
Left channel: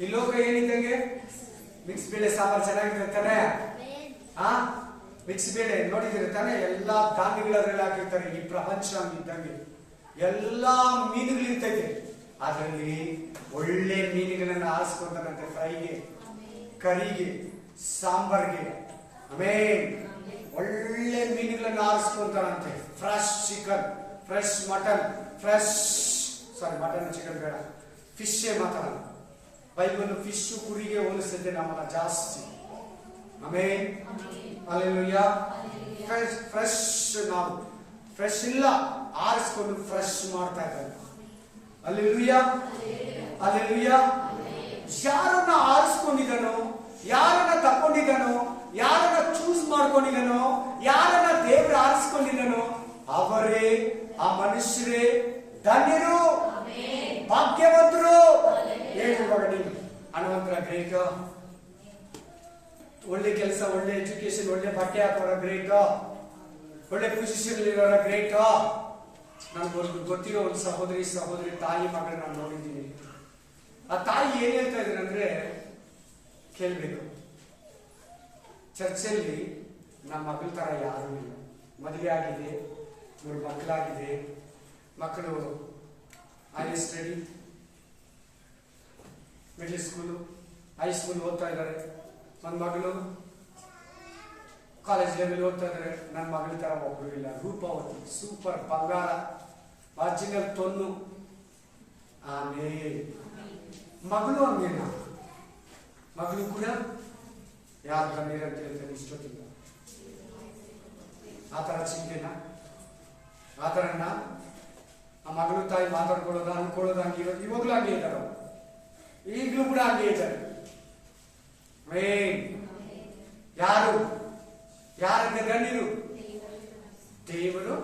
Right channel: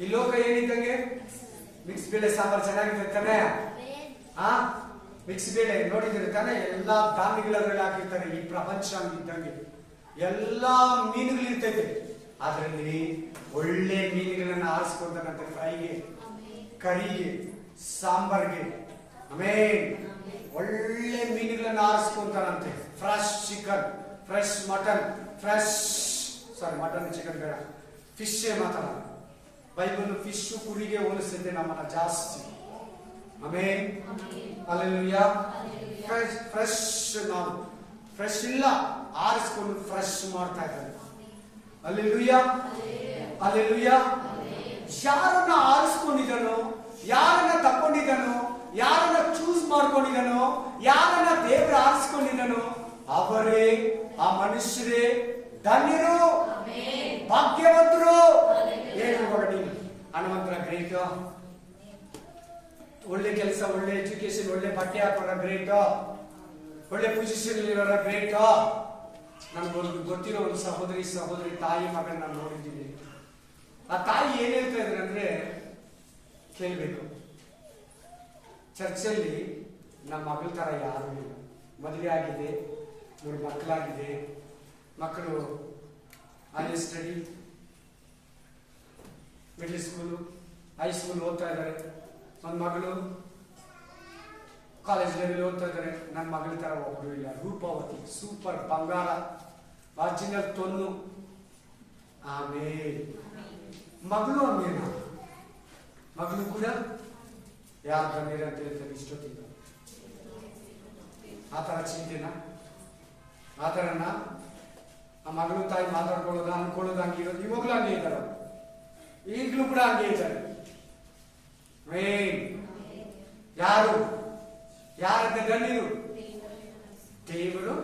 ಈ ಲೋಕ ಏನಿದ್ದಂಗೆ? ಮಿಕ್ಸ್ ಬೇಳೆ ಸಾಂಬಾರು ಚೆನ್ನಾಗಿದೆ ತಾನೆ? ಮಿಕ್ಸ್ ಬೇಳೆ ನೋಡಿದ್ರೆ ತಾನೆ? ಎಲ್ಲಾ ಧಾನ್ಯಗಳಲ್ಲಿ ಹಾಕಿರ್ತಾರೆ. ಈ ಪ್ರಪಂಚ ಇದ್ದಂಗೆ ಎಲ್ಲಾ ಮೀನುಗಳು ಇರ್ತೈತೆ. ಅದರಲ್ಲಿ ಒಳ್ಳೆ ಮೀನುಗಳನ್ನ ಆರಿಸ್ಕೊಂತಾನಂತೆ. ಫ್ರೈಗೆ, ಕರಿಗೆ, ಸಾಂಬಾರ್ಗೆ. ಆಮೇನ್. ಒಳ್ಳೆ ಮೀನುಗಳನ್ನ ಆರಿಸ್ಕೊಂತಾರಂತೆ. Fresh chicken, fresh mutton, mutton chicken ಬೇಡ, ಫಿಶ್ ಮಾತಾಡ. ಬೈಬಲ್ ಫಿಶ್ ಕುರಿಗೆ ಹೋಲಿಸಿದ್ದೆ ನಮ್ಮನ್ನ ಜಾಸ್ತಿ. Amen, hallelujah. ಫ್ರೆಶ್, ನಾವು ಫ್ರೆಶ್ ಇಲ್ಲ, ಆರಿಸ್ಕೊಂಡು ಫ್ರೆಶ್ ಮಾಡ್ತಾ ಇದ್ದಾರೆ. Hallelujah, hallelujah. ಯಾರನ್ನ ಆರಿಸ್ಕೊಂಡಿದ್ದಾನೋ, ಯಾರನ್ನ ತಕೊಂಡಿದ್ದಾನೋ, ಯಾರನ್ನ ಚೂಸ್ ಮಾಡ್ಕೊಂಡಿದ್ದಾನೋ, ಯಾರನ್ನ ದೇವ್ರ ಆರಿಸ್ಕೊಂಡಿದ್ದಾನೋ ಅವರೇ, ಆ ಮನುಷ್ಯರೇ ಧನ್ಯರು, ಭಾಗ್ಯವಂತರು. ಹೇಳಿ ಇವಾಗ ನೀನು ಹಣವಂತರ ಗ್ರೇಟ್, ಒಳ್ಳೆ ಕೆಲಸ, ಒಳ್ಳೆ ಎಜುಕೇಶನ್, ಒಳ್ಳೆ ಬಟ್ಟೆ ಹಾಕೋರ ಗ್ರೇಟ್, ಒಳ್ಳೆ ಪೊಸಿಷನ್ ಇರೋರ ಗ್ರೇಟ್. ನನಗೊಂದು ಗೊತ್ತಿರೋ ಒಂದು ಸಹೋದರಿ ತಾಯಿ ಮಗನ ನಾನು ನೋಡಿದ್ದೀನಿ. ಆ ತಾಯಿ ಏನ್ ಹೇಳ್ತಾ ಇದ್ದಾರೆ ಅಂದ್ರೆ ಕೇಳ್ಬೇಕು. ಚರ್ಚಲ್ಲಿ ನಮ್ಮ ಮಗಳ ತರ ಯಾರೂ ಇಲ್ಲ. ಮದುವೆ ಆಗಿದೆ, 3 ಮಕ್ಕಳಾಗಿದೆ. ಮಕ್ಕಳು higher study, middle school, high school ಓದ್ತಾ ಇದ್ದಾರೆ. ನನ್ನ ಮಗಳು ಕಾಲೇಜ್ ಲೆವೆಲ್ ಓದ್ತಾ ಇದ್ದಾರೆ. ನನ್ನ ಮಗಳ ತರ ಒಬ್ರು ಇಲ್ಲ. ರೂಪವತಿ, ಸೂಪರ್, ಬಂಗಾರ, ಒರಿಜಿನಲ್ ತೊನ್ನು. ಆಮೇಲೆ ಮಗಳು ಹಂಗೇನ, ಮಗಳು ಕೂಡ ಯಾರು ಬಂದಿರ ಅಂತ ಹೇಳ್ತಾರೆ ಇಷ್ಟೊತ್ತಿಲ್ಲ. ಆ ತರ ಚಿಂತೆನ, ಆ ತರನ ಆ ಮಗಳು ತಾಯಿ ಮಾತಾಡ್ಕೊಳ್ಳೋದು ಅನ್ಕೊಳ್ಳೋದು ಹಂಗಿರೋದು ಇವಾಗ್ಲೂ ಹಂಗೆ ಇದ್ದಾರೆ. ಈಗಲೂ ಕೂಡ ಹಂಗೆ ಇದ್ದಾರೆ. ಯಾರು ಯಾರಂತ ಗಣ್ಯರು? ದೇವರು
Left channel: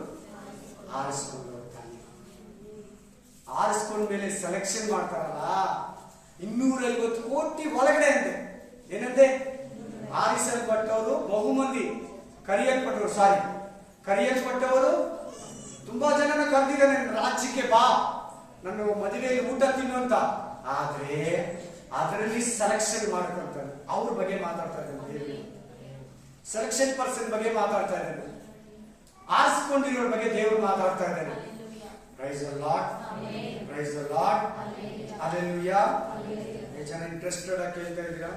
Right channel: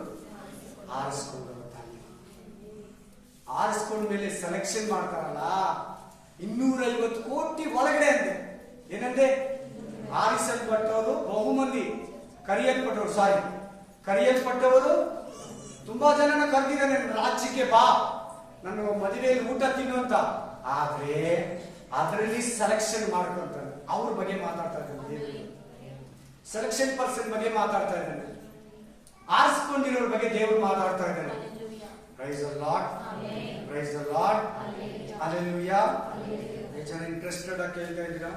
ಆರಿಸ್ಕೊಂಡವರು ತಾಯಿ. ಆರಿಸ್ಕೊಂಡ ಮೇಲೆ ಸೆಲೆಕ್ಷನ್ ಮಾಡ್ತಾರಲ್ಲ, 250 ಕೋಟಿ ಒಳಗಡೆ ಅಂತೆ. ಏನಂತೆ? ಆರಿಸಲ್ಪಟ್ಟವರು ಬಹುಮಂದಿ, ಕರೆಯಲ್ಪಟ್ಟವರು ತುಂಬಾ ಜನನ ಕರೆದಿದ್ದಾನೆ. ರಾಜ್ಯಕ್ಕೆ ಬಾ, ನನ್ನ ಮದುವೆಯಲ್ಲಿ ಊಟ ತಿನ್ನು ಅಂತ. ಆದ್ರೆ ಅದರಲ್ಲಿ ಸೆಲೆಕ್ಷನ್ ಮಾಡ್ಕೊಂತಾರೆ. ಅವ್ರ ಬಗ್ಗೆ ಮಾತಾಡ್ತಾ ಇದ್ದಾನೆ ದೇವರು. ಸೆಲೆಕ್ಷನ್ ಪರ್ಸನ್ ಬಗ್ಗೆ ಮಾತಾಡ್ತಾ ಇದ್ದಾನೆ. ಆರಿಸ್ಕೊಂಡಿರೋರ ಬಗ್ಗೆ ದೇವರು ಮಾತಾಡ್ತಾ ಇದ್ದಾನೆ. Praise the Lord, praise the Lord, hallelujah. ಎಷ್ಟು ಜನ ಇಂಟ್ರೆಸ್ಟೆಡ್ ಆಗಿ ಕೇಳ್ತಾ ಇದ್ದೀರಾ?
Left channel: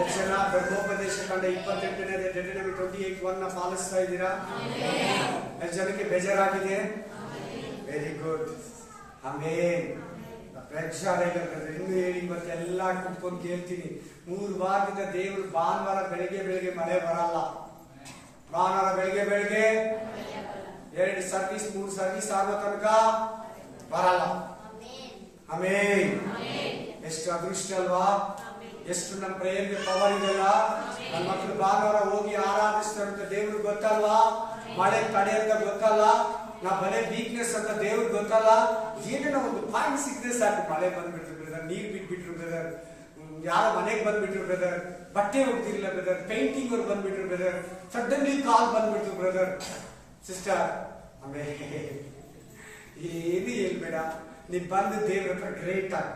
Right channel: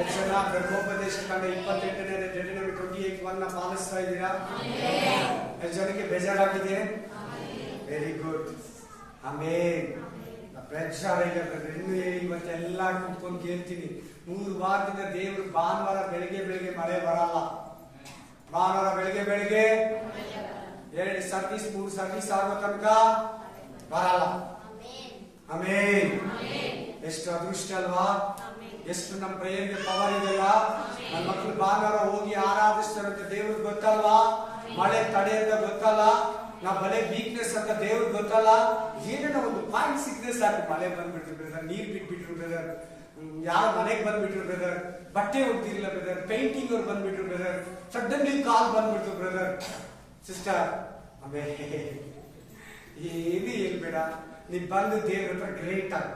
ಎಷ್ಟು ಜನ ಗರ್ಭೋಪದೇಶ ಕಂಡ 28ನೇ Deuteronomy 28:1 ಪಾಲಿಸ್ತಾ ಇದ್ದೀರಾ? ಎಷ್ಟು ಜನಕ್ಕೆ ಬೇಜಾರಾಗಿದೆ? ವೆರಿ ಗುಡ್, ಆಮೇನ್. ಪ್ರೇಕ್ಷಾರ ಇಲ್ಲ ಇನ್ನು ಹೇಳಿ ಮತ್ತೆ ಎಲ್ಲ ಕುತ್ಕೊಂಡು ಕೇಳ್ತೀನಿ. 3 ವಾರದಿಂದ ದೇವರು ಭಾನುವಾರ ಬೆಳಿಗ್ಗೆ ಮಳೆ ಬರಲ್ಲ. ಭಾನುವಾರ ಬೆಳಿಗ್ಗೆ 2 ಸರ್ವಿಸ್ 3 ಸರ್ವಿಸ್ ಆಗೋ ತನಕ ಬರಲ್ಲ. ಆಮೇನ್. ಎಷ್ಟು ಅದೃಷ್ಟ ಅಲ್ವಾ? ಎಷ್ಟು ನಮ್ಮ ಪ್ರೇಯರ್ಗೆ ಪವರ್ ಇದೆಯಲ್ಲ. ನನ್ನ ಮಕ್ಕಳು ಭಾನುವಾರ ಹೋಗಿ ಆರಾಧಿಸ್ತಾರೆ ಅಂತ ದೇವ್ರಿಗೆ ಗೊತ್ತಲ್ವಾ? ಮಳೆ ತಡೆ ಅಂತ ಗೊತ್ತಲ್ಲ, ನಾ ಬಲೆ ವೀಕ್ನೆಸ್ ಅಂತ ದೇವ್ರಿಗೆ ಗೊತ್ತಲ್ಲ. ಏನೇನೋ ಒಂದು ಪಾಯಿಂಟ್ ಸಿಕ್ಕದೆ ಸಾಕು. ಮಳೆ ಬಂದ್ಬಿಟ್ರು ಬ್ರದರ್, ನೀರ್ ಬಿಟ್ಬಿಟ್ರು ಬ್ರದರ್, ಯಾರು ಮನೆಗೆ ಬಂದ್ಬಿಟ್ರು ಬ್ರದರ್, ಬಟ್ಟೆ ಹೋಗ್ತಿರ್ಲಿಲ್ಲ ಬ್ರದರ್, ಪೇಂಟಿಂಗ್ ಅವ್ರು ಬಂದ್ಬಿಟ್ರು ಬ್ರದರ್, ಸಡನ್ಲಿ ಕಾಲ್ ಬಂದ್ಬಿಟ್ರು ಬ್ರದರ್, ಸಿಸ್ಟರ್. ಆಮೇಲೆ ಏನು ಹೇಳ್ಬೇಡ, ನೀ ಬಂದು ದೇವ್ರ ಹತ್ರ ಗ್ರೇಟ್ ಆಗಿ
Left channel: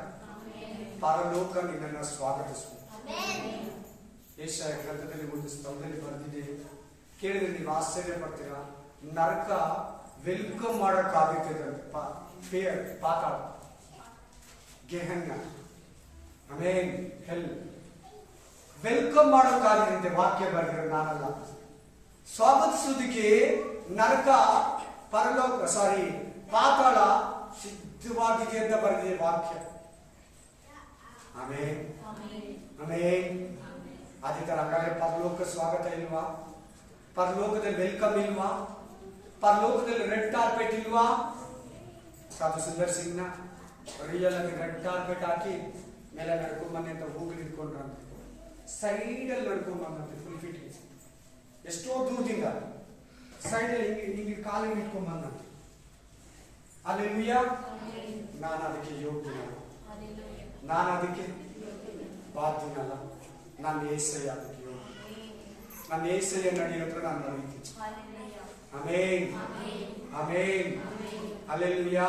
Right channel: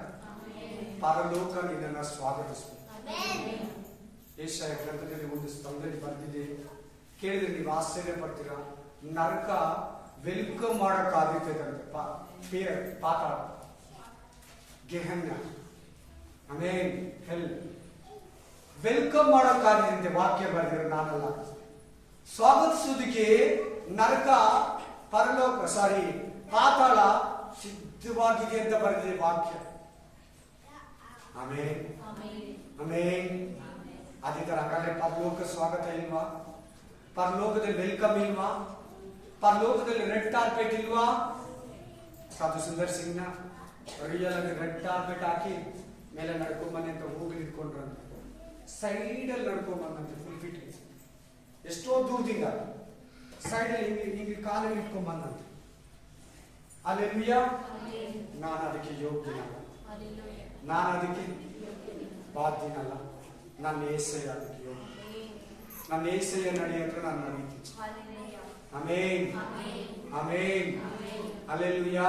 ಪರಲೋಕ ನಿನ್ನನ್ನು ಸ್ವಾಗತಿಸು. ಯೆಶಾಯ ಗ್ರಂಥದಲ್ಲಿ ಒಂದು ಸ್ಥಳದಲ್ಲಿ ಬಂದಿದೆ, ಕೇಳಿದ್ರೆ ನೀವು ಆಶ್ಚರ್ಯ ಪಡ್ತೀರಾ. ನರಕ ವೆಲ್ಕಮ್ ಮಾಡೋಕ್ಕಾಗುತ್ತದೆ. ಪಾತಾಳ, ಗೆಹನ್ನ, ಆಮೇನ್, ಹೆಲ್ ವೆಲ್ಕಮ್ ಮಾಡೋಕ್ಕಾಗಿದೆ. ವಾಕ್ಯ ಬರೆದಿರೋ ನಾನಲ್ಲ. ಸ್ವಾಗತಿಸುವುದಕ್ಕೆ ನರಕ, ಪರಲೋಕ, ಪಾತಾಳ ಸಿದ್ಧವಾಗಿದೆ ಅಂತ ಬರೆದಿದೆ ವಾಕ್ಯ. ಆಮೇನ್, ಆಮೇನ್. ಅದೇ ತರ ಹಾಗಾದ್ರೆ ಪರಲೋಕ ಸ್ವಾಗತ ಇಲ್ವಾ? ಪರಲೋಕದಲ್ಲಿ ವೆಲ್ಕಮ್ ಇಲ್ವಾ? ಪರಲೋಕದಲ್ಲಿ ರೆಡ್ ಕಾರ್ಪೆಟ್ ಇಲ್ವಾ? ಸಾಧು ಸುಂದರ್ ಸಿಂಗ್ನ ರಿಯಲ್ ಆಗಿ ರೆಡ್ ಕಾರ್ಪೆಟ್ ಹಾಕಿ ಮೇಲೆ ನಡ್ಕೊಂಬನ್ನಿ ಅಂತ ಹೋಗಿ ಇಟ್ಕೊಂಡ್ರಂತ. ಸೈಡಲ್ಲಿ ನಡ್ಕೊಂಬಂದಂತೆ ಫುಲ್ ಫಿಟ್. ಎಷ್ಟೋ ದೂರದಿಂದ ಸೈಡಲ್ಲಿ ಹಿಂಗೆ ಕಾಲಲ್ಲಿ ಇಟ್ಕೊಂಬಂದಂತೆ. ಹಲ್ಲೆಲೂಯಾ. ನಾನು ಅದಕ್ಕೆ ಯೋಗ್ಯನಲ್ಲ, ನಾನು ಅದಕ್ಕೆ ಬಾಧ್ಯನಲ್ಲ. ನನ್ನ ಏಸಯ್ಯ ಅದಕ್ಕೆ ಯೋಗ್ಯ. ನನ್ನ ಏಸಯ್ಯ ನಡೆಯೋತ್ರ ನಾನು ನಡೀತೀನಿ. ಆಮೇನ್, ಆಮೇನ್, ಹಲ್ಲೆಲೂಯಾ.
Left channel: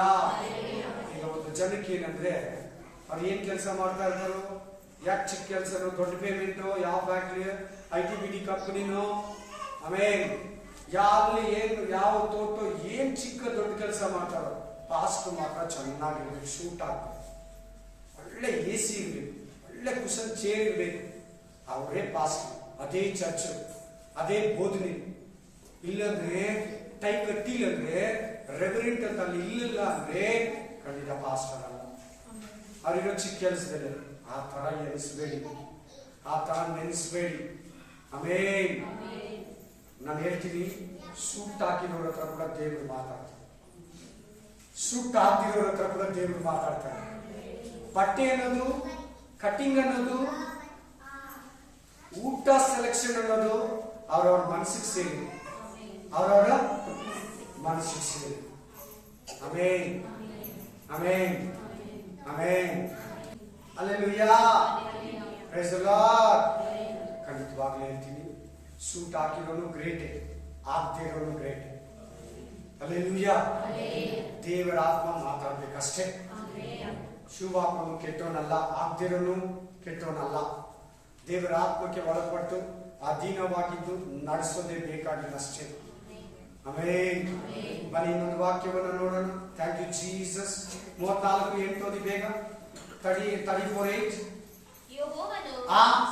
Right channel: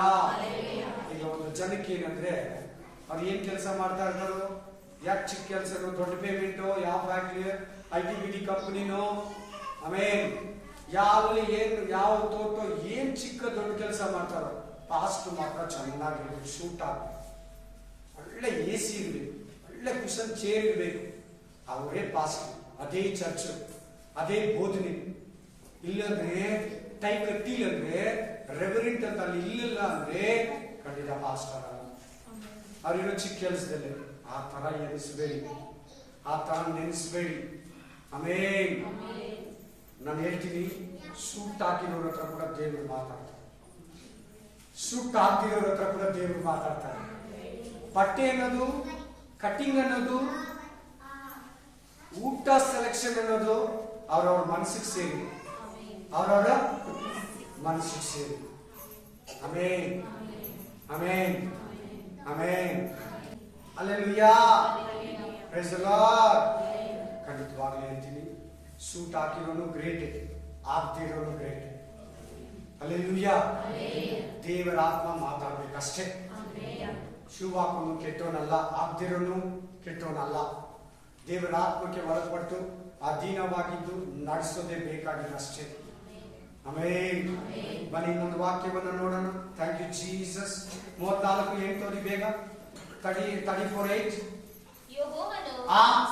ಈಗ ಒಂದು ಜನಕ್ಕೆ ಏನಂದ್ರೆ ಅವ್ರು ಏನ್ ಕೆಲಸ ಮಾಡ್ತಾ ಇರ್ತಾರೋ, ಯಾಕೆ ಚಿಕ್ಕ ಕೆಲಸನೋ, ದೊಡ್ಡ ಪೇಮೆಂಟು, ಯಾವ ಫ್ಯಾಕ್ಟ್ರಿ, IT-BT ಕಂಪನಿನೋ, ಆಮೇನ್, ಯಾವ ತೋಟ, ಏನ್ ಚಿಕ್ಕ ದೊಡ್ಡ ಕೆಲಸ ಮಾಡ್ತಾರೋ, ಪಾಸ್ಟ್ ಮಾತ್ರ ಚೆನ್ನಾಗಿರ್ಬೇಕು, ಶೂಟ್ ಆಗ್ಬೇಕು, ಒಳ್ಳೆ AC ಇರ್ಬೇಕು, ಒಳ್ಳೆ ಕುಶನ್ ಚೇರ್ ಇರ್ಬೇಕು. ಅವರೇ ಪಾಸ್ಟ್, ಅದೇ ಚರ್ಚ್, ಅದೇ ಬೋಧನೆ. ಇಲ್ಲಂದ್ರೆ ಟೈ ಕಟ್ಟಿಲ್ಲ ಅಂದ್ರೆ, ರೆವರೆಂಟ್ ಅಂತ ಅಲ್ಲಿ ಇಲ್ಲಿಲ್ಲ ಅಂದ್ರೆ ಖಂಡಿತ ಪಾಸ್ಟರ್ ಅಲ್ಲ. ಅವರಿರೋ ಚಿಕ್ಕ ಕೆಲಸದಲ್ಲಿ ಆ ತರ ಎನಿಸ್ಬೇಡಿ, ಆ ತರ ನೆನೆಸ್ಬೇಡಿ. ಆಮೇನ್. ನಾನು ಹೇಳ್ತೀನಿ, ಸೂಟ್ ಹಾಕಿರೋರ ಹತ್ರ ಕೂಡ ದೇವರು ಮಾತಾಡ್ತಾರೆ, ಸೂಟ್ ಹಾಕಿರೋರ ಹತ್ರ ಕೂಡ ದೇವರು ಮಾತಾಡ್ತಾರೆ. ಬಟ್ಟೆ ಅನ್ನೋದು, ಕಟ್ಟಿಂಗ್ ಅನ್ನೋದು, ಊಟ ಸೆಲೆಕ್ಷನ್ ಅನ್ನೋದು ಅವ್ರವ್ರ ಮನಸ್ಸಿಗೆ ಸೇರಿ, ಅವರವರ ಮನಸ್ಸಿಗೆ ಸೇರಿ. ಆಮೇನ್, ಆಮೇನ್, ಆಮೇನ್, ಹಲ್ಲೆಲೂಯಾ, ಪ್ರೈಸ್ ದಿ ಲಾರ್ಡ್. ಖಂಡಿತವಾಗ್ಲೂ ಹೇಳ್ತೀನಿ, ಸೂಟ್ ಹಾಕಿರೋನು ಗ್ರೇಟೇ, ಆಗದೆ ಇರೋನು ಗ್ರೇಟ್. ಹಲ್ಲೆಲೂಯಾ. ದೇವರ ಆತ್ಮ ಮಾತಾಡ್ಬೇಕಷ್ಟೇ. ಶೂ ಹಾಕೊಂಡು ಕೆಟ್ಟೋನಲ್ಲ, ಆಗದಿರೋನು ಕೆಟ್ಟೋನಲ್ಲ. ದೇವರ ಆತ್ಮಕ್ಕೆ ಒಳಪಟ್ಟು ಅಧೀನವಾಗಿದ್ದು ನಡೆಸೋದೇ ಬೇಕಾಗಿಲ್ಲ ಅಷ್ಟೇ. ಆಮೆನ್. ಬನ್ನಿ ಇನ್ನೊಂದು ವಾಕ್ಯವನ್ನು ನೋಡೋಣ. Thank you Jesus. 34:8 ಓದಿ ಬೇಗ. 34:8. ಯೆಹೋವನು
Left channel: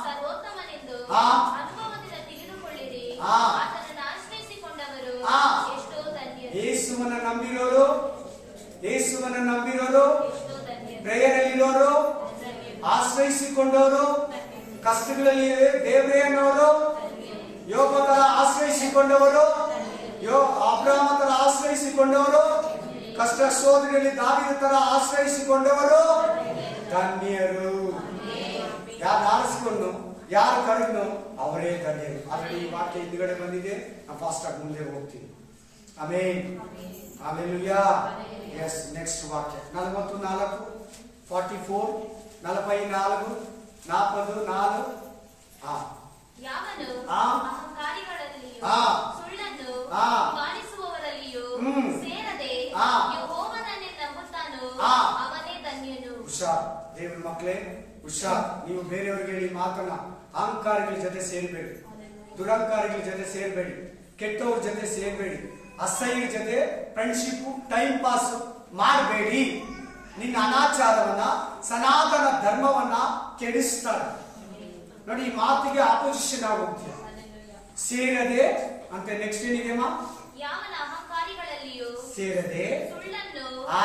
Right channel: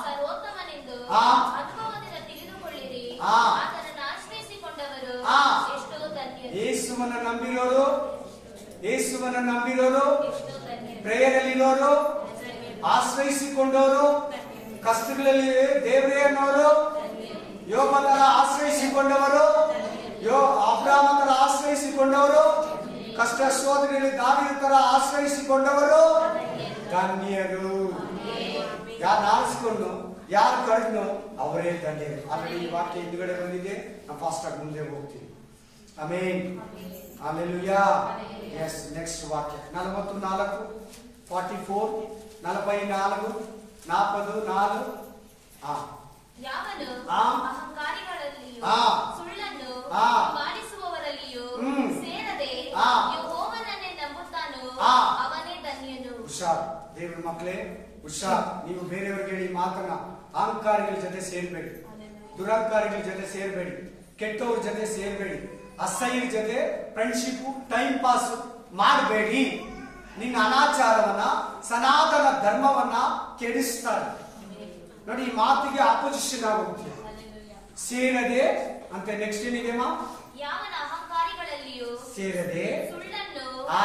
ಸರ್ವೋತ್ತಮನೆಂದು ಅನುಭವದಿಂದ ತಿಳಿದುಕೊಳ್ಳಿರಿ. ಆತನನ್ನು ಆಶ್ರಯಿಸಿಕೊಂಡವರು ಎಷ್ಟೋ ಧನ್ಯರು. ಯೇಸುವನ್ನು ನಂಬಿರೋರು, ಯೇಸುವನ್ನು ನಂಬಿರೋರು, ಎಷ್ಟೋ ಧನ್ಯರು. ಪ್ರೇಯರಲ್ಲಿರೋರು, ಆಶ್ರಯಿಸಿಕೊಂಡವರು, ಕಷ್ಟಗಳಲ್ಲಿ ದೇವರೇ ಅನ್ನೋರು, ಯೋಬ ತರ ಆಶ್ರಯಿಸಿಕೊಂಡವರು, ಅಬ್ರಾಮ ತರ ಆಶ್ರಯಿಸಿಕೊಂಡವರು, ಕಷ್ಟ ಶೋಧನೆಯಲ್ಲಿ ದಾವೀದ ತರ ಆಶ್ರಯಿಸಿಕೊಂಡವರು ಧನ್ಯರು. ಯಾರು ಆರಿಸಿಕೊಂಡು ಯಾರು ಕರೆದ್ನೋ ಅವರೇ ಧನ್ಯರು. ಆಲ್ರೆಡಿ ಈ ವಾಕ್ಯ ಹಿಂದ್ಗಡೆ ಬಂದಿದೆ. ನಾವು ಫಾಸ್ಟ್ ಆಗಿ ಮುಂದೆ ಹೋಗ್ತೀವಿ. ಆಮೆನ್. ಹಲ್ಲೆಲೂಯಾ. ಎಸ್, ನೆಕ್ಸ್ಟ್ ವಾಕ್ಯ 44 44 44 40 ಯಾವನು ಆ. ಅಹಂಕಾರಿಗಳಲ್ಲಿಯೂ ಆ. ಸುಳ್ಳನ್ನು ಆ. ಮಾಡಿಸುವವರಲ್ಲಿಯೂ ಹ್ಮ್. ಸೇರದೆ ಆ. ಯೆಹೋವನನ್ನೇ ನಂಬುತ್ತಾನೋ ಆ. ಅವನೇ ಧನ್ಯನು. ಹುಷಾರ್ ದೇವ್ರ ಮಕ್ಕಳೇ, ಹುಷಾರ್. ನೀವು ಬೇರೆಯವ್ರಿಗೆ ಹೇಳಿ ಮಾತನ್ನ ಅಹಂಕಾರಿಗಳ ಜೊತೆ ಸೇರ್ಬೇಡಿ, ದುರಹಂಕಾರಿಗಳ ಜೊತೆ ಸೇರ್ಬೇಡಿ, ಕೆಟ್ಟವ್ರ ಜೊತೆ ಸೇರ್ಬೇಡಿ, ಅಸಹ್ಯರ ಜೊತೆ ಫ್ರೆಂಡ್ಶಿಪ್ ಟೈಮ್ ಪಾಸ್ ಮಾಡಬೇಡಿ. ನಿನ್ನ ಅನಾಚಾರವನ್ನ, ಸನಾತನ ಧರ್ಮವನ್ನ ಕೆಡಿಸ್ತಾರೆ. ನೋಡಿ, ಈ ಮಾತಿಗೆ ಆಪೋಸಿಷನ್ ಆಗೋಗ್ತೀಯ. ಸೇರದೆ ಅಂತ ನೆಕ್ಸ್ಟ್ ಏನಿದೆಮ್ಮ? ಯಾವನ ಅಹಂಕಾರಿಗಳಲ್ಲಿಯೂ ಸೇರದೆ ಸುಳ್ಳನ್ನು ಆ.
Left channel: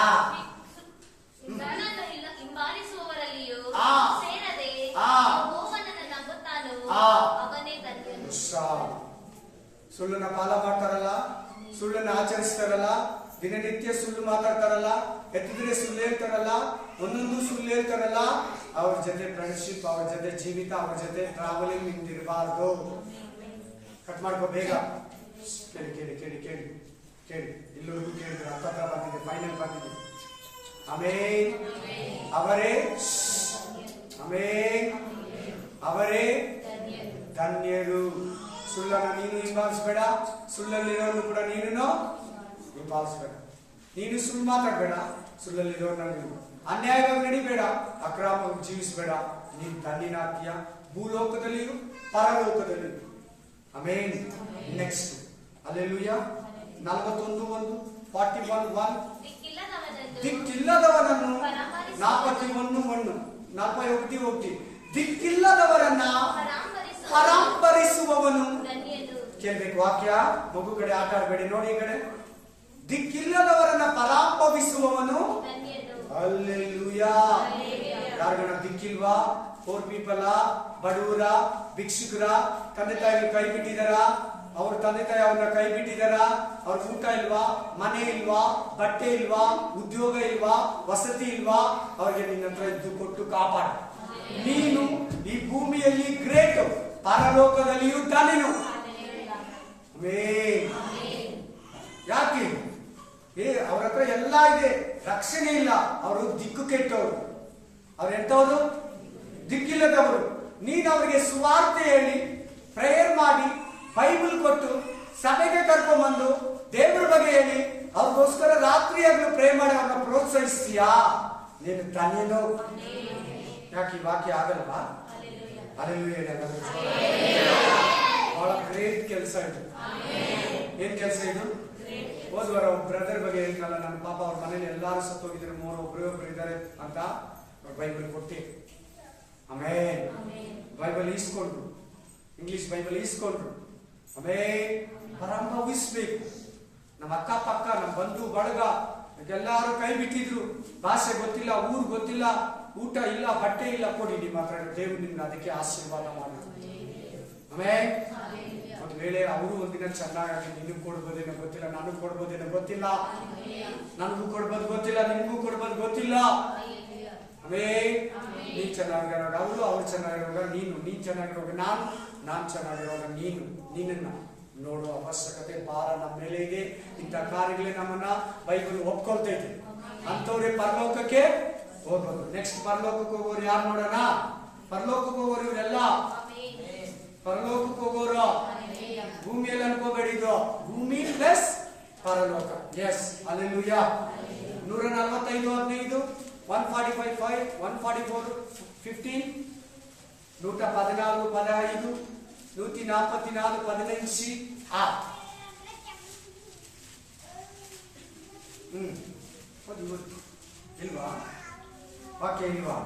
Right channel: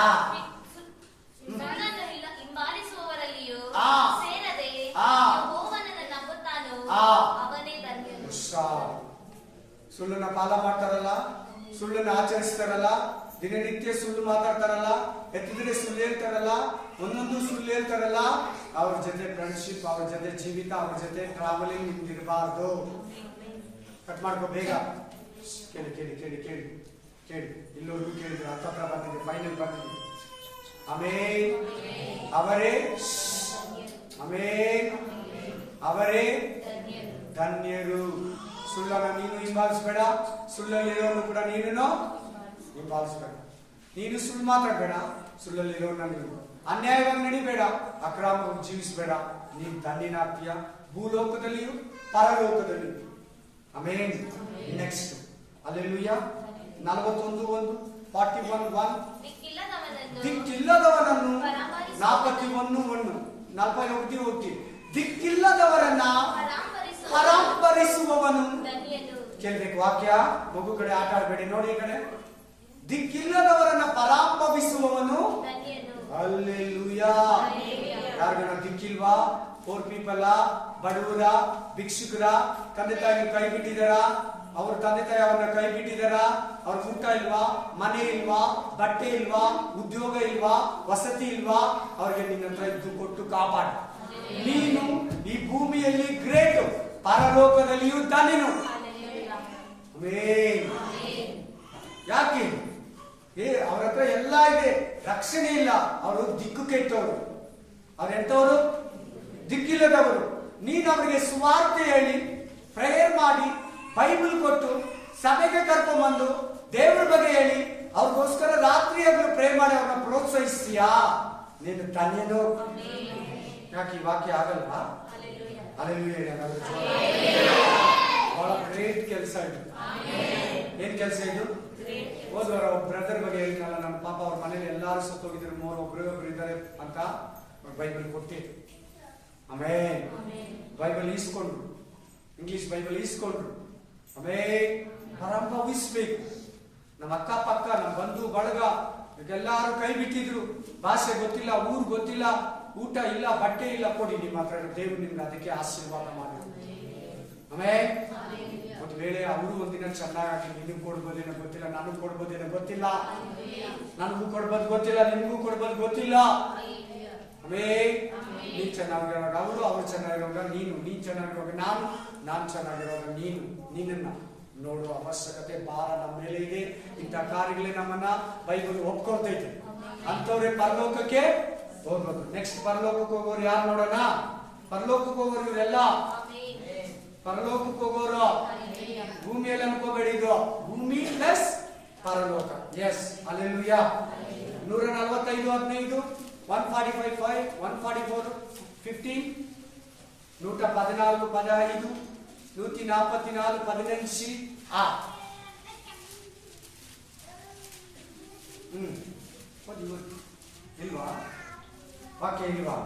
ಹಿಂಬಾಲಿಸುವವರಲ್ಲಿಯೂ ಆ. ಸೇರದೆ ಆ. ಯೆಹೋವನನ್ನು ನಂಬುತ್ತಾನೋ ಆ. ಅವನೇ ಧನ್ಯನು. ಹುಷಾರ್. ಸುಳ್ಳನ್ನ ಪಾಲ ಮಾಡ್ತಾರಲ್ಲ, ಸುಳ್ಳನ್ನ ಆಚರಿಸ್ತಾರಲ್ಲ, ದಿನನಿತ್ಯ ಸುಳ್ಳು ಮಾತಾಡ್ತಾರಲ್ಲ, ಎತ್ತಿದ್ರೆ ಸುಳ್ಳು ಹೇಳ್ತಾರಲ್ಲ, ಒಂದೊಂದು ಸುಳ್ಳು ಹೇಳ್ತಾರಲ್ಲ, ಅವ್ರ ಜೊತೆ ಫ್ರೆಂಡ್ಶಿಪ್, ಅವ್ರ ಜೊತೆ ಜೀವಿತ, ಅವ್ರ ಜೊತೆ ಟ್ರಾವೆಲಿಂಗ್ ನಿಮ್ದಿರಬಾರ್ದು. ಕಟ್ ಮಾಡ್ಕೋ ಬೇಗ. ಕೇಳಿ ಕೇಳಿ ಕೇಳಿ ಕೇಳಿ ಕೇಳಿ. ಇಲ್ಲೋರ್ಗು ಕೇಳಿದ್ರೆ ಹತ್ತತ್ರ ಬಂದಿದೆ, ಫೈನಲ್ ಬಂದಿದೆ. ಆಮೆನ್. ಅವರೇ ಆಮೆನ್. ಅವರೇ ಧನ್ಯರು. ಸುಳ್ಳನ್ನ ನೀನು ಹಿಂಬಾಲಿಸಬೇಡ, ಸುಳ್ಳಲ್ಲಿರೋನು ಕೂಡ ನೀನು ಹಿಂಬಾಲಿಸಬೇಡ. ನೀನು ಸುಳ್ಳು ಮಾತಾಡಬೇಡ, ಸುಳ್ಳಲ್ಲಿರೋನ ನೀನು ಅನ್ಯಾಯವಾಗಿ ನಡಿಬೇಡ, ಅಕ್ರಮವಾಗಿ ಜೀವಿಸಬೇಡ. ನೀನು ಧನ್ಯನಾಗ್ತೀಯ, ಭೂಲೋಕದಲ್ಲಿಯೂ ಪರಲೋಕದಲ್ಲಿಯೂ. ಆಮೆನ್. Next hallelujah. 41:1 41:1 ದಿಕ್ಕಿಲ್ಲದವನನ್ನು 41:1 41 ದಿಕ್ಕಿಲ್ಲದವರನ್ನ ಪರಾಂಬರಿಸುವವನು. ಕೇಳ್ಬೇಕು ವಾಕ್ಯ. ಮಗು ಕಡೆ ಆಟ ಆಡಬೇಡಿ, ನೋಡಿ ಈ ಕಡೆ. ದಿಕ್ಕಿಲ್ಲದವರನ್ನ ಪರಾಂಬವಿಸುವವನು. ಹಲ್ಲೆಲೂಯಾ. ಯಾರಿಗನ ದಿಕ್ಕಿಲ್ವಾ? ಪೋರ್ ಪೀಪಲ್, ಬಡವರ, ಭಿಕ್ಷುಕರ, ತಂದೆ ತಾಯಿಗಳು ಕೈ ಬಿಟ್ಟಿದಾರ, ಅವ್ರ ತಂದೆ ತಾಯಿ ಅವ್ರನ್ನ ಕೈ ಬಿಟ್ಟಿದಾರ, ಅವ್ರ ಊಟ ಇಲ್ವಾ, ಮನೆ ಇಲ್ವಾ, ಬಟ್ಟೆ ಇಲ್ವಾ, ಉದ್ಯೋಗ ಇಲ್ವಾ, ವಸತಿ ಇಲ್ವಾ, ಅವ್ರಿಗೆ ನಿನ್ನ ಹತ್ರ ಇದ್ದು ಕೊಟ್ಟು ಕಾಪಾಡ. ನೀನು ಈ ಭೂಮಿಯಲ್ಲಿ ಗ್ರೇಟ್, ಪರಲೋಕದಲ್ಲಿಯೂ ಧನ್ಯನು. ಯಾಕೆ? ಅವ್ರ ಹತ್ರ ಎಲ್ಲ ಇದೆ, ರಕ್ಷಣೆ ಇಲ್ಲ, ಅವರು ದಿಕ್ಕು ಕೆಟ್ಟವರು, ಅವ್ರೆಂತವರು? ದಿಕ್ಕಿಲ್ಲದವರು. ನೀನು ಅವರಿಗೆ ಸುವಾರ್ತೆ ಹೇಳಿ, ಪ್ರೇಯರ್ ಮಾಡಿ, ಬೈಬಲ್ ಕೊಟ್ಟು, ಸಭೆಗೆ ಕರ್ಕೊಂಡ್ಬಂದು ದೇವ್ರ ಬಗ್ಗೆ ಹೇಳಿ, ಅವ್ರಿಗೋಸ್ಕರ ರಾತ್ರಿ ಹಗಲು ಪ್ರೇ ಮಾಡಿ ಅವ್ರನ್ನ ಪ್ರೋತ್ಸಾಹಿಸ್ತೀಯಾ? ನೀನು ಧನ್ಯನು. ಯಾಕೆ ಈ ವಾಕ್ಯ ಆಗಲ್ವಾ? ಹಲ್ಲೆಲೂಯಾ. ಬಹಳ ಗ್ರೇಟ್ ಕೆಲಸ ಇದು. ಏನ್ ಕೆಲಸ ಇದು? ಹೋದ್ವಾರ ಒಬ್ಬ ಬ್ರದರ್ ಬಗ್ಗೆ ಹೇಳಿದ್ನಲ್ಲ, ನನ್ನ ಪಾಪ ಅವ್ರ ಮನೇಲಿ ಎಲ್ಲಾರು ಸತ್ತೋಗಿದ್ರು, ಒಬ್ರು ಇದ್ದಾರೆ ಅಂತ ಅವ್ರ ಬೈಬಲ್ ಕೊಟ್ಟಿ. ಆಮೇಲೆ ಬೈಬಲ್ ಈಸ್ಕೊಂಡ್ರು, ಇಂಗ್ಲಿಷ್ ಬೈಬಲ್ ಈಸ್ಕೊಂಡ್ರು. ಆಮೇಲೆ ಪರಂಭವಿಸ್ಬೇಕು. ನಮ್ಮ ಅಕ್ಕಪಕ್ಕ, ನಮ್ಮ ಬಂಧು ಬಳಗ ಎಲ್ಲಾರು ಕೈ ಬಿಟ್ಟಿದ್ರು, ಭಾಷೆ ಗೊತ್ತಿಲ್ಲ, ಊರು ಗೊತ್ತಿಲ್ಲ, ಊಟ ಇಲ್ಲ, ಬಟ್ಟೆ ಇಲ್ಲ, ಕೊಡಿ ನಿಮ್ಮ ಹತ್ರ. ದೇವ್ರು ನಿಮ್ಗೆ ಅದಕ್ಕೆ ಆಶೀರ್ವಾದ ಮಾಡಿದ್ರು. ಆಮೇಲೆ ಒಂದು ವೇಳೆ ಅವರು ಒಂದಿನ ಚೆನ್ನಾಗಿ ನಿನಗೆ ಕೊಡ್ಬೋದೇನೋ ಗೊತ್ತಿಲ್ಲ, ನನಗೂ ಕೊಡ್ಬೋದೇನೋ ಗೊತ್ತಿಲ್ಲ, ನನಗೂ ಕೊಡ್ಬೋದು ಗೊತ್ತಿಲ್ಲ, ನಿನ್ಗೂ ಕೊಡ್ಬೋದು ಗೊತ್ತಿಲ್ಲ. ಆಮೇಲೆ ನೀನ್ ಚೆನ್ನಾಗಿರುವಾಗ ಅವರು, ಅವ್ರು ಚೆನ್ನಾಗಿರುವಾಗ ನೀನು, ನೀನ್ ಚೆನ್ನಾಗಿರುವಾಗ ನಾನು ಚೆನ್ನಾಗಿರುವಾಗ ನೀನು. ನಿನ್ನನ್ನ ನೋಡುವ ಅವಶ್ಯಕತೆ, ಭಾರ ನಮ್ಮ ಮೇಲೆ ಇದೆ. ಇಂಥ ಕಾರ್ಯಗಳೇ ನಮ್ಮನ್ನ ಬೈಬಲ್ ಒಪ್ಕೊಳ್ತೈತೆ. ಅಂತವ್ರೆ ಪರಲೋಕಕ್ಕೆ ಹೋಗೋದು. ನೆಕ್ಸ್ಟ್ ಪರಲೋಕಕ್ಕೆ ಹೋಗೋರು ಯಾರು ನೋಡೋಣ? ಪರಲೋಕಕ್ಕೆ ಹೋಗೋರು ಇವರೆಲ್ಲ. ಪರಲೋಕಕ್ಕೆ ಹೋಗೋರು ಭೂಮಿಯಲ್ಲಿ ಅನ್ಕೋಬೇಡಿ, ಇದು ಭೂಮಿ ಪ್ಲಸ್ ಪರಲೋಕ. Yes, hallelujah. 145:15, 145:5, 144:15, 114:15, 144:15. ಓದಿ ಇಲ್ವಾ? ವಾಕ್ಯ ಇಲ್ವಾ?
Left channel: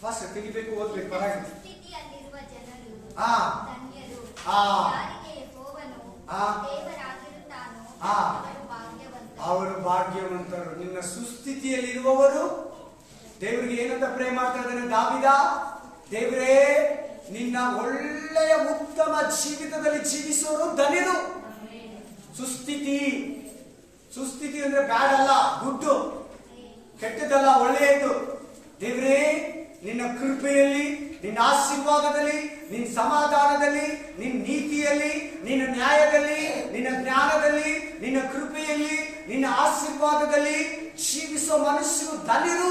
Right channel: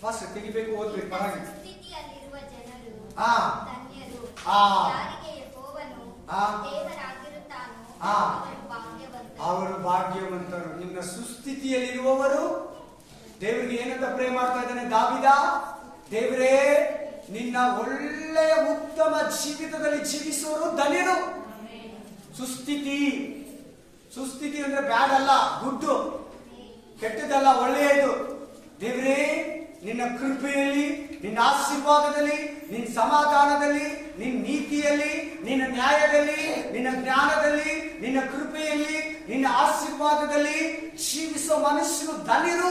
ಫಾಸ್ಟ್ ತೆಗಿಬೇಕು, ಓದ್ಬೇಕು, ಪರವಾಗಿಲ್ಲ. ಸ್ಥಿತಿಯಲ್ಲಿರುವ ಜನರು ಆ. ಧನ್ಯರು, ಆ. ಯಾರಿಗೆ ಯೆಹೋವನು ಆ. ದೇವರಾಗಿರುತ್ತಾನೋ ಆ. ಅವರು ಭಾಗ್ಯವಂತರು. ಅವರು ಭಾಗ್ಯವಂತರು. ನಿನ್ನ ಸುಸ್ಥಿತಿಯಲ್ಲಿರುವವರು ದೇವರಿಗೆ ಏನಂತ ಪ್ರೇ ಮಾಡ್ತಾ ಇದ್ದಾನೆ ದಾವಿದ? ದೇವರೇ, ನಿನ್ನ ಒಳ್ಳೆಯ ಉತ್ತಮ ಜೀವಿತದಲ್ಲಿ ಜೀವಿಸುವರು ಧನ್ಯರು. ಸುಸ್ಥಿತಿ ಅಂದ್ರೆ ಬ್ಯಾಡ್ ಅಲ್ಲ, ಗುಡ್ಡು, ಕೆಟ್ಟದಲ್ಲ, ಒಳ್ಳೆಯದು. ದೇವರೇ, ನಿನ್ನ ಕೃಪೆಯಲ್ಲಿ, ನಿನ್ನ ಆಶೀರ್ವಾದದಲ್ಲಿ, ನಿನ್ನ ಸಮಾಧಾನದಲ್ಲಿ, ನಿನ್ನ ನೀತಿಯಲ್ಲಿ, ನಿನ್ನ ನ್ಯಾಯದಲ್ಲಿ, ನಿನ್ನ ಜ್ಞಾನದಲ್ಲಿ, ನಿನ್ನ ಕೃಪೆಯಲ್ಲಿ, ನಿನ್ನ ಆಶೀರ್ವಾದದಲ್ಲಿ ಜೀವಿಸುವ ಮನುಷ್ಯರು ಧನ್ಯರು.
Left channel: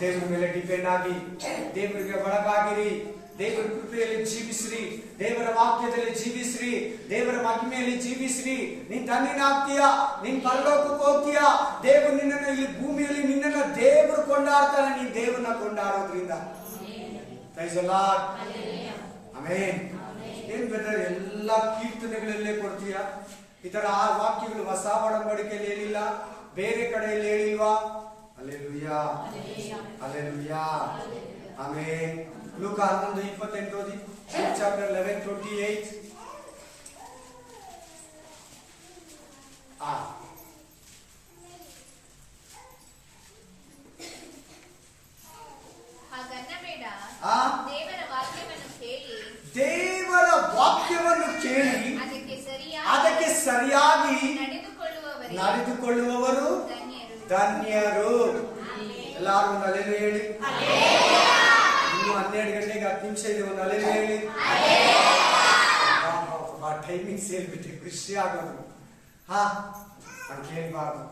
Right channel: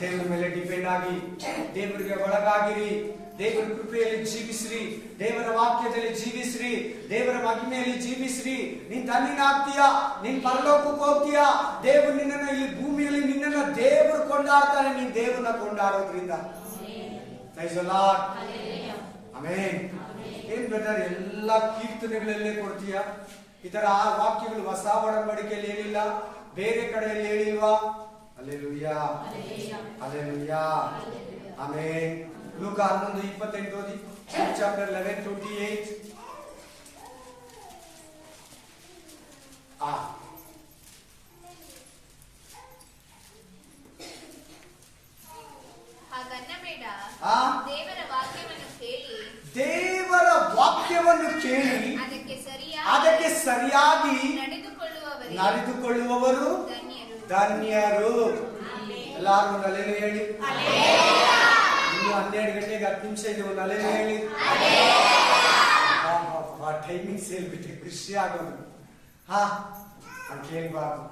ದೇವರ ಮೇಲೆ ಡಿಪೆಂಡ್ ಆಗಿ, ದೇವರಿಗೆ ಒಳಗಾಗಿರಿ, ದೇವರ ಕೃಪೆಯಲ್ಲಿ ಜೀವಿಸ್ರಿ, ದೇವರ ವಾಕ್ಯದಲ್ಲಿ ಜೀವಿಸ್ರಿ, ದೇವರ ಮಹಿಮೆಯಲ್ಲಿ ಜೀವಿಸ್ರಿ. ನೀನ್ ಧನ್ಯನಾಗ್ತೀಯ, ನೀನ್ ಪರಲೋಕಕ್ಕೆ ಹೋಗ್ತೀಯ. ದೇವರು ನಿನ್ನನ್ನು ಇಲ್ಲಿ ಭೂಮಿಯಲ್ಲಿ ನಿನ್ನನ್ನು ದೇವರು ಕೊಂಡಾಡ್ತಾನೆ, ನೀನ್ ದೇವರನ್ನ ಕೊಂಡಾಡೋದ್ರಿಂದ. Praise the Lord. ಆಮೆನ್. ಏನ್ ಬ್ರದರ್, ಎಲ್ಲ ಕೀರ್ತನೆಗಳಲ್ಲೇ ಕೊಡ್ತೀಯ? ಈ ತರ ಆ ವಾಕ್ಯಗಳು ಹೊಸ ಒಡಂಬಡಿಕೆಯಲ್ಲಿ ಹೇಳಿಲ್ಲ, ಬೇರೆ ಕಡೆಯಲ್ಲಿ ಹೇಳಿಲ್ವಾ? Hallelujah, hallelujah, amen. ಲೂಕ 11:28 ಓದಿ. ಚಾಪ್ಟರ್ 11:28. ಹಾಗನ್ನಬೇಡ, ಆ. ದೇವರ ವಾಕ್ಯವನ್ನು ಕೇಳಿ, ದೇವರ ವಾಕ್ಯವನ್ನು ಕೇಳಿ ಅದಕ್ಕೆ ಸರಿಯಾಗಿ ನಡೆದುಕೊಳ್ಳುವವರು ಧನ್ಯರು. ಎಲ್ಲಾರು ಒಂದು ಅಲೆಲು ಹೇಳಿ. ಇನ್ನು 12 ಗಂಟೆಗೆ 10 ನಿಮಿಷ ಇದೆ, ಒಂದು ಅಲೆಲು ಹೇಳಿ. ಟೈಮಿಂಗ್ಸ್ ಹೇಳ್ಬಿಟ್ಟು ಖುಷಿ ಆಗೋದು. ನಾನು ಕೇಳಬಾರ್ದು.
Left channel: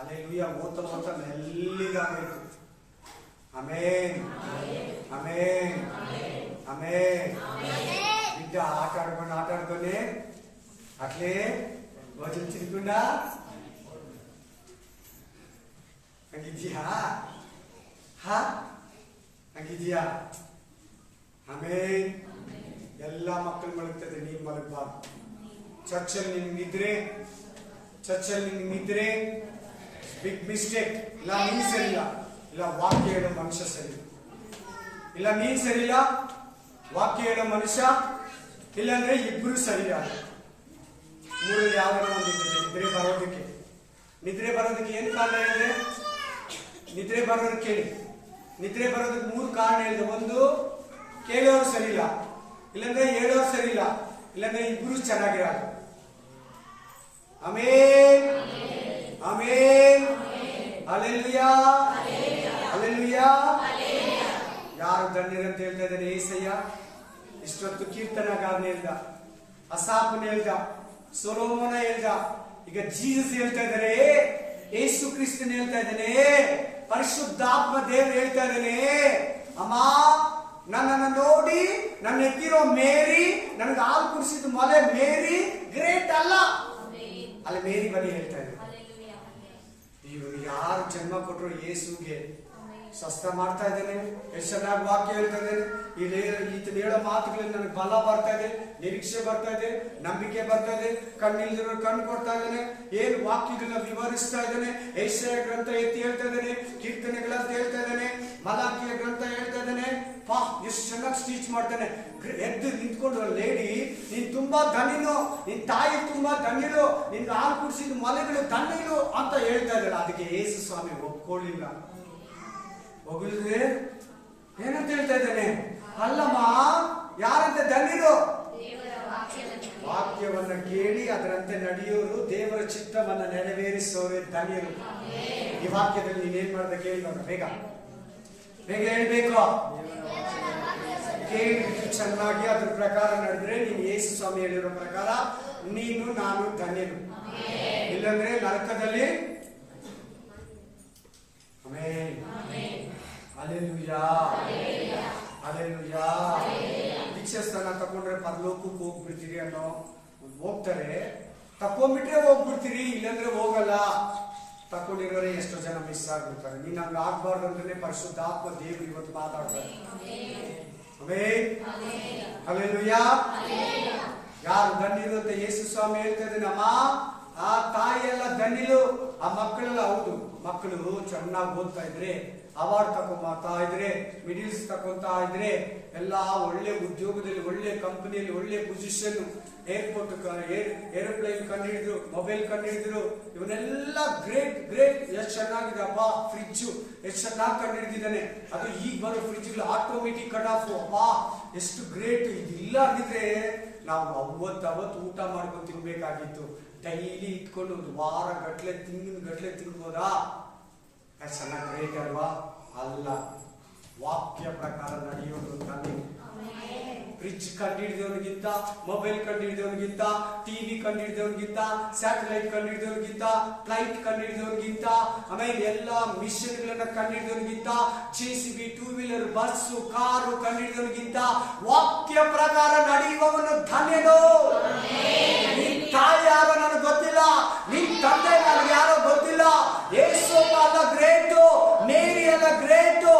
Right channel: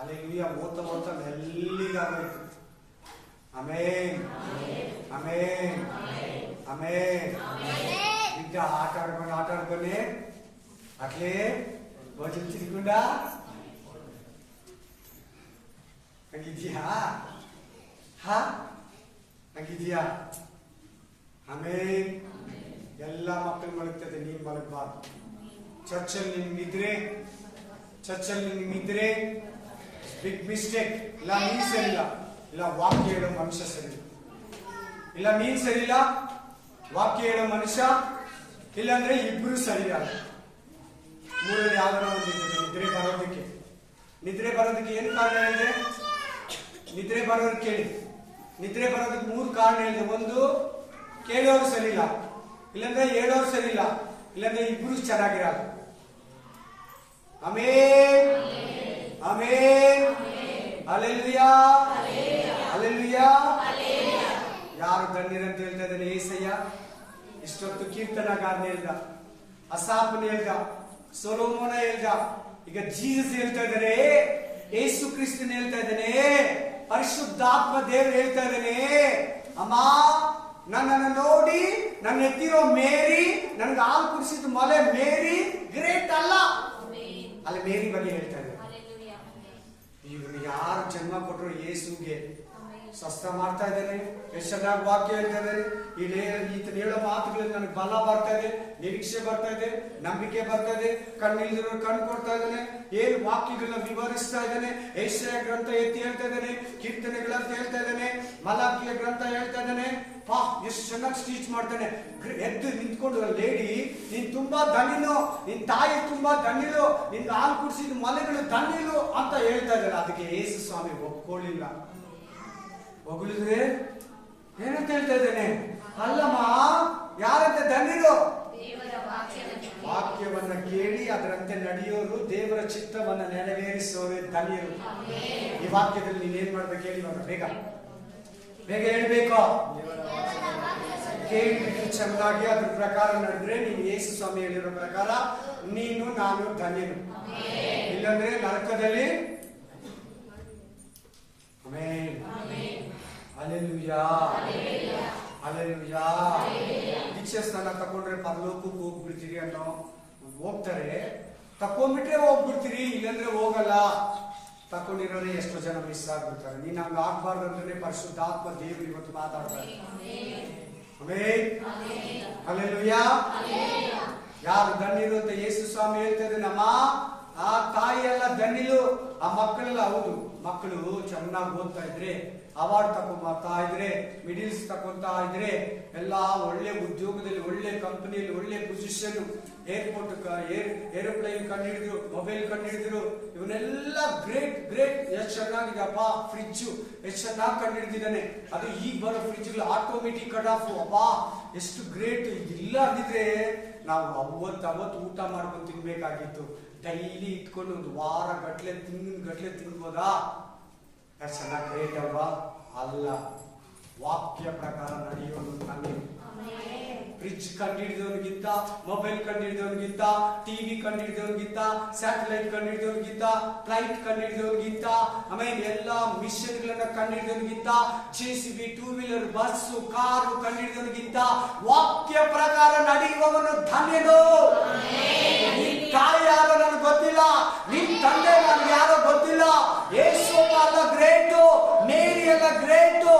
ಅಲೆಲುಯ್ಯ ಓತ ಮೆಲ್ಲಿಗಾಗೋಯ್ತು. ಆಮೇನ್, ಆಮೇನ್, ಆಮೇನ್. ಬಿಡ್ಡ ಆಟ ಆಡ್ಕೊಂಡೆ ಅಟ್ಲೇ ಭೋಜನ ತಿನ್ಕೊಂಡ ಹಂಗಿದ್ಯಾ? ಹಂಗಿದ್ಯಾ? ಆಮೇನ್. ಎಲ್ಲ ಮಕ್ಕಳು ಮಲಗ್ತದೆ, ನೀನ್ ಮಲಗಬಾರ್ದು. ಚರ್ಚಲ್ಲಿ ನಿನ್ಗಿದ್ರೆ ಬಿಗ್ ಮಿಸ್ಟೇಕ್. ಇಲ್ಲ ನೀನ್ ಸರಿಯಿಲ್ಲ, ಇಲ್ಲ ವಾಕ್ಯ ಹೇಳೋ ಮನುಷ್ಯ ಸರಿ, ಇಲ್ಲ ನೀನ್ ಸರಿಯಿಲ್ಲ, ವಾಕ್ಯ ಹೇಳೋ ಮನುಷ್ಯ, ಇಲ್ಲಾಂದ್ರೆ ಇಬ್ರು ಸರಿಯಾದ. ಮೂರಲ್ಲಿ ಯಾವ್ದಾರ ಒಂದಿರ್ತದೆ ನಿದ್ರೆ ಬರೋದಕ್ಕೆ ಏನ್ ಕಾರಣ ಹೇಳಿದೆ? ನಿದ್ರೆ ಬರೋರು ಕೇಳಿ. ನಿದ್ರೆ ಬರೋದಕ್ಕೆ 3 ಕಾರಣ ಹೇಳಿದೆ. ಒಂದು, ಕೇಳೋರು ಸರಿ ಇಲ್ಲ, ಇಲ್ಲಾಂದ್ರೆ ಹೇಳೋರು ಸರಿ ಇಲ್ಲ, ಇಲ್ಲಾಂದ್ರೆ ಇಬ್ರು ಚೆನ್ನಾಗಿರಲ್ಲ. ಆಮೇನ್, ಆಮೇನ್, ಹಲ್ಲೆಲೂಯಾ, ಹಲ್ಲೆಲೂಯಾ. ಯಾರು ಧನ್ಯರಂತ ಹೇಳ್ತಾ ಇದ್ದಾನೆ? ಏಸಯ್ಯ. ಇಷ್ಟೊತ್ತು ಕೀರ್ತನಗಾರನ ಹೇಳ್ದ, ಅಸಾಫನ ಹೇಳ್ದ, ಸೊಲೊಮೋನ ಹೇಳ್ದ, ಈಗ ಜೀಸಸ್ ಹೇಳ್ತಾ ಇದ್ದಾರೆ, ಯೇಸು ಕ್ರಿಸ್ತನ್ ಹೇಳ್ತಾ ಇದ್ದಾನೆ, ಪರಿಶುದ್ಧಾತ್ಮ ದೇವರು ಹೇಳ್ತಾ ಇದ್ದಾನೆ, ಅಮ್ಮ ನನ್ನನ್ನು ನೋಡಿ ನನ್ನ ಎತ್ತಿರೋ ಮೇರಿ, ನನಗೆ ಹಾಲು ಕುಡಿಸಿದ ಮೊಲೆ ಮೇರಿ ಗ್ರೇಟ್ ಅಲ್ಲ. ಅಲ್ಲಿ ಮೇರಿ ಬಗ್ಗೆ ಹೇಳ್ತಾ ಇದ್ದಾರೆ. ಇವರು ಯಾರು ಜನ್ಮ ಕೊಟ್ಟರು ಯೇಸುಗೆ ಸ್ವಸ್ಥ ಮಾಡ್ತಾ ಇದ್ದೇನೆ. ಎಷ್ಟು ಚೆನ್ನಾಗಿ ವಾಕ್ಯ ಹೇಳ್ತಾ ಇದ್ದೇನೆ. ಈತನ ಹೇಳೋ ಮಾತುಗಳಲ್ಲಿ ನನಗೆ ಬಲ ಬರ್ತಾ ಇದೆ, ನಿರೀಕ್ಷೆ ಬರ್ತಾ ಇದೆ, ನಂಬಿಕೆ ಬರ್ತಾ ಇದೆ. ಕಣ್ಣಿಲ್ದಿರೋ ಕಣ್ಣು ಕೊಡ್ತಾ ಇದ್ದಾನೆ. ಏನ್ ವಾಕ್ಯಗಳನ್ನ ವಿವರಿಸ್ತಾ ಇದ್ದಾನೆ. ಯೆಶಾಯ ಗ್ರಂಥ ಎತ್ತಿ ಹೇಳ್ತಾ ಇದ್ದಾನೆ, ಕೀರ್ತನೆಗಳಂತ ಹೇಳ್ತಾ ಇದ್ದಾನೆ, ಮಲಾಕಿಯ ಗ್ರಂಥ ಹೇಳ್ತಾ ಇದ್ದಾನೆ. ಎಷ್ಟು ಚೆನ್ನಾಗಿ ಸ್ಟೀಚ್ ಮಾಡ್ತಾನೆ. ಎದ್ದು ನಿಂತ್ಕೊಂಡು, ಲೇಡಿ ನೀನ್ ತುಂಬಾ ಧನ್ಯನು, ನಿನ್ ತಾಯಿ ತುಂಬಾ ಧನ್ಯರು, ನಿನ್ ಹಾಲು ಕುಡಿಸಿದ ಮಲೆಗಳು ಧನ್ಯರು ಅಂತ ಹೇಳ್ತಾ ಇದ್ದಾರೆ. ಅದಕ್ಕೆ ಯೇಸು ಸ್ವಾಮಿ ಒಪ್ಕೊಳ್ಳಿಲ್ಲ. ಹೊಗಳಿದ್ರೆ ಏನಂತ ಹೇಳ್ತಾ ಇದ್ದಾನೆ? ಅಲ್ಲಮ್ಮ, ಯಾರಂತೆ ಧನ್ಯರು? ವಾಕ್ಯವನ್ನ ಕೇಳಿ ಅದರಂತೆ ನಡೆಯೋರು, ದೇವರ ಚಿತ್ತವನ್ನ ನೆರವೇರಿಸೋರು ಧನ್ಯರು. ಈ ವಾಕ್ಯದಲ್ಲಿ ನೀನೇನ್ ಮಾಡ್ಬೇಕು ಹೇಳಿ, ಬೇಗ ಬೇಗ ಹೇಳ್ಬೇಕು. ಕೇಳಿಬಿಟ್ಟು ಚೆನ್ನಾಗಿ ಅದ್ರ ಪ್ರಕಾರ ನಡೆದ್ರೆ, ನೀನು ಯೇಸು ಸ್ವಾಮಿ ಹೇಳಿರೋ ಪ್ರಕಾರ ನೀನು ನಾನು ಧನ್ಯನು. ಇಲ್ಲಂದ್ರೆ ನರಕದಲ್ಲಿ. Amen, hallelujah, hallelujah. ದೀಕ್ಷಾ ಸ್ಥಾನ ತಗೊಂಡ್ರೆ ಪರಲೋಕಕ್ಕೆ ಹೋಗ್ಬಿಡ್ತೀರಿ ಅನ್ನೋ ಹೋಗ್ತಾರೆ, ತಕೊಂಡ್ಬಿಟ್ರೆ ಹೋಗ್ಬಿಡ್ತೀರಿ, ಇಲ್ಲಾಂದ್ರೆ ಹೋಗಲ್ಲ. ತಕೊಂಡಿರೋರೆ ಎಷ್ಟೋ ಜನ ಮಿಸ್ ಆಗ್ಬಿಡ್ತಾರೆ. ನೀನ್ ಹಂಗ ಆಗ್ಬಾರ್ದು ಅಂದ್ರೆ ಪರಿಶುದ್ಧಾತ್ಮ ದೇವರು ಇವತ್ತು ಮಾತಾಡ್ತಾರೆ. Amen, hallelujah. ಯಾರು ಧನ್ಯರು ಅಂತ ಯೇಸು ಸ್ವಾಮಿ ಹೇಳ್ತಾ ಇದ್ದಾನಮ್ಮ. ಆ ತಾಯಿ ಎಲ್ಲ ಧನ್ಯರು, ಆ ಮಕ್ಕಳೆಲ್ಲ. ಹೌದು, ಮಕ್ಕಳು ಚೆನ್ನಾಗಿ ಓದ್ತಾ ಇದ್ರೆ, ಅವಾರ್ಡ್ ತಗೊಂತಾ ಇದ್ರೆ, ಮಿಡಿಲ್ಸ್ ತಗೊಂತಾ ಇದ್ರೆ, ಎಲ್ಲ ಒಳ್ಳೆ ಉದ್ಯೋಗದಲ್ಲಿ, ಒಳ್ಳೆ ಕಂಪನಿಯಲ್ಲಿ, ಒಳ್ಳೆ ಪೊಸಿಷನ್, ಏರ್ಪೋರ್ಟ್ ಏರೋಪ್ಲೇನ್ ಕಂಡುಹಿಡಿದ್ರು, ಮೊಬೈಲ್ ಕಂಡುಹಿಡಿದ್ರು, ಇವನ್ನೆಲ್ಲ ಗ್ರೇಟ್ ಗ್ರೇಟ್. ಎಷ್ಟು ಚೆನ್ನಾಗಿದೆ ಅಪ್ಪ, ಫ್ರಿಡ್ಜ್ ಎಷ್ಟು ಚೆನ್ನಾಗಿ ಕಂಡುಹಿಡಿದಿದ್ದಾನೆ. ಅದು ಈಗ ಬರೋ ಫ್ರಿಡ್ಜ್ ಆಟೋಮೆಟಿಕ್ ಕಟ್ ಆಫ್. ಅಪ್ಪ ಎಷ್ಟು ಗ್ರೇಟ್. ಇದಿಲ್ಲ ಅಂದಿದ್ರೆ ನಾವು ಅವತ್ತು ಊಟ ಮಾಡ್ಕೊಂಡು ತಿನ್ಬೇಕಾಗಿತ್ತು. ಡೈಲಿ ಇಟ್ಕೊಂಡು ಒಂದು ವಾರ ಗಟ್ಲೆ ತಿಂಗಿನ ಗಟ್ಲೆ ತಿನ್ಬೋದಾ? ಚೆನ್ನಾಗಿ ಗ್ರೇಟ್ ಅಲ್ವಾ? ಅಲ್ಲ, ವಾಕ್ಯ ಪ್ರಕಾರ ನಡೆಯೋದು. ನನಗೆ ಫ್ರಿಡ್ಜ್ ಕಂಡುಹಿಡಿದವನಿಗಿಂತ, ಮೊಬೈಲ್ ಕಂಡುಹಿಡಿದವನಿಗಿಂತ, ಟಿವಿ ಕಂಡುಹಿಡಿದವನಿಗಿಂತ, ಸ್ಯಾಟಲೈಟ್ ಕಂಡುಹಿಡಿದವನಿಗಿಂತ, ಫ್ಲೈಟ್ ಕಂಡುಹಿಡಿದವನಿಗಿಂತ, ಆಮೇಲೆ ಎಲ್ಲಾ ಮಿಷನ್ ಗಳನ್ನ ಕಂಡುಹಿಡಿದವನಿಗಿಂತ, JCB, 2 ವೀಲರ್, ಬಸ್ಸು, ಕಾರು ಕಂಡುಹಿಡಿದವನಿಗಿಂತ ವಾಕ್ಯ ಪ್ರಕಾರ ನಡೆಯುವವನು ಧನ್ಯನು. ನಿನ್ ತಾಯಿ ಯಾರೋ ನನಗೆ ಗೊತ್ತಿಲ್ಲ, ನಿನ್ ತಂದೆ ನನಗೆ ಯಾರೋ ಗೊತ್ತಿಲ್ಲ. ಯೇಸು ಅಲ್ಲ ಗ್ರೇಟು, ಮೇರಿ ಅಲ್ಲ ಗ್ರೇಟು,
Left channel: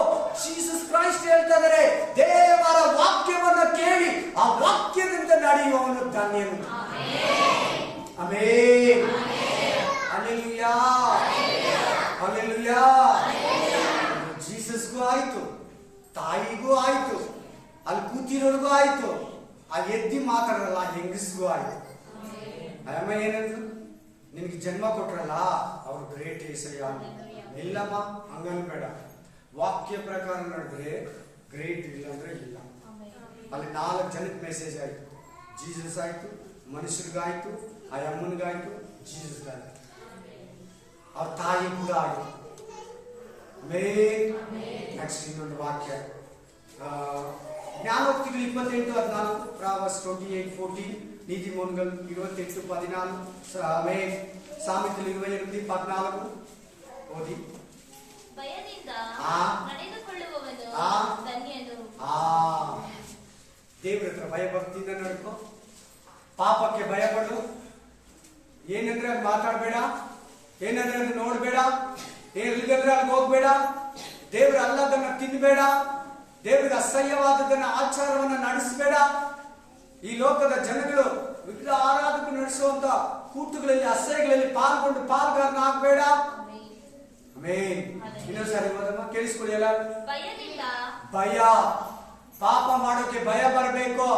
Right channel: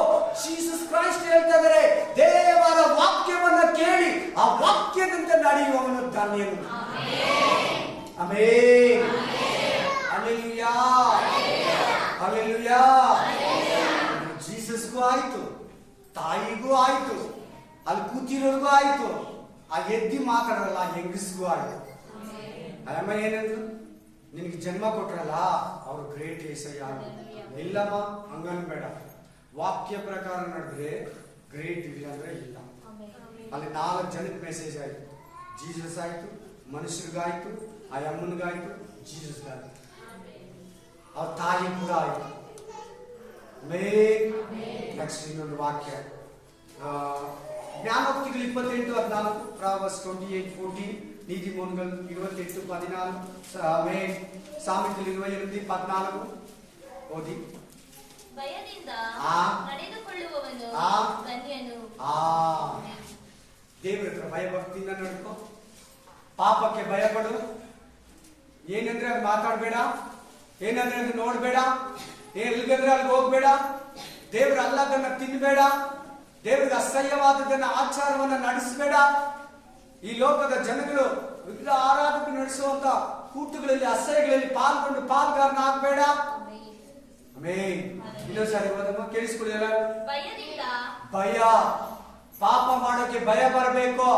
ಜೀಸಸ್ ಕ್ರೈಸ್ಟ್ ಹೇಳ್ತಾ ಇದ್ದಾರೆ. ದೇವರ ವಾಕ್ಯವನ್ನ ಕೇಳಿ ಆ ವಾಕ್ಯದಂತೆ ನಡೆಯುವವನು ಧನ್ಯನು. Amen, hallelujah, hallelujah. ಜೀಸಸ್ಗೂ ಆಯ್ತು, ತಾಯಿಗೂ ಆಯ್ತು, ಅಲ್ಲಿ ಕೂತಿರೋರ್ಗೂ ಆಯ್ತು, ಆ ಎದ್ದಿ ಮಾತಾಡಲ್ಲ ಆ ಹೆಂಗಸ್ಗೂ ಆಯ್ತು. ಅಮ್ಮ ಏನಂದ್ರು? ನಿನಗೆ ಜನ್ಮ ಕೊಟ್ರಲ್ಲ ಅವ್ರು ಗ್ರೇಟ್ ಏಸಯ್ಯ. ಇಲ್ಲಮ್ಮ, ಹಂಗನ್ಬೇಡ. ವಾಕ್ಯ ಪ್ರಕಾರ ನಡೆದ್ರೆ ಗ್ರೇಟ್, ಇಲ್ಲ ಅಂದ್ರೆ ಇಲ್ಲ. ಅಲ್ಲಿ 4 ಜನಕ್ಕೆ ಮೆಸೇಜ್ ಆಯ್ತು. ಜೀಸಸ್ ಆಯ್ತು, ಮನುಷ್ಯರಿಗಾಯ್ತು, ಆ ಅಮ್ಮನಿಗಾಯ್ತು, ಜೀಸಸ್ಗಾಯ್ತು, ಅವ್ರ ತಾಯಿ ಕೂಡ ಆಯ್ತು. ನೆಕ್ಸ್ಟ್ ಇನ್ನೊಂದು ವಾಕ್ಯ, ಜ್ಞಾನೋಕ್ತಿಗಳು 28:14, ಪ್ರಾವರ್ಸ್ 28:14, ನೀತಿಮೋನ್ಗಳು 28:14, ಸಾಮೆತಲು 28:14 ಓದಿ. ಭಯದಿಂದ ಆ ನಡೆದುಕೊಳ್ಳುವವನು ಆ ಧನ್ಯನು. ದೇವರ ಹತ್ರ ಭಯಭಕ್ತಿಯಿಂದ ನಡ್ಕೊ. ಪಾಪಕ್ಕೆ ಭಯಪಡು. ಏನಂದ್ರೆ ಅಲ್ಲಿ ಮಾತಾಡ್ಬೇಡ, ಏನಂದ್ರೆ ಅದು ನೋಡ್ಬೇಡ, ಎಲ್ಲಿಗಂದ್ರೆ ಅಲ್ಲಿಗೆ ಹೋಗ್ಬೇಡ. ದೇವ್ರ ಅಲ್ಲದನ್ನ ತಿನ್ಬೇಡ, ದೇವ್ರಿಗೆ ಅಸಹ್ಯವಾದದನ್ನ ಆಚಾರವನ್ನ ನಡೆಸಬೇಡ. ಈ ಲೋಕದ ಜನಗಳು ವಿಗ್ರಹ ಆರಾಧಕ ನಡೆಸುವಂತ ಕೂಟುಗಳಲ್ಲಿ, ಅಸಹ್ಯಗಳಲ್ಲಿ ಪಾಲ್ಗೊಂಡು ಪಾಲ್ಗಾರನ ಆಗ್ಬೇಡ. ಆಮೆನ್. ಇನ್ನೊಂದ್ಸಾರಿ ಓದಮ್ಮ, ಕೇಳಿಸ್ಕೊಳ್ಳಿ ಅಲ್ಲ. ಭಯ, ಪಾಪ ಮಾಡೋಕೆ ಭಯ ಬರಬೇಕು.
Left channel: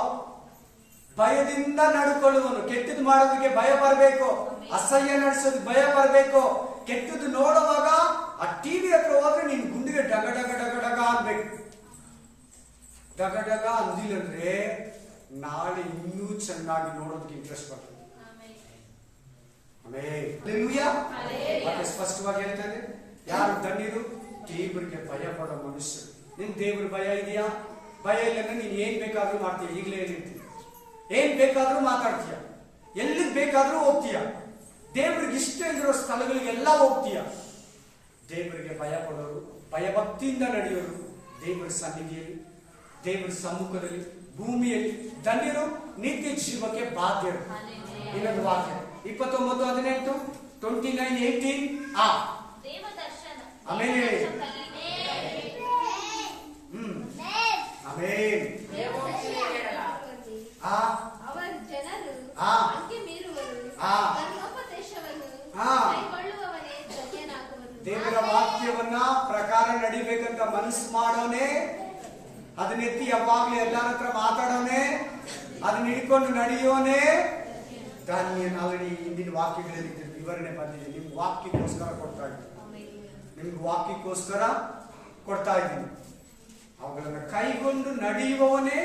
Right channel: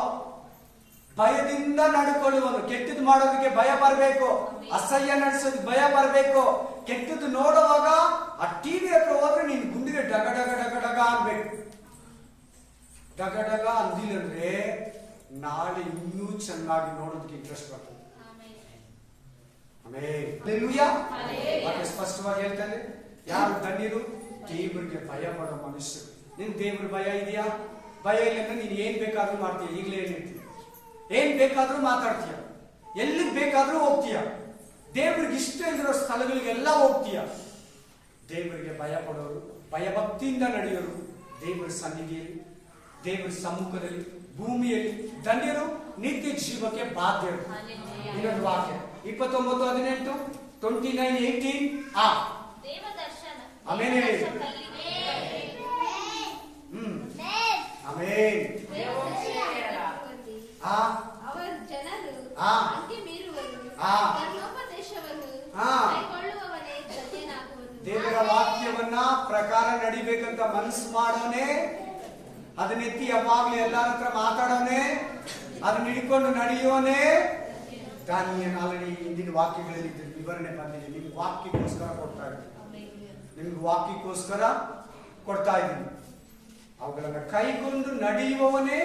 ಭಯದಿಂದ ನಡ್ಕೊಳ್ಳುವನು. ಕೆಟ್ಟದ್ದು ಮಾಡೋದಕ್ಕೆ ಭಯ ಬರಬೇಕು, ಅಸಹ್ಯ ನಡೆಸೋದಕ್ಕೆ ಭಯ ಬರಬೇಕು. ಕೆಟ್ಟದ್ದು ನೋಡುವಾಗ ಆ ಟಿವಿ ಹತ್ರ ಹೋದ್ರೆ ನಿನ್ ಗುಂಡಿಗೆ ಡಗ ಡಗ ಡಗ ಡಗ ಅನ್ಬೇಕು. ಡಗ ಡಗ ಅಂದಿಲ್ಲಂದ್ರೆ ನಾಳೆ ಇನ್ನೂ ಚೆನ್ನಾಗಿ ನೋಡೋದಕ್ಕೆ ಇಂಟ್ರೆಸ್ಟ್ ಬರ್ತದೆ. ಮತ್ತೆ ಸ್ಪಷ್ಟವಾಗಿ ಹೇಳ್ತಾನೆ, ಯಾರು ಧನ್ಯರು? ದೇವರಿಗೆ ಭಯ ಪಡೋ ಮನುಷ್ಯರು. ನಿನ್ ದೇವ್ರ ಭಯ ಇದೆಯಾ? ಭಯ ಇಲ್ಲ, ನೀನ್ ಏನ್ ಬೇಕಾದ್ರೂ ಮಾಡ್ತೀಯ. ಈಗಲೇ ಹೇಳಿರ್ತೀಯ, ಏನ್ ಬೇಕಾದ್ರೂ ಮಾತಾಡ್ತೀಯ, ಎಲ್ಲಿಗೆ ಬೇಕಾದ್ರೂ ಹೋಗ್ತೀಯ, ದೇವ್ರಿಗೆ ಇಷ್ಟ ಇರೋ ಸ್ಥಳಗಳಿಗೆಲ್ಲ ಹೋಗ್ತೀಯ. ದೇವರಿಗೆ ಭಯ ಪಡೋರು, ಭಯಭಕ್ತಿಯಿಂದ ನಡೆಯೋರು, ದೇವರ ಸನ್ನಿಧಿಯಲ್ಲಿ, ದೇವರ ಸಮ್ಮುಖದಲ್ಲಿ, ಭೂಮಿಯಲ್ಲಿ ಧನ್ಯರು, ನಿತ್ಯ ಜೀವಕ್ಕೆ ಬಾಧ್ಯರು. ಇನ್ನೊಂದು ವಾಕ್ಯ 29:18, 29:18. ಆಮೇಲೆ ಹೇಳಿ. ಆಮೇನ್. ದೇವರ ವಾಕ್ಯವನ್ನ ಪ್ರಕಾರ ನಡಿಬೇಕಂತ ಮನಸ್ಸು ಮಾಡೋನೆ, ಅದನ್ನೆತ್ತಿ ಯಾವಾಗ್ಲೂ ಎಲ್ಲಾರ ಹತ್ರ ಮಾತಾಡೋನೆ, ಅದನ್ನ ಹಿಡ್ಕೊಂಡು ನಡೆಯೋನೆ ಧನ್ಯನ್. ಆಲ್ರೆಡಿ ಹಿಂದಿನ ವಾಕ್ಯಗಳಲ್ಲಿ ವಿವರಣೆ ಬಂದಿದೆ. ನಿಮ್ಗೆ ವಾಕ್ಯಕ್ಕೋಸ್ಕರ ಕೊಡ್ತಾ ಇದ್ದೀನಿ, ನಿಮ್ಗೆ ವಾಕ್ಯಕ್ಕೋಸ್ಕರ ಕೊಡ್ತಾ ಇದ್ದೀನಿ. ಅವುಗಳನ್ನ ಕೈಗೊಂಡು ನಡೆಯುವವನೇ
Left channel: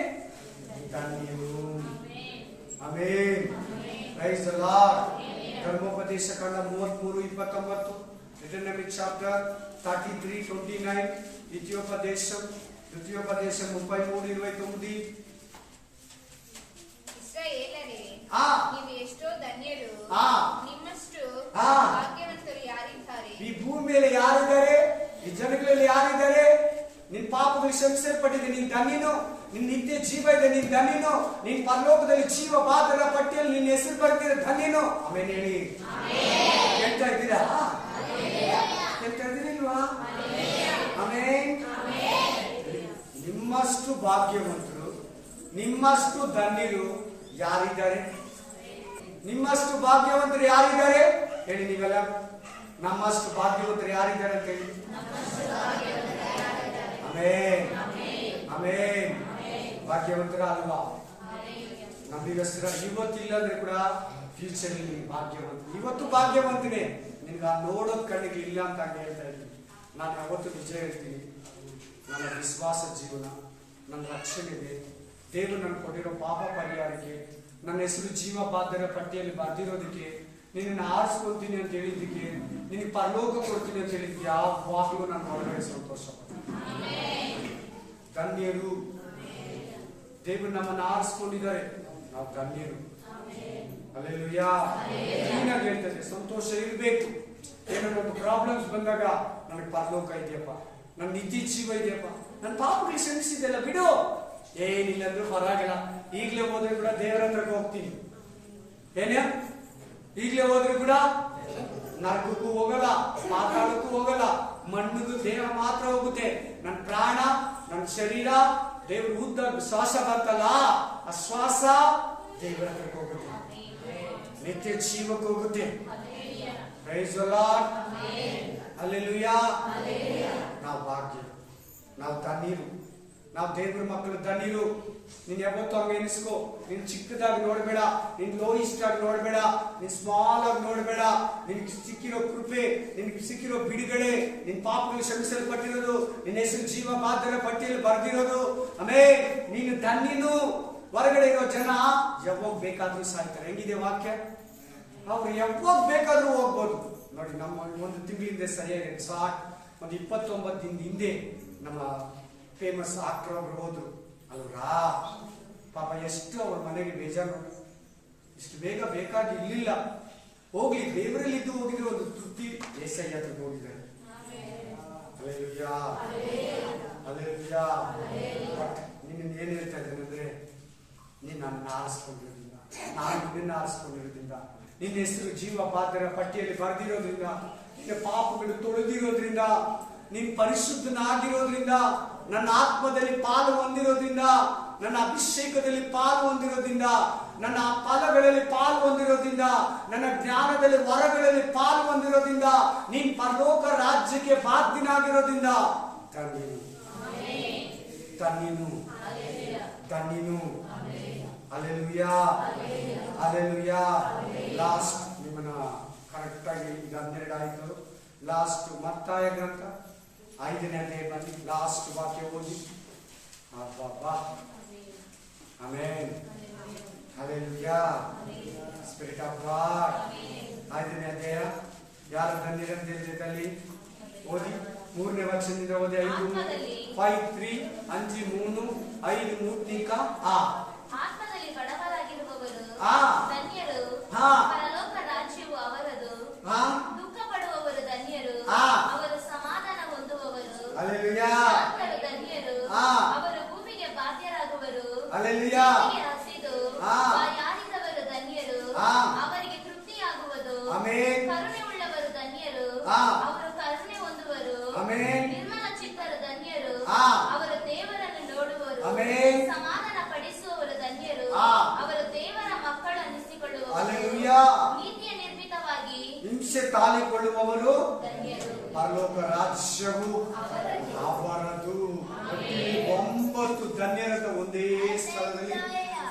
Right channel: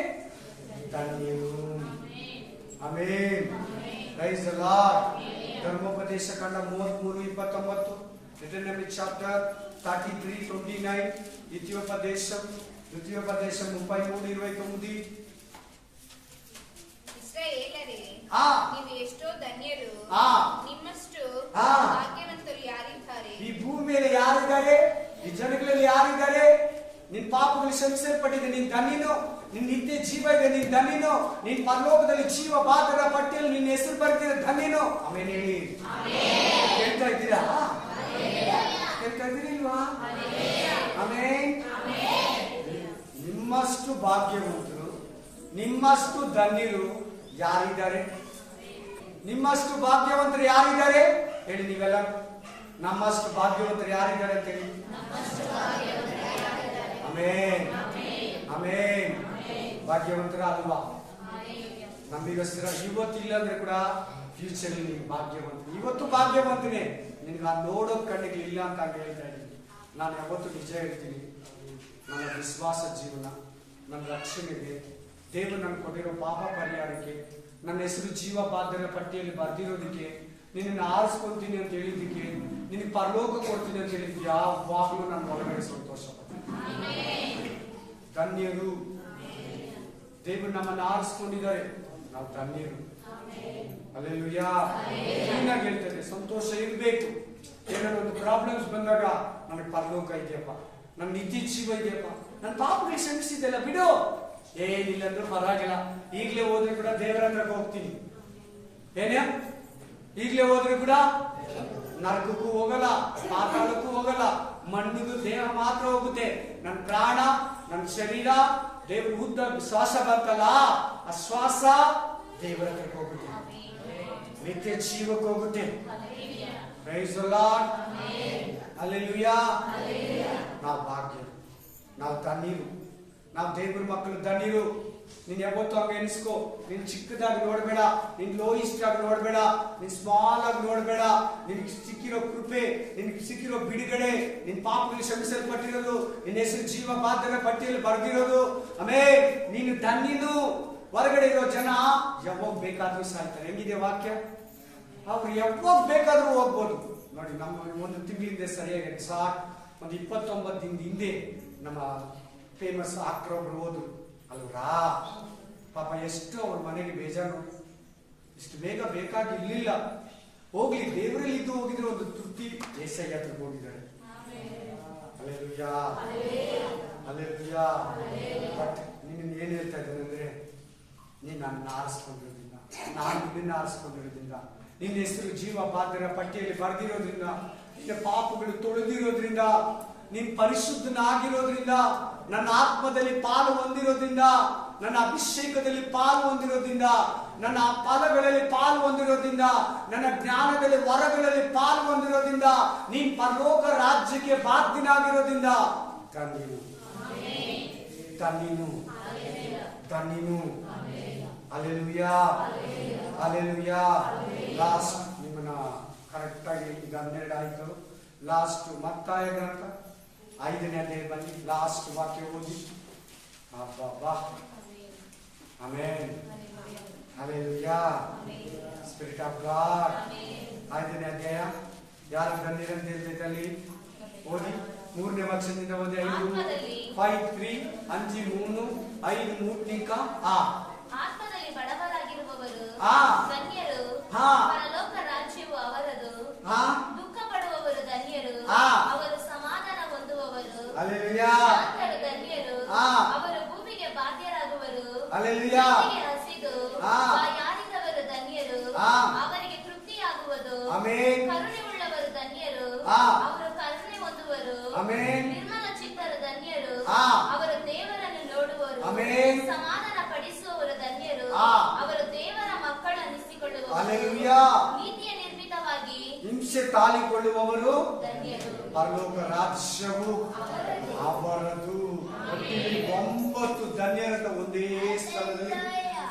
ಧನ್ಯನು. ಆಮೆನ್. Praise the Lord. ಧರ್ಮೋಪದೇಶ ಕಂಡ 33:29, Deuteronomy chapter 33:29, ద్వితీయోపదేశం 33:29. ಇಸ್ರಾಯೇಲರೇ, ನೀವು ಎಷ್ಟೋ ಧನ್ಯರು, ನಿಮ್ಮಷ್ಟು ಭಾಗ್ಯವಂತರು ಯಾರಿದ್ದಾರೆ? ಈ ಭೂಮಿ ಮೇಲೆ ಯಾರಿದ್ದಾರೆ? ಈ ಜನಗಳಲ್ಲಿ ಯಾರಿದ್ದಾರೆ? ನಿನ್ ಪಾಪಗಳು ಕ್ಷಮಿಸಲ್ಪಟ್ಟಿದೆ, ನೀನ್ ಧನ್ಯನು. ನಿನ್ ನಿತ್ಯ ಜೀವ ಇದೆ, ನೀನ್ ಧನ್ಯನು. ನೀನ್ ಪರಲೋಕದಲ್ಲಿ ಜೀವ ಬಾಧರ ಪಟ್ಟಿಯಲ್ಲಿ ನಿನ್ನ ಹೆಸರು ಬರ್ತಿದೆ, ಧನ್ಯನು. ಆಮೇಲೆ ಹೇಳಿ, ಕೇಳ್ತಾ ಇದ್ದೀರಾ? ಕೇಳ್ತಾ ಇದ್ದೀರಿಲ್ವಾ? ಆಮೇನ್. ನಿಮ್ಮಷ್ಟು ಭಾಗ್ಯವಂತರು, ನಿಮ್ಮಷ್ಟು ಧನ್ಯರು ಯಾರಿದ್ದಾರೆ? ನಿಮ್ಮಷ್ಟು ಭಾಗ್ಯವಂತರು ಯಾರಿದ್ದಾರೆ ಹೇಳಿ ನೀವೆಲ್ಲ? ನಮ್ಮಷ್ಟು ಭಾಗ್ಯವಂತರು ಯಾರಿದ್ದಾರೆ ಅಂತ ಹೇಳಿ. ಆಮೇನ್, ಆಮೇನ್. ಭಾಗ್ಯವಂತರ ಅಲ್ವಾ? ನಮಗೋಸ್ಕರ ಇವತ್ತಿಲ್ಲ ಅಂದ್ರೆ ಕೂಡ ಫ್ಯೂಚರ್ ನಿಮ್ಗೆ ಭಾಗ್ಯವಂತ. ಇವತ್ತು ಭಾಗ್ಯವಂತನೇ, ನಿನ್ಗೆ ಆ ನೋಡೋದ್ ಕಣ್ಣಿಗೆ ಇಲ್ಲ ಅಂತ ಹೇಳ್ತಾ ಇದ್ದೀನಿ. ನಾನು ಯಾವತ್ತು ನಿಜ ಹೇಳ್ತೀನಿ, ನನ್ನ ವಿಶ್ವಾಸ ಜೀವನ, ನನ್ನ ರಕ್ಷಣೆ ಇದೆ. ದೇವರು ನನ್ಗೆ ಕೊಟ್ಟಿರೋ ಪಾಪ ಪರಿಹಾರಕ್ಕೆ, ನನ್ನ ಹೆಸರು ಜೀವ ಬಾಧ್ಯರ ಪಟ್ಟಿಯಲ್ಲಿ ಬರ್ದಿರೋದಕ್ಕೆ, ನಿನ್ನ ಆರಿಸ್ಕೊಂತೀನಿ ಅಂತ ಹೇಳಿದ್ದಕ್ಕೆ, ನಿನಗೆ ಪರಲೋಕ ಕೊಡ್ತೀನಿ ಅಂತ ಹೇಳಿದ್ದಕ್ಕೆ ಯಾವಾಗಲೂ ನನ್ನ ಒಳಗಡೆ ಸಂತೋಷ ಪಡ್ತೀನಿ. ಧನ್ಯರು. ದೇವರು ನಮ್ಮನ್ನು ಆರಿಸ್ಕೊಂಡಿದ್ದಾರೆ, ನಾವು ಧನ್ಯರು. ಹಲ್ಲೆಲೂಯಾ. ಕ್ಲೀನಾಗಿ ಹೇಳ್ತದೆ, ಸಂತೋಷ ಇರಬೇಕು. ಏನಾದ್ರು ಒಂದು ಪ್ರಾಬ್ಲಮ್ಸ್ ಬಂದಾಗ ನನಗೆ ಪರಲೋಕ ಇದೆಯಪ್ಪ, ನನ್ನ ನಿತ್ಯ ಜೀವ ಇದೆಯಪ್ಪ, ನನ್ನ ಪಾಪಗಳು ಕ್ಷಮಿಸಿದ್ದೆಲ್ಲ ಬಿಡು, ಏನಿಲ್ಲ ಅಂದ್ರೂ ಪರವಾಗಿಲ್ಲ, ಈಗಲೇ ಹೋದ್ರೆ ಕೂಡ ದೇವರ ಹತ್ರಕ್ಕೆ ಹೋಗ್ತೀನಿ. ಏನೇ ಈಗಲೇ ಹೋದ್ರೆ ಕೂಡ ನರಕಕ್ಕೂ ಹೋಗಲ್ಲ, ಪಾತಾಳಕ್ಕೂ ಹೋಗಲ್ಲ, ಮಣ್ಣಿಗೂ ದೇಹ ಮಾತ್ರ ಹೋಗುತ್ತೆ. ನನ್ನ ಪ್ರಾಣ, ನನ್ನ ಶರೀರ, ದೇವ್ರ ಉದ್ದ ಶ್ವಾಸ ಬರ್ತಲ್ಲ, ಆ ಶ್ವಾಸ ದೇವರ ಹತ್ರಕ್ಕೆ ಹೋಗುತ್ತೆ, ನಿತ್ಯ ಜೀವಕ್ಕೆ ಹೋಗುತ್ತೆ. Praise the Lord. ಹಲ್ಲೆಲೂಯಾ. ನಾವು ಭಾಗ್ಯ, ನಾವು ಧನ್ಯರು, ನಾವು ದೇವ್ರ ಮಕ್ಕಳು ಧನ್ಯರು. ನೀನ್ ಯಾವತ್ತು ಹಂಗ ಎನಿಸ್ಕೋ. ನೀನ್ ಚಿಕ್ಕದಾಗಿ ನೋಡ್ಬೇಡ, ನೀನ್ ಲೋಯಿಸ್ಟ್ ಆಗಿ ನೋಡ್ಬೇಡ, ನೀನ್ ಸ್ಮಾಲ್ ಆಗಿ ನೋಡ್ಬೇಡ. ನಿನ್ಗೆ ಸಿಕ್ಕಿರೋ ಕೃಪೆ, ನಿನ್ಗೆ ಸಿಕ್ಕಿರೋ ಬಿಡುಗಡೆ, ನಿನ್ ಪಾಪಗಳು ಕ್ಷಮಿಸಲ್ಪಟ್ಟಿರೋದು, ನಿನ್ನ ಹೆಸರು ಜೀವ ಬಾಧ್ಯರ ಪಟ್ಟಿಯಲ್ಲಿ ಬರ್ದಿರೋದು, ಆಮೇಲೆ ನೀನು ಧನ್ಯನು. ಹೊರಗಡೆ ಇರೋ ಜನ ಯಾವಾಗ ಬೇಕಾದ್ರೂ ಸಾಯ್ತಾರೆ. ಹೆಂಗಿದೆ ವಾಕ್ಯ? ಅವ್ರು ಯಾವಾಗ ಬೇಕಾದ್ರೂ ಹೋಗ್ಬೋದು. ನೋಡಿ, ನಮ್ಮ ಒಂದು ತಿಂಗಳಿಂದ ಸರಿಯಾಗಿ ಎಕ್ಸಾಕ್ಟ್ ಒಂದು 29 ದಿನದ ಹಿಂದೆ ನಮ್ಮ ಫೇಮಸ್ ಆಕ್ಟರ್ ಒಬ್ರು ಹೋದ್ರು ಅಲ್ವರಾ. ಪಾಪ ಎಷ್ಟು ಅವ್ರ ಮನೆಗೆ ಬೇಜಾರು ನೋಡಿ. ಇಷ್ಟು ಬೇಗ ಬೇಕಾಗಿರ್ಲಿಲ್ಲ. ಹೋಗ್ಲಿ, ದೇವರಲ್ಲಿದ್ದು ಹೋಗಿದ್ರೆ ಒಂದು ತೃಪ್ತಿ. ಏಸಯ್ಯ ಹತ್ರಕ್ಕೆ ಹೋಗಿದ್ದಾರೆ. Hallelujah, hallelujah. ಬಟ್ ನಿನ್ನ ಏನ್ ಹೇಳ್ತಾ ಇದ್ದೇನೆ ಅಂದ್ರೆ, ನೀನ್ ನನ್ನ ಆರಿಸ್ಕೊಂಡಿರೋದ್ರಿಂದ, ನಾನು ನಿನ್ನ ಆರಿಸ್ಕೊಂಡಿರೋದ್ರಿಂದ, ನಿನ್ನ ಹೆಸರು ಜೀವ ಬಾಧ್ಯರ ಪಟ್ಟಿಯಲ್ಲಿ ಬರ್ದಿರೋದ್ರಿಂದ, ನಿನ್ನ ಪಾಪಗಳು ತೊಳೆದಿರೋದ್ರಿಂದ, ನೀನ್ ಪರಿಶುದ್ಧನಾಗಿರೋದ್ರಿಂದ, ನನ್ನ ಆತ್ಮದಲ್ಲಿ ಪಾಲು ಹೊಂದಿರೋದ್ರಿಂದ, ನನ್ನ ಅಭಿಷೇಕದಲ್ಲಿ ಪಾಲು ಹೊಂದಿರೋದ್ರಿಂದ, ನನ್ನ ಫಲಗಳಲ್ಲಿ ಪಾಲು ಹೊಂದಿರೋದ್ರಿಂದ, ನನ್ನ ಜ್ಞಾನದಲ್ಲಿ ವರಗಳಲ್ಲಿ ಪಾಲು ಹೊಂದಿರೋದ್ರಿಂದ, ನೀನ್ ಪರಲೋಕ ರಾಜ್ಯಕ್ಕೆ ಬಾಧ್ಯನಾಗಿರೋದ್ರಿಂದ ಧನ್ಯನು, ಧನ್ಯನು, ಧನ್ಯನು. Hallelujah, hallelujah. ಲಾಸ್ಟ್ ನಿಮ್ಮನ್ನ ಕರೆಕ್ಟ್ ಆಗಿ ಈಗ 12 ಆಯ್ತು. ಲಾಸ್ಟ್ ಮತ್ತಾಯ ಗ್ರಂಥ 5ನೇ ಅಧ್ಯಾಯ ಬನ್ನಿ, ಲಾಸ್ಟ್ ವಾಕ್ಯ ಓದಿ. ಅಬ್ಬಾ, amen, hallelujah. Spirit of god. 5ನೇ ಅಧ್ಯಾಯ ಯಾರು ಧನ್ಯರಂತ ಹೇಳ್ತೈತಲ್ಲಿ ಓದಿ. 3ನೇ ವಚನದಿಂದ ಓದಿ. 5:3 5 3 5 3 ಆತ್ಮದಲ್ಲಿ ಬಡವರಾಗಿರುವವರು ಆ ಧನ್ಯರು, ಹಾ ಪರಲೋಕ ರಾಜ್ಯವು ಅವರದು. ಹಾ ದುಃಖ ಪಡುವವರು ಧನ್ಯರು, ಆ ಅವರು ಸಮಾಧಾನ ಹೊಂದುವವರು. ಹಲ್ಲೆಲೂಯಾ. ಶಾಂತರು ಧನ್ಯರು, ಆ ಅವರು ಭೂಮಿಗೆ ಬಾಧ್ಯರಾಗುವರು. ಹಲ್ಲೆಲೂಯಾ. ಭೂಮಿಗೆ ಹಸಿದು ಆ ಬಾಯಾರಿದವರು ಧನ್ಯರು, ಆ ಅವರಿಗೆ ತೃಪ್ತಿಯಾಗುವುದು. ಆಮೆನ್. ಕರುಣೆ ಉಳ್ಳವರು ಧನ್ಯರು, ಆ ಅವರು ಕರುಣೆ ಹೊಂದುವರು. ಆಮೆನ್. ನಿರ್ಮಲ ಚಿತ್ತರು ಧನ್ಯರು, ಆ ಅವರು ದೇವರನ್ನು ನೋಡುವರು. ಆಮೆನ್. ಸಮಾಧಾನ ಪಡಿಸುವವರು ಧನ್ಯರು, ಆ ಅವರು ದೇವರ ಮಕ್ಕಳನ್ನಿಸಿಕೊಳ್ಳುವರು. ಹಲ್ಲೆಲೂಯಾ. ನೀತಿಯ ನಿರ್ಮಿತವಾಗಿ ಹಿಂಸೆ ತಾಳಿಕೊಳ್ಳುವವರು ಧನ್ಯರು, ಪರಲೋಕ ರಾಜ್ಯವು ಅವರದು. ಒಟ್ಟಿನಲ್ಲಿ 9 ಧನ್ಯರಂತ ಒಂದೇ ಸ್ಥಳದಲ್ಲಿ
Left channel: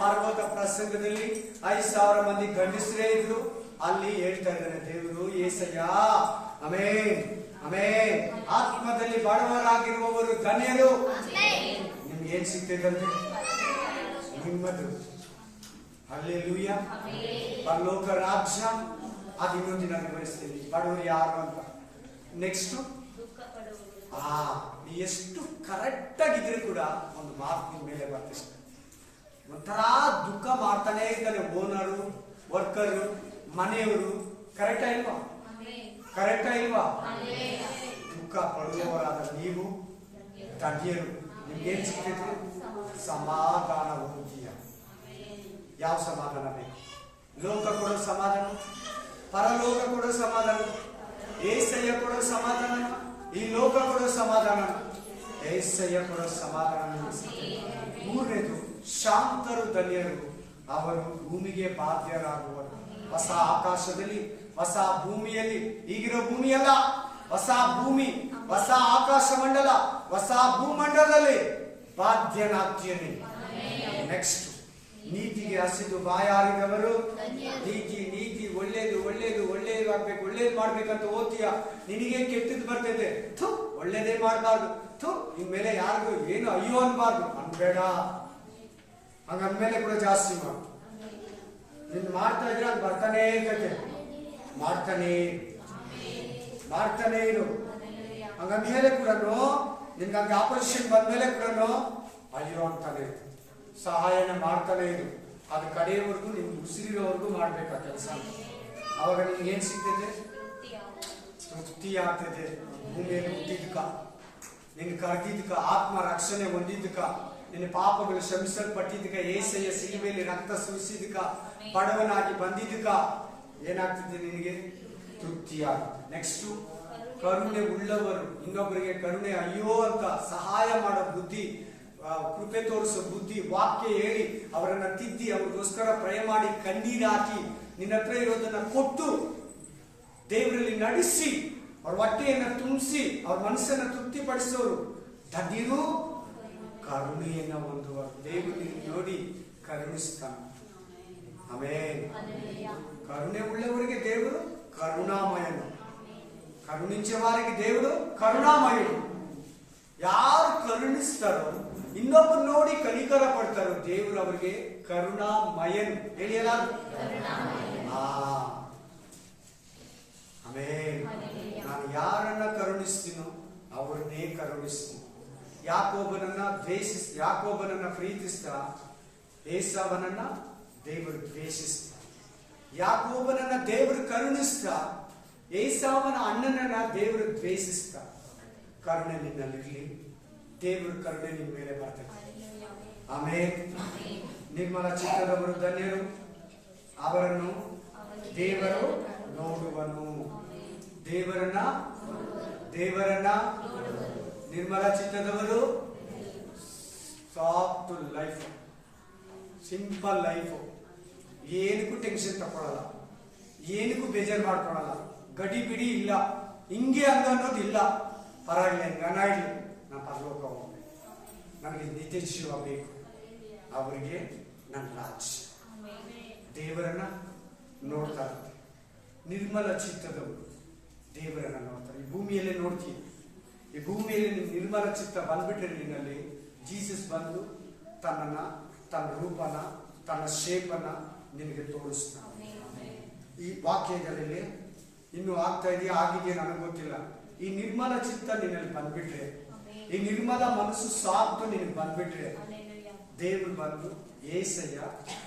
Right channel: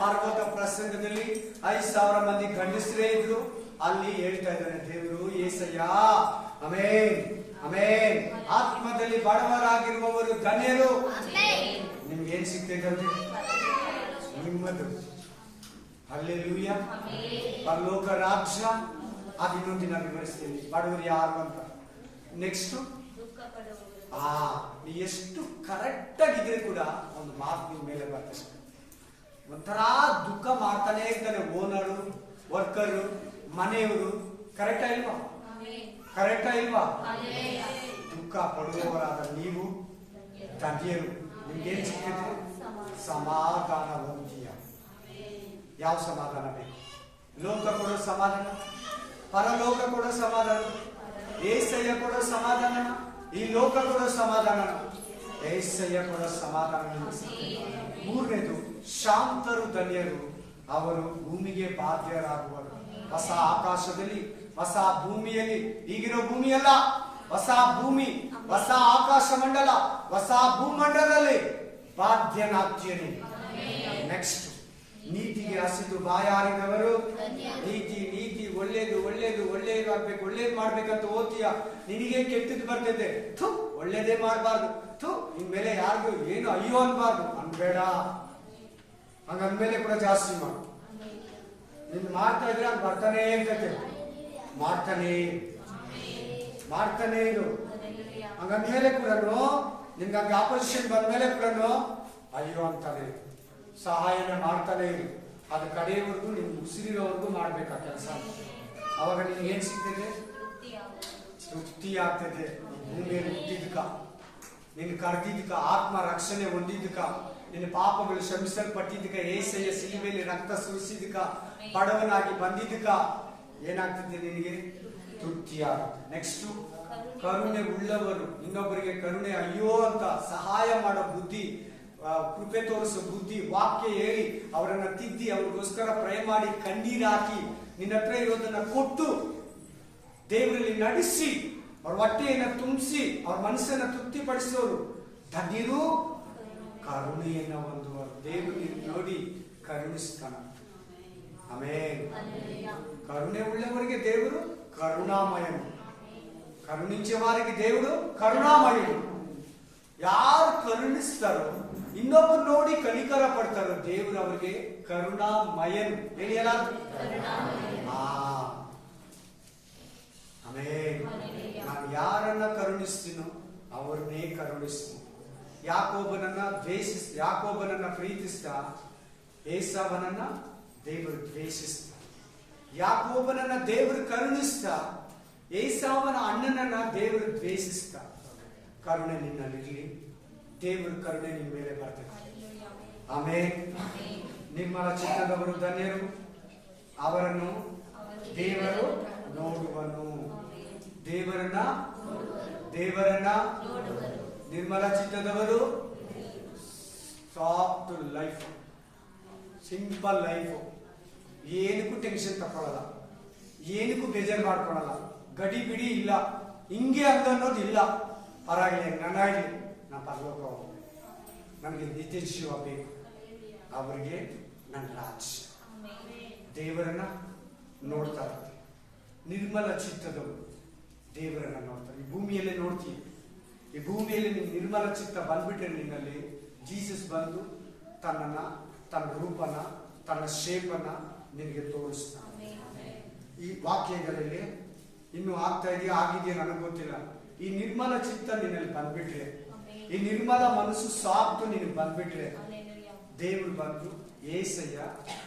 ಪರ್ವತ ಪ್ರಸಂಗದಲ್ಲಿ 5,000 ಮಂದಿ ಗಂಡಸರೇ ಇದ್ರು. ಅಲ್ಲಿ ಹೇಳ್ತಾ ಇದ್ದಾರೆ ದೇವರು, ಏಸಯ್ಯ, ಆಮೆನ್, ಆಮೆನ್. ಆತ್ಮದಲ್ಲಿ ಬಡವರಾಗಿರುವವರು ಧನ್ಯರು. ನಿಮ್ಗೆ ಏನ್ ಸಿಗ್ತೈತಂತೆ? ನಿಮ್ಮದು. ಹಲ್ಲೆಲೂಯಾ. ಪರಲೋಕ ರಾಜ್ಯ. ಅದು ಇನ್ನೊಂದು ದಿನ ವಿವರಿಸ್ತೀನಿ, ಬಡವರು ಯಾರು ಅಂತ. ನೆಕ್ಸ್ಟ್, ನೀ ಎಷ್ಟು ಕರೆಕ್ಟ್ ಆಗಿದ್ರೆ ಕೂಡ ಒಂದು ಮಾತು ನಿಮ್ ಮೇಲೆ ಬರ್ತದೆ. ಒಂಥರ ದುಃಖ ಮಾಡ್ತಾನೆ ಇರ್ತಾನೆ ಓನರು, ವರ್ಕರು, ಮನೆಯವರು. ಕರೆಕ್ಟಾ ಇಲ್ವಾ? ಕರೆಕ್ಟಾ ಇಲ್ವಾ? ದುಃಖ ಪಡುವವರಾದ ನೀವು ಧನ್ಯರು. ನಿಮ್ಗೇನು ಸಿಗ್ತೈತೆ? ಸಮಾಧಾನ ಹೊಂದಿಯ. ಯಾವ ಸಮಾಧಾನ ಬೇಕು? ಲೋಕ ಕೊಡೋ ಸಮಾಧಾನ, ಪರಲೋಕ ಕೊಡೋ ಸಮಾಧಾನ, ಏಸಯ್ಯ ಕೊಡೋ ಸಮಾಧಾನ, ಈ ಲೋಕ ಕೊಡೋ ಸಮಾಧಾನ, ಏಸಯ್ಯ ಕೊಡೋ ಸಮಾಧಾನ ನಿಮಗೆ ಸಿಗ್ತದೆ. ಮೂರನೇದು, ಶಾಂತರು ಧನ್ಯರು, ಅವರು ಭೂಮಿಗೆ ಬಾಧ್ಯರಾಗುವರು. ಹೊಸ ಆಕಾಶದಲ್ಲಿ, ಹೊಸ ಭೂಮಿಯಲ್ಲಿ, ಈಗಿರೋ ಭೂಮಿಯಲ್ಲ, ಹೊಸ ಭೂಮಿ, ಹೊಸ ಆಕಾಶ ಮಂಡಲ, ಹೊಸ ಭೂಮಂಡಲದಲ್ಲಿ ಬಾಧ್ಯನಾಗ್ತೀನಿ. ನೆಕ್ಸ್ಟ್, ನೀತಿಗೆ ಹಸಿದು ಬಾಯಾರಿದವರು, ನೀತಿ ನೀತಿ ಒಳ್ಳೇದು ಒಳ್ಳೇದು ಒಳ್ಳೇದಾಗ್ಬೇಕು, ಒಳ್ಳೇದು ಮಾಡ್ಬೇಕಂತ ಓದ್ತೀಯ, ನಿನಗೆ ಕೆಟ್ಟದ್ದು ಬರ್ತೈತೆ, ಥು ಒಳ್ಳೇದೇ ಮಾಡಬಾರ್ದು, ಥು ಇನ್ಮೇಲೆ ಯಾರಿಗೂ ಏನು ಅಯ್ಯೋ ಅನ್ಬಾರ್ದು, ಅನ್ಬೇಡ. ಹಂಗಂದ್ಮೇಲೆ ಕೂಡ ಜಾಸ್ತಿ ಮಾಡು. ನಿನ್ ಮಾಡ್ತಾ ಇದ್ರೆ ಹಂಗ ಬರ್ತಾನೇ ಇರ್ತೈತೆ, ಮಾಡ್ತಾನೇ ಇರು. ಹಂಗಂದ್ಮೇಲೆ ಕೂಡ ನಿನ್ಗೆ ಹಂಗೆ ಆಪೋಸಿಷನ್ ಬಂದ್ಮೇಲೆ ಕೂಡ ಅಯ್ಯೋ ಅಂತಾನೆ ಇರು, ಸಹಾಯನ ಮಾಡ್ತಾನೆ ಇರು. ಅದ್ರ ಕಡೆಯವರೆಗೂ ನಿನ್ ಉಸಿರಿರೋವರೆಗೂ ಮಾಡ್ಬೇಕು ಆ ಕೆಲಸ. ಅವಾಗ ನಿನ್ಗೆ ಏನ್ ಸಿಗ್ತೈತೆ? ತೃಪ್ತಿ ಆಗ್ತೈತೆ. ಭೂಮಿಯಲ್ಲಿ ಹುಟ್ಟಿದ್ಕ, ನಿನ್ ಕರೆದಿದ್ಕ, ಆತ್ಮ ರಕ್ಷಣೆ ಹೊಂದಿದ್ಕ, ನಿನ್ನ ಪಾಪಗಳು ಶ್ರಮಿಸಲ್ಪಟ್ಟಿದ್ಕ, ಏಸಯ್ಯ ಸಿಲುಬೆಯಲ್ಲಿ ರಕ್ತ ಸುರಿಸಿದ್ಕ, ಬಡವನಾಗಿ ಬಂದಿದ್ಕ ಏನಾಗ್ತಿದೆ? ನಿನಗೆ ತೃಪ್ತಿಯಾಗುತ್ತೆ. ನೆಕ್ಸ್ಟ್, ಕರುಣೆ ಉಳ್ಳವರು, ಇನ್ನೊಬ್ಬರಿಗೆ ಕರುಣೆ ಅಯ್ಯೋ ಅಂತ ಸಹಾಯ ಮಾಡೋ ಬುದ್ಧಿ, ಕೃಪೆ ತೋರಿಸೋ ಬುದ್ಧಿ, ವಾಕ್ಯ ಹೇಳಿ ಅವರನ್ನ ತಿದ್ದಿ ಅವ್ರಿಗೋಸ್ಕರ ಪ್ರೇ ಮಾಡಿ ಕಣ್ಣೀರು ಹಾಕಿ ನಿನ್ನ ಹತ್ರ ಇರೋದನ್ನ ಕೊಟ್ಟು ದೇವರಲ್ಲಿ ನಡೆಸಿ ಅವ್ರ ಹೊಟ್ಟೆಯನ್ನ ತುಂಬಿಸಿ ಅವ್ರ ಮನಸ್ಸನ್ನ ತೃಪ್ತಿಪಡಿಸೋರು ಧನ್ಯರು. ಕರುಣೆಯನ್ನ ಹೊಂದುವರು, ದೇವರು ನೋಡಿ ಕರುಣಿಸ್ತಾನ. ಆಮೇಲೆ ಕರುಣೆ ಉಳ್ಳವರಿಗೆ ದೇವರು ಕರುಣಾಮಯನು, ಕರುಣಿಂಚುವವರಿಗೆ ದೇವರು ಕರುಣಾಮಯನು. ಯಾರು ಕರುಣಿಸ್ತಾರೋ, ಇನ್ನೊಬ್ಬರು ನೋಡಿ ಕನಿಕರ ಪಡ್ತಾರೋ, ದೇವರು ಅವರಿಗೆ ಕರುಣಾಮಯನು. ಹೇಳಿಯಲ್ಲ? ಆಮೇಲೆ ನಾನು ಯಾರನ್ನ ಕರುಣಿಸ್ತೀನೋ ಅವ್ರನ್ನೇ ಕರುಣಿಸ್ತೀನಿ. ಯಾಕೋಬನನ್ನ ಪ್ರೀತಿಸ್ತಾ ಏಸಾವನನ್ನ ದೇವರು ದ್ವೇಷಿಸ್ತ. ಯಾಕೋಬನನ್ನ ದೇವರು ಕರುಣಿಸ್ತಾ ಏಸಾವನ ಅಣ್ಣನನ್ನ ದೇವರು ದ್ವೇಷಿಸ್ತ. ಕರುಣೆ ನಿನ್ನಲ್ಲಿರ್ಲಿ, ದೇವರು ಕರುಣೆ ನಿನ್ನ ಮೇಲೆ ಬರ್ತದೆ. ಆಮೇಲೆ ನಿರ್ಮಲ ಚಿತ್ತದವರು ಧನ್ಯರು, ಅವರನ್ನು ದೇವರು ನೋಡುವನು. ದೇವರನ್ನ ನಿರ್ಮಲ ಚಿತ್ತದವರು ಸಾಫ್ಟ್ ಲೈಫ್, ಸಿಂಪಲ್ ಲೈಫ್, ಏನಕ್ಕೂ ಟೆನ್ಷನ್ ತಕೊಳ್ಳಲ್ಲ, ಏನಕ್ಕೂ ಬೇಜಾರು ಮಾಡ್ಕೊಳ್ಳಲ್ಲ, ಗಡಿ ಬಿಡಿ ಇಲ್ಲ, ಹಿಂಗೆ ಹಂಗ ಅನ್ನೋದು ಇಲ್ಲ. ಪರವಾಗಿಲ್ಲ, ಹೆಂಗನ ಇರಲಿ, ನಾನು ಪರಲೋಕ ಹೋಗ್ಬೇಕು, ನನಗೆ ನಿತ್ಯ ಜೀವ ಬೇಕು, ಅವರಿಗೆ ನನ್ನ ರಾಜ್ಯ. ದೇವರನ್ನ ನೋಡ್ತಾರೆ, ನಿರ್ಮಲ ಚಿತ್ತದವರು ದೇವರನ್ನ ನೋಡ್ತಾರೆ. ಈ ಭೂಮಿಯಲ್ಲೇ ನೋಡ್ತೀವಿ, ಈ ಭೂಮಿಯಲ್ಲಿ ನಿನ್ ನಿರ್ಮಲ ಚಿತ್ತ ಬಂದ್ಬಿಟ್ರೆ ನಿನ್ನಲ್ಲಿ ಜೀಸಸ್ ಬಂದು ತನ್ನ ರೂಪನ, ತನ್ನ ಶೇಪನ್ನ ನಿನಗೆ ತೋರಿಸ್ತಾನೆ. ಈ ವಾಕ್ಯಗಳಲ್ಲಿ ಇನ್ನು ಆಗ್ತಾ ಇದೆಯಾ ಆಗಿದೆಯಾ ನನಗೆ ಗೊತ್ತಿಲ್ಲ. ಈ ನಿರ್ಮಲ ಚಿತ್ತ ನಿನ್ನಲ್ಲಿ ಬಂದ್ಬಿಟ್ರೆ, ಈ ನಿರ್ಮಲ ಮನಸ್ಸು ಸಾಕ್ತು ನಿನಗೆ ಬಂದ್ಬಿಟ್ರೆ, ದೇವರು ಬಂದು ಏಸಯ್ಯ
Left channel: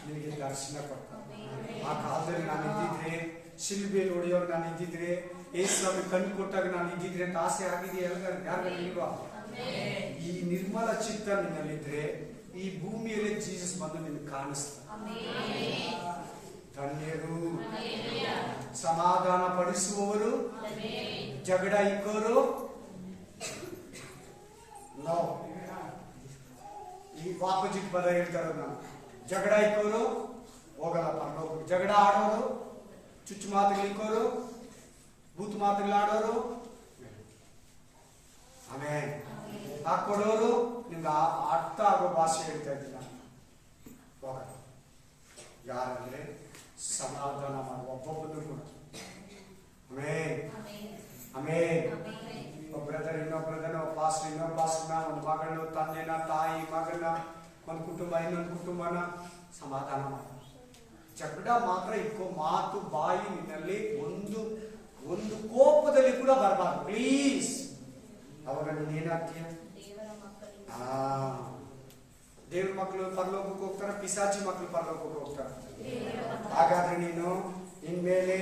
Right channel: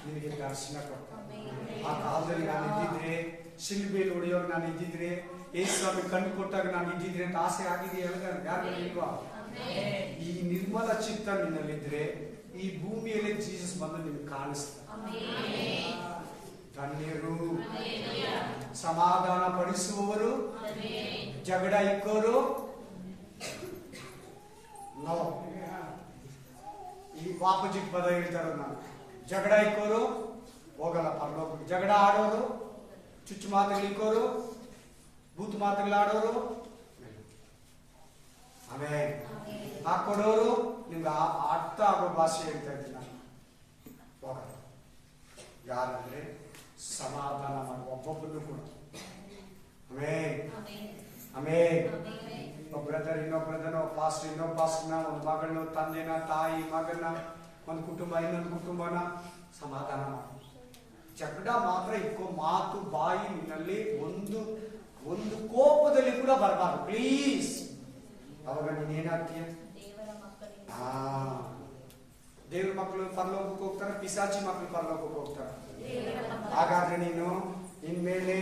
ನಿನಗೆ ದರ್ಶನ ಕೊಡ್ತಾನೆ. ಆ ಕಾಲದಲ್ಲಿ ನಾನು ಇದ್ದಿದ್ರೆ, ಶಿಲ್ಬೆಯಲ್ಲಿ ಹೊಡೆಯೋರು ನಾನು ಇದ್ದಿದ್ರೆ, ಏಸ್ವಾಮಿ ಕಣ್ಣು ಕೊಟ್ಟಾಗ ನಾನು ಇದ್ದಿದ್ರೆ ಅಂತ ಆಸೆ ಆಗಿದೆಯಾ? ಯಾರಿಗೂ ಇಲ್ವಾ? ಈ ನಿರ್ಮಲ ಚಿತ್ತ ನಿನ್ನಲ್ಲಿದ್ರೆ ಈ ಭೂಮಿಯಲ್ಲಿ ಜೀಸಸ್ ಬಂದು ನಿನಗೆ ಕಾಣಿಸ್ತಾನೆ. ಧನ್ಯರು, ಸಮಾಧಾನ ಪಡಿಸುವವರು, ಜಗಳ ಇಕ್ಕೋರು ನೋ. ಈ ವಾಪಜಿಟ್ ಪದ ಹೇಳ್ತಾರ, ನಾನು ಜಗಳ ಇಕ್ಕೋರು ಹೋಗಲ್ಲ ಪರಲೋಕಕ್ಕೆ. ಜಗಳ ಆಡೋರು, ಚುಚ್ಚು ಮಾತುಗಳಿಕ್ಕೋರು, ಬೂತ್ ಮಾತುಗಳಾಡೋರು, ಆಮೇಲೆ ಹಾಕೊಡೋರು, ನಿಮ್ಗೆ ಅರ್ಥ ಆಗೋ ಭಾಷೆ ಹೇಳ್ತಾ ಇದ್ದೀನಿ ನಾನು. ಹೋಗಲ್ಲ. ಯಾರಂದ್ರೆ ಸಮಾಧಾನ ಮಾಡುವ ಒಬ್ಬೊಬ್ಬನು ಕೂಡ. ಆಮೇಲೆ ಒಬ್ಬ ಬ್ರದರ್ ಇನ್ನೊಬ್ಬ ಬ್ರದರ್, ಪಾಸ್ಟರ್ ಇನ್ನೊಬ್ಬ ಪಾಸ್ಟರ್ನ, ಒಂದು ಮಗಳನ್ನ, ತಂದೆನ, ತಾಯಿ ಮಗನ, ಒಂದು ಕುಟುಂಬ ಇನ್ನೊಂದು ಕುಟುಂಬನ ಸಮಾಧಾನ ಮಾಡ. ಜಗಳ ಮಾತ್ರ ಇಕ್ಕೋ, ಮಾತು ಬಾಯಿ ನಿನ್ನಲ್ಲಿ ಒಂದು ಕೋಪದಲ್ಲಿ ಕೂಡ ಬರಬಾರ್ದು ಪ್ಲೀಸ್. ಅವಾಗ ನೀನ್ ಏನಾಗ್ತೀಯ? ದೇವ್ರ ಮಕ್ಕಳು ಪರಲೋಕಕ್ಕೆ ಹೋಗ್ತಾರೆ, ಪಿಸಾಚಿ ಮಕ್ಕಳು ಪರಲೋಕಕ್ಕೆ ಹೋಗ್ತಾರೆ. ಹಾಗಾದ್ರೆ ನೀನು ಇನ್ಮೇಲೆ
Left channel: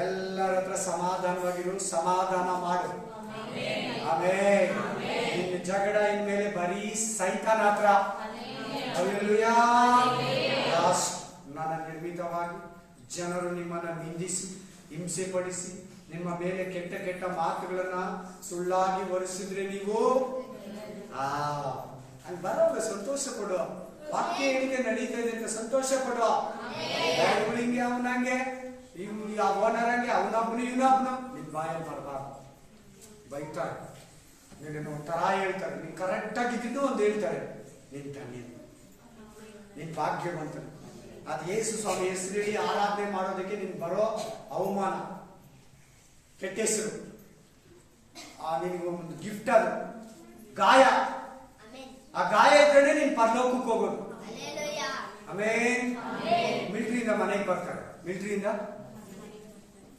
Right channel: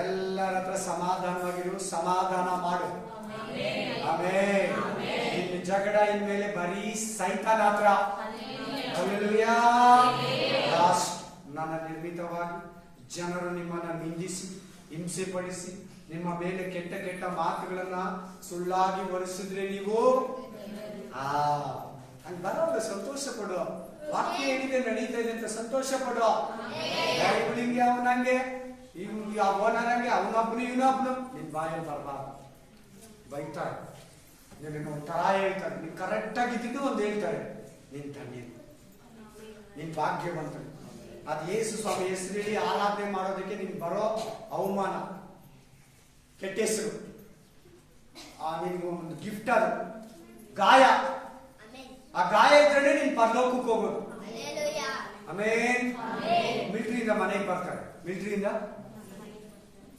ಎಲ್ಲರ ಹತ್ರ ಸಮಾಧಾನವಾಗಿರು, ಸಮಾಧಾನ ಮಾಡು. ಆಮೇಲೆ ನಿನ್ನ ಜಗಳ ಇನ್ಮೇಲೆ ಬರೀ ಸೈತಾನ ಹತ್ರ. ಹಲ್ಲೆಲೂಯಾ. ಲಾಸ್ಟ್, ನನ್ನ ನಿರ್ಮಿತವಾಗಿ ಜನರು ನಿಮ್ಮನ್ನ ನಿಂದಿಸಿ ಹಿಂಸೆ ಪಡಿಸಿ ನಿಮ್ಮ ಮೇಲೆ ಕೆಟ್ಟ ಕೆಟ್ಟ ಮಾತುಗಳನ್ನ ಸುಳ್ಳಾಗಿ ಹೊರಿಸಿದ್ರೆ ನೀವು ಹಂಗ್ ಬರೋಲ್ಲ. ಸಂತೋಷ ಪಡುವ. ವಾಕ್ಯ ಹೇಳಿದೆ ನಡೀತಾ ಇದೆ ಅಂತ ಸಂತೋಷ ಪಡುವ. ಹಿಂಗೆ ಅವನಂಗೆ ಅವನರಂಗೆ ಅವನೊಬ್ಬನು ಇವನೊಬ್ಬನು ನಿನ್ ಬಾಯಲ್ಲಿ ಬರಬಾರ್ದು. ಬೈತಾರೆ, ನೀನು ಒಂಥರ ಹೇಳ್ತಾರೆ, ನೀನ್ ಕರೆಕ್ಟ್ ಆಗಿದ್ದು ಒಂದು ಹೇಳ್ತಾರೆ, ನೀನ್ ಧನ್ಯ, ನಿನ್ ಭಾಗ್ಯವಂತನು. ಅದು ಯೇಸು ಸ್ವಾಮಿ ಹೆಸರು ಹೇಳಿ ಆರಾಧನೆ ಮಾಡೋದಕ್ಕೆ ನಿನ್ ಬರೋ ಅವಮಾನ, ಕೆಟ್ಟ ಹೆಸರು, ನಿನ್ಗೆ ಒಂದು ಗಿಫ್ಟ್, ಅದು ಗಾಯ. ಆ ಗಾಯ ಇದ್ರೆ ನೀನ್ ಪರಲೋಕಕ್ಕೆ ಹೋಗೋದು. ಆಮೇನ್. ಮಿಲಿಟರಿಯಿಂದ ಮನೆಗೆ ಬರ್ತಾರೆ, ಮಿಲಿಟರಿಯಿಂದ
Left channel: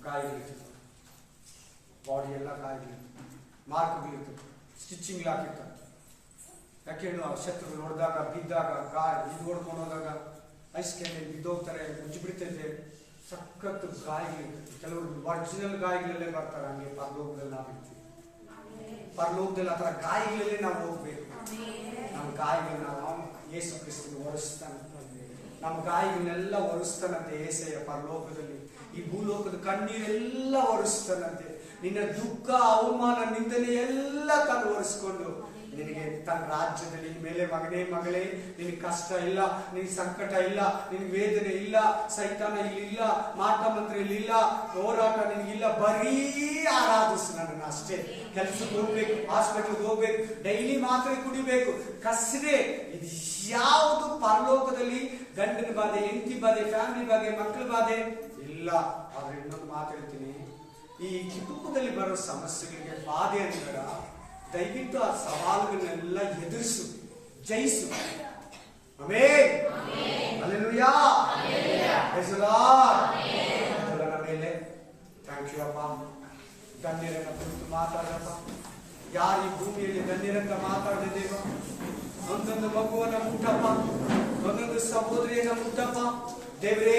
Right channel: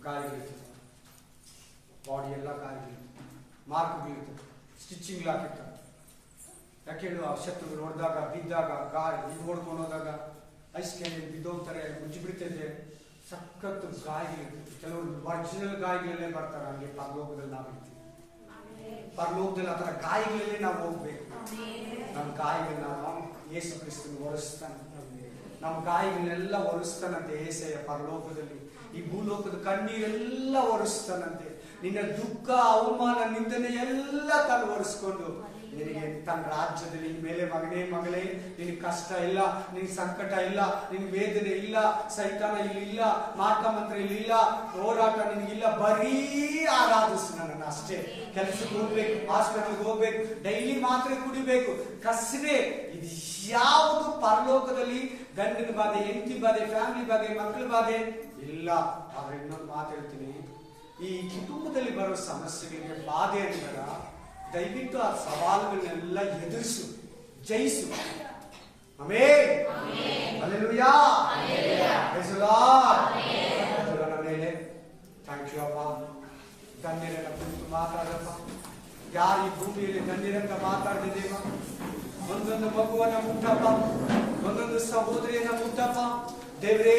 ಗಾಯಗಳಿರ್ತದೆ, ಬಾಡಿ ಎಲ್ಲ ಗಾಯಗಳಿರ್ತದೆ, ಮಾರ್ಕ್ಗಳಿರ್ತದೆ, ಸ್ಟಿಚಿಂಗ್ ಹಾಕಿರ್ತಾರೆ. ಯಾಕೆ ಹೇಳು, ಆ ಶತ್ರುಗಳು ಹೊಡೆದಾಗ ಬಿದ್ದಾಗ ಗಾಯ ಇದು ಹೊಡ್ಕೊಂಡು ಹೋದಾಗ ಐಸ್ ಕ್ಯಾಂಡಲ್ಲಿ ಬಿದ್ದೋಗ್ತಾರೆ, ಮುಚ್ಚಿ ಬಿಡ್ತೈತೆ, ಸಖತ್ ಗಾಯಗಳಿರ್ತದೆ. ಕೆಲವರು ಒರಿಜಿನಲ್ ಗಾಯಗಳಲ್ಲೇ ಬರ್ತಾರೆ. ಹಂಗೆ ಪರಲೋಕದಲ್ಲಿ ನಾವು ಇರ್ತೀವಿ. ಪರಲೋಕದಲ್ಲಿ ಆ ಥರ ಗಾಯಗಳಲ್ಲೇ ನಾವು ಹೋಗ್ಬೇಕು. ನಮ್ಮ ಗಾಯಗಳನ್ನ ನಾವು ಯೇಸು ಕ್ರಿಸ್ತನ ಒರೆಸ್ತಾನೆ. ನಮ್ಮ ಗಾಯಗಳನ್ನೆಲ್ಲ ಒರೆಸ್ತಾನಂತೆ ಏಸಯ್ಯ ಪರಲೋಕದಲ್ಲಿ. ಈ ಭೂಲೋಕದ ಕಣ್ಣೀರೆಲ್ಲ ಒರೆಸ್ತಾನಂತೆ. ನಿನ್ನ ದುಃಖ, ಅವಮಾನ, ನಿಂದನೆ ಎಲ್ಲ ತಾನು ಒರೆಸ್ಕೊಂಡು ನಿನಗೆ ತನ್ನ ರಾಜ್ಯದಲ್ಲಿ ಮೇಲೆ ಮಗನೇ ಮಗಳೇ, ನಿನಗೆ ಕಷ್ಟ ಇಲ್ಲ, ನಿನಗೆ ಸಂಕಟ ಇಲ್ಲ, ನಿನಗೆ ವೇದನೆ ಇಲ್ಲ, ಸೈತಾನ ಇಲ್ಲಿಲ್ಲ, ಮಾಟ ಮಂತ್ರ ಇಲ್ಲಿಲ್ಲ, ಹೋರಾಟ ನಿನಗಿಲ್ಲ. ಬರೀ ಆರಾಧಿಸು ನನ್ನನ್ನು ಅಷ್ಟೇ. ಕೆಲ್ಸಕ್ಕೆ ಹೋಗ್ಬೇಕು, ಹಾಸ್ಪಿಟಲ್ಗೆ ಹೋಗ್ಬೇಕು, ಡೈಲಿ ಮಾತ್ರೆ ಕುಡಿಬೇಕು, ಕಸರೆ. ಇದು ಯಾವುದು ಪರಲೋಕದಲ್ಲಿ ಗಂಡನ ಬಾಧೆ, ಹೆಂಡತಿ ಬಾಧೆ, ಫ್ಯಾಮಿಲಿ ಬಾಧೆ, ಮಕ್ಕಳ ಬಾಧೆ ಇಲ್ಲ. ಆದ್ರೆ ಇನ್ನೊಂದು ಮಾತು ಹೇಳ್ತೀನಿ, ಈ ಕುಟುಂಬದಲ್ಲಿ ಬರೋ ಸಮಸ್ಯೆಗಳಿಗೆ ಬಾಧೆ ಅಂತಾರ, ದಯವಿಟ್ಟು ಆ ಸವಾಲುಗಳನ್ನೆಲ್ಲ ಎದುರಿಸು, ಜಯಿಸು. Amen. Hallelujah. Praise the Lord. ಮೇಲೆ ಥ್ಯಾಂಕ್ ಯು ಅಪ್ಪ. ಧನ್ಯರನ್ನ ಕುರಿತು ಮಾತಾಡಪ್ಪ. ಯಾರು ಈ ಭೂಮಿಯಲ್ಲಿ ಧನ್ಯರಂತ ಮಾತಾಡಿದ ದೇವ, ಒಂದೊಂದು ಮಗುವನ್ನ ಮುಟ್ಟಪ್ಪ, ಒಂದೊಂದು ಸಹೋದರಿಯನ್ನ ಮುಟ್ಟಪ್ಪ ದೇವರೇ.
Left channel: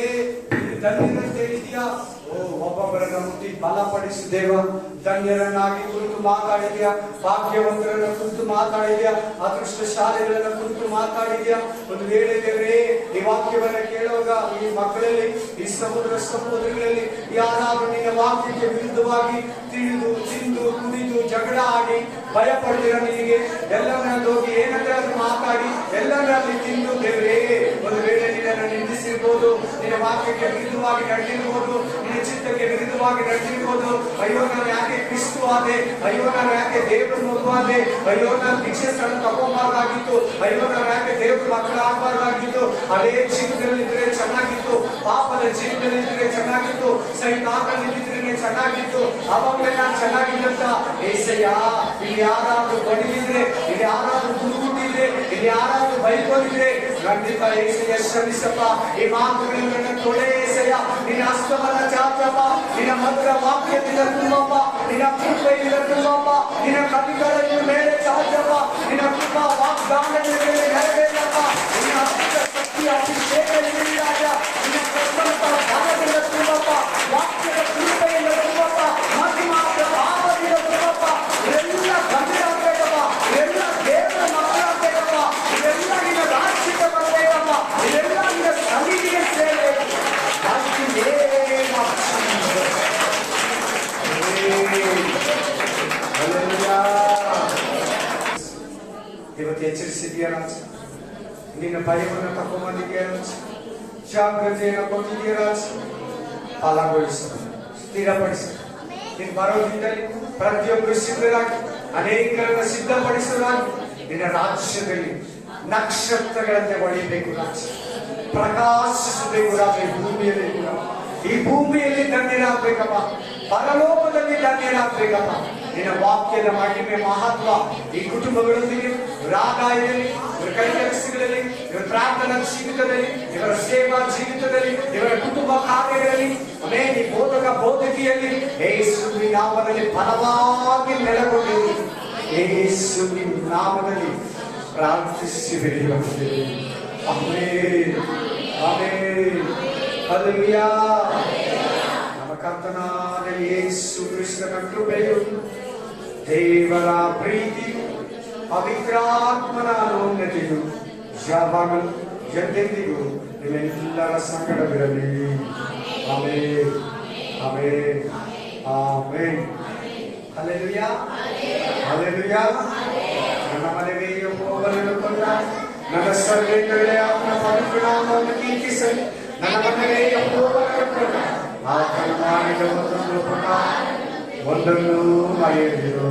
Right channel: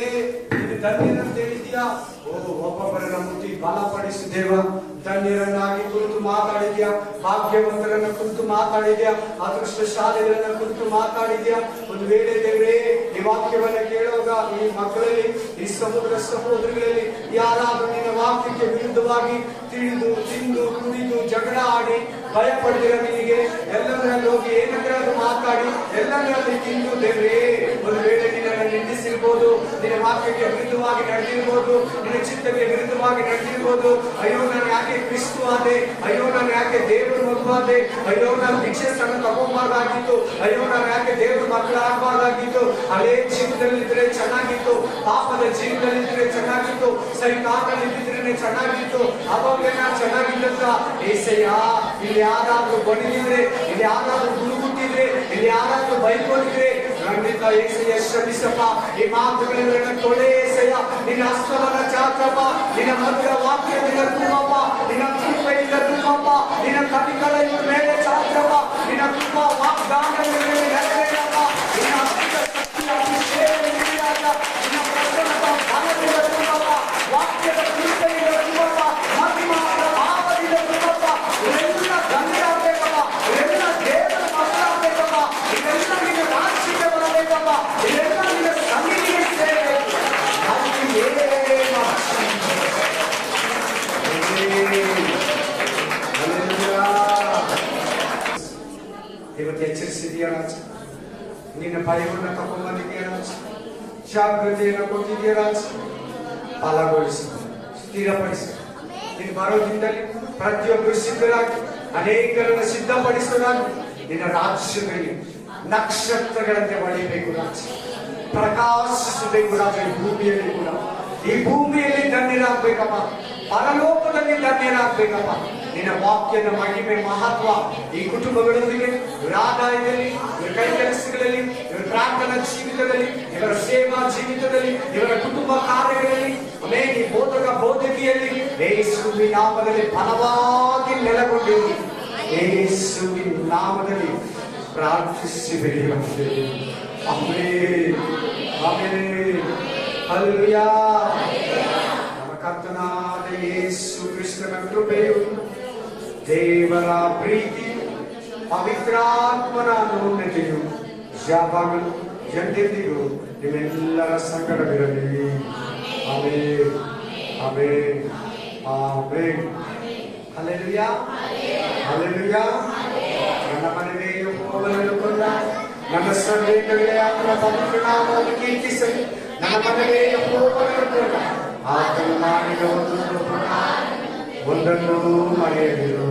ನೀನು ಧನ್ಯರಂತ ಹೇಳಿದ್ಯಾ. ಒಬ್ಬೊಬ್ಬರನ್ನ ಮುಟ್ಟಿ ಬಲಪಡಿಸು ದೇವ. ಧನ್ಯರನ್ನಾಗಿ ಕುರಿತು ಮಾತಾಡಿದ್ಯಾ, ಭಾಗ್ಯವಂತರನ್ನ ಕುರಿತು ಮಾತಾಡಿದ್ಯಾ, ಅದೃಷ್ಟಶಾಲಿಗಳನ್ನ ಕುರಿತು ಮಾತಾಡಿದ್ಯಾ. ಒಂದು ವೇಳೆ ದೇವರೇ ಈ ವಾಕ್ಯವನ್ನ ಕೇಳುವಾಗ ಈ ಮಕ್ಕಳಲ್ಲಿ, ಈ ಸಹೋದರಗಳಲ್ಲಿ ಯಾರಾದ್ರೂ ನಿನ್ನ ವಾಕ್ಯಕ್ಕೆ ವಿರುದ್ಧವಾಗಿ ತಿಳಿದು ತಿಂದು ಕುಡಿದು ಜಗಳ ಆಡಿ ಭಯ ಪಡೆದಿರ ನಿನಗೆ ಎಲ್ಲರಲ್ಲಿ ಹೋಗಿ ಏನನ್ನಾದ್ರೂ ಮಾತಾಡಿ ಎಲ್ಲರಲ್ಲಿ ತಿಂದು ದೇವರೇ ಒಂದು ವೇಳೆ ನಿನ್ನನ್ನು ನಿಂದಿಸಿರ್ಬೋದು, ನಿನ್ನ ವಾಕ್ಯಕ್ಕೆ ವಿರುದ್ಧವಾಗಿ ನಡೆದಿರ್ಬೋದು, ನಿನ್ನ ಚಿತ್ತಕ್ಕೆ ವಿರುದ್ಧವಾಗಿ ನಡೆದಿರ್ಬೋದು. ಅಯ್ಯೋ ನಾನು ಯಾಕೆ ಕ್ರಿಸ್ತು ಆದೆ, ಅಯ್ಯೋ ನಾನು ಯಾಕೆ ದೇವರ ಮಗುವಾದೆ, ಅಯ್ಯೋ ನಾನು ಭಿಕ್ಷೆ ಸ್ಥಳ ತಗೋಬಾರ್ದಾಗಿತ್ತು, ಅಯ್ಯೋ ನಾನು ಯಾಕೆ ದೇವರ ಮಕ್ಕಳು ಆಗಬಾರ್ದಾಗಿತ್ತು, ಅದೇ ಜೀವನದಲ್ಲಿದ್ರೆ ಚೆನ್ನಾಗಿತ್ತು, ಪಾಪದ ಜೀವನದಲ್ಲಿದ್ರೆ ಚೆನ್ನಾಗಿತ್ತು, ಸೈತಾನದಲ್ಲಿದ್ರೆ ಚೆನ್ನಾಗಿತ್ತು, ಅವಾಗಲೇ ನಾನು ಚೆನ್ನಾಗಿದ್ದಂತ. ಏಸಯ್ಯ, ಇಲ್ಲಿ ಯಾರಾದ್ರೂ ಬಡಿದಿದ್ರೆ, ಇಲ್ಲಿ ಯಾರಾದ್ರೂ ಗುರುಗುಟ್ಟಿದ್ರೆ, ಇಲ್ಲಿ ಯಾರಾದ್ರೂ ಬೈಕೊಂಡಿದ್ರೆ ಖಂಡಿತ ಏಸಯ್ಯ ಶ್ರಮಿಸಪ್ಪ. ಈ ಮಾತುಗಳನ್ನ ತೊಳೆ ಏಸಯ್ಯ, ನಿನ್ನ ಹಸ್ತವನ್ನ ಚಾಚಪ್ಪ, ನಿನ್ನ ಮಧುರ ವಾಕ್ಯದಿಂದ ತುಂಬಪ್ಪ, ನಿನ್ನ ಕೃಪೆಯಿಂದ ತುಂಬಪ್ಪ, ನಿನ್ನ ಕಟಿಗಳ ಮೇಲೆ ಚಾಚಪ್ಪ, ನಿನ್ನ ಕೃಪ ವಾಗ್ದಾನದ ಮೇಲೆ ನೆರವೇರಪ್ಪ, ನಿನ್ನ ಶಕ್ತಿಯ ಅಭಿಷೇಕದಿಂದ ನಿನ್ನ ಪ್ರಸನ್ನತ ಜ್ಞಾನದಿಂದ ತುಂಬಪ್ಪ, ವಾಕ್ಯದ ಕೃಪೆಯಿಂದ ತುಂಬಪ್ಪ, ಮಹಿಮಾದ ಭಾವದಿಂದ ತುಂಬಪ್ಪ. ಇದೆಲ್ಲ ಧನ್ಯರಾಗಬೇಕಪ್ಪ, ಇದೆಲ್ಲ ದೇವರ ಮಗನಾಗಬೇಕಪ್ಪ, ಇದೆಲ್ಲ ನಿನ್ನ ರಾಜ್ಯಕ್ಕೆ ಬರಬೇಕಪ್ಪ, ಇದೆಲ್ಲ ನಿನ್ನ ಸನ್ನಿಧಿಗೆ ಸೇರಬೇಕು. ಇವತ್ತು ಎಚ್ಚರಿಸಿದೆಯಾ ರಾಜ, ನಿನ್ನ ಭಯವನ್ನು ತಗೊಂಬಂದಿದೆಯಾ ರಾಜ, ಜಾಗೃತಿಯನ್ನು ಕೊಟ್ಟಿದೆಯಾ ರಾಜ. ಫಲಗೊಳಿಸು, ಸ್ಥಿರಪಡಿಸು. ನೀನು ಬರೋದ್ರಿಂದಲೇ ಪ್ರತಿಯೊಬ್ಬರು ಸಿದ್ಧರಾಗಿ ಅನೇಕರನ್ನು ಸಿದ್ಧಪಡಿಸಲಾಗಿ ನಿನ್ನ ರಾಜ್ಯದಲ್ಲಿ ನಕ್ಷತ್ರಗಳಂತೆ ಹೊಳಿಬೇಕು ರಾಜ, ಪ್ರಕಾಶಿಸಬೇಕು ರಾಜ. ಈ ಭೂಮಿಯಲ್ಲಿ ಧನ್ಯರಾಗಬೇಕಪ್ಪ, ಪರಲೋಕದಲ್ಲಿ ಧನ್ಯರಾಗಬೇಕಪ್ಪ. ನಿನ್ನ ವಾಕ್ಯದ ಮಹಿಮೆ ಮಹತ್ವ ಈ ಕುಟುಂಬಗಳೊಂದಿಗೆ, ಇವರ ಆದಾಯದಲ್ಲಿ, ಇವರ ಕೈ ಕೆಲಸಗಳಲ್ಲಿ, ಇವರ ಪ್ರಾರ್ಥನಾ ಜೀವಿತದಲ್ಲಿ, ಇವರ ಸೇವಾ ಜೀವಿತದಲ್ಲಿ, ಇವರ ಕುಟುಂಬ ಕಾರ್ಯಗಳಲ್ಲಿ, ಈ ಬೋಧಕ ಬೋಧಕಿಯಲ್ಲಿ ಯೇಸುವಿನ ನಾಮದಲ್ಲಿ ಫಲವಾಗಿ ನೆಲೆಗೊಂಡಿರು. ಯೇಸುವಿನ ನಾಮದಲ್ಲಿ ಪ್ರಾರ್ಥಿಸಿ ಬೆಳೆಯುತ್ತೇವೆ. Amen, amen, hallelujah. ನಮ್ಮ ಕರ್ತನಾದ ಯೇಸು ಕ್ರಿಸ್ತನ ಕೃಪೆಯು, ದೇವರ ಪ್ರೀತಿ, ಪವಿತ್ರಾತ್ಮನ ಅನುನ್ನತಿಯು ಯಾವಾಗ ಎಂದೆಂದಿಗೂ ನಿಮ್ಮೆಲ್ಲರ ಸಂಗಡವಿರಲಿ. Amen, amen, amen. Hallelujah, hallelujah. ನನ್ನ ಮನೆಗೆ ಯೆಹೋವನನ್ನು ಕೊಂಡ ನನ್ನ ಸರ್ವೇಂದ್ರರೇ ಆತನ ಪವಿತ್ರ ನಾಮವನ್ನು ಕೀರ್ತಿಸಲಿ. ನನ್ನ ಮನೆಗೆ ಯೆಹೋವನನ್ನು ಕೊಂಡ ಆತನು ಮಾಡಿದ ಒಂದನ್ನು ಮರೆಯದಿರು.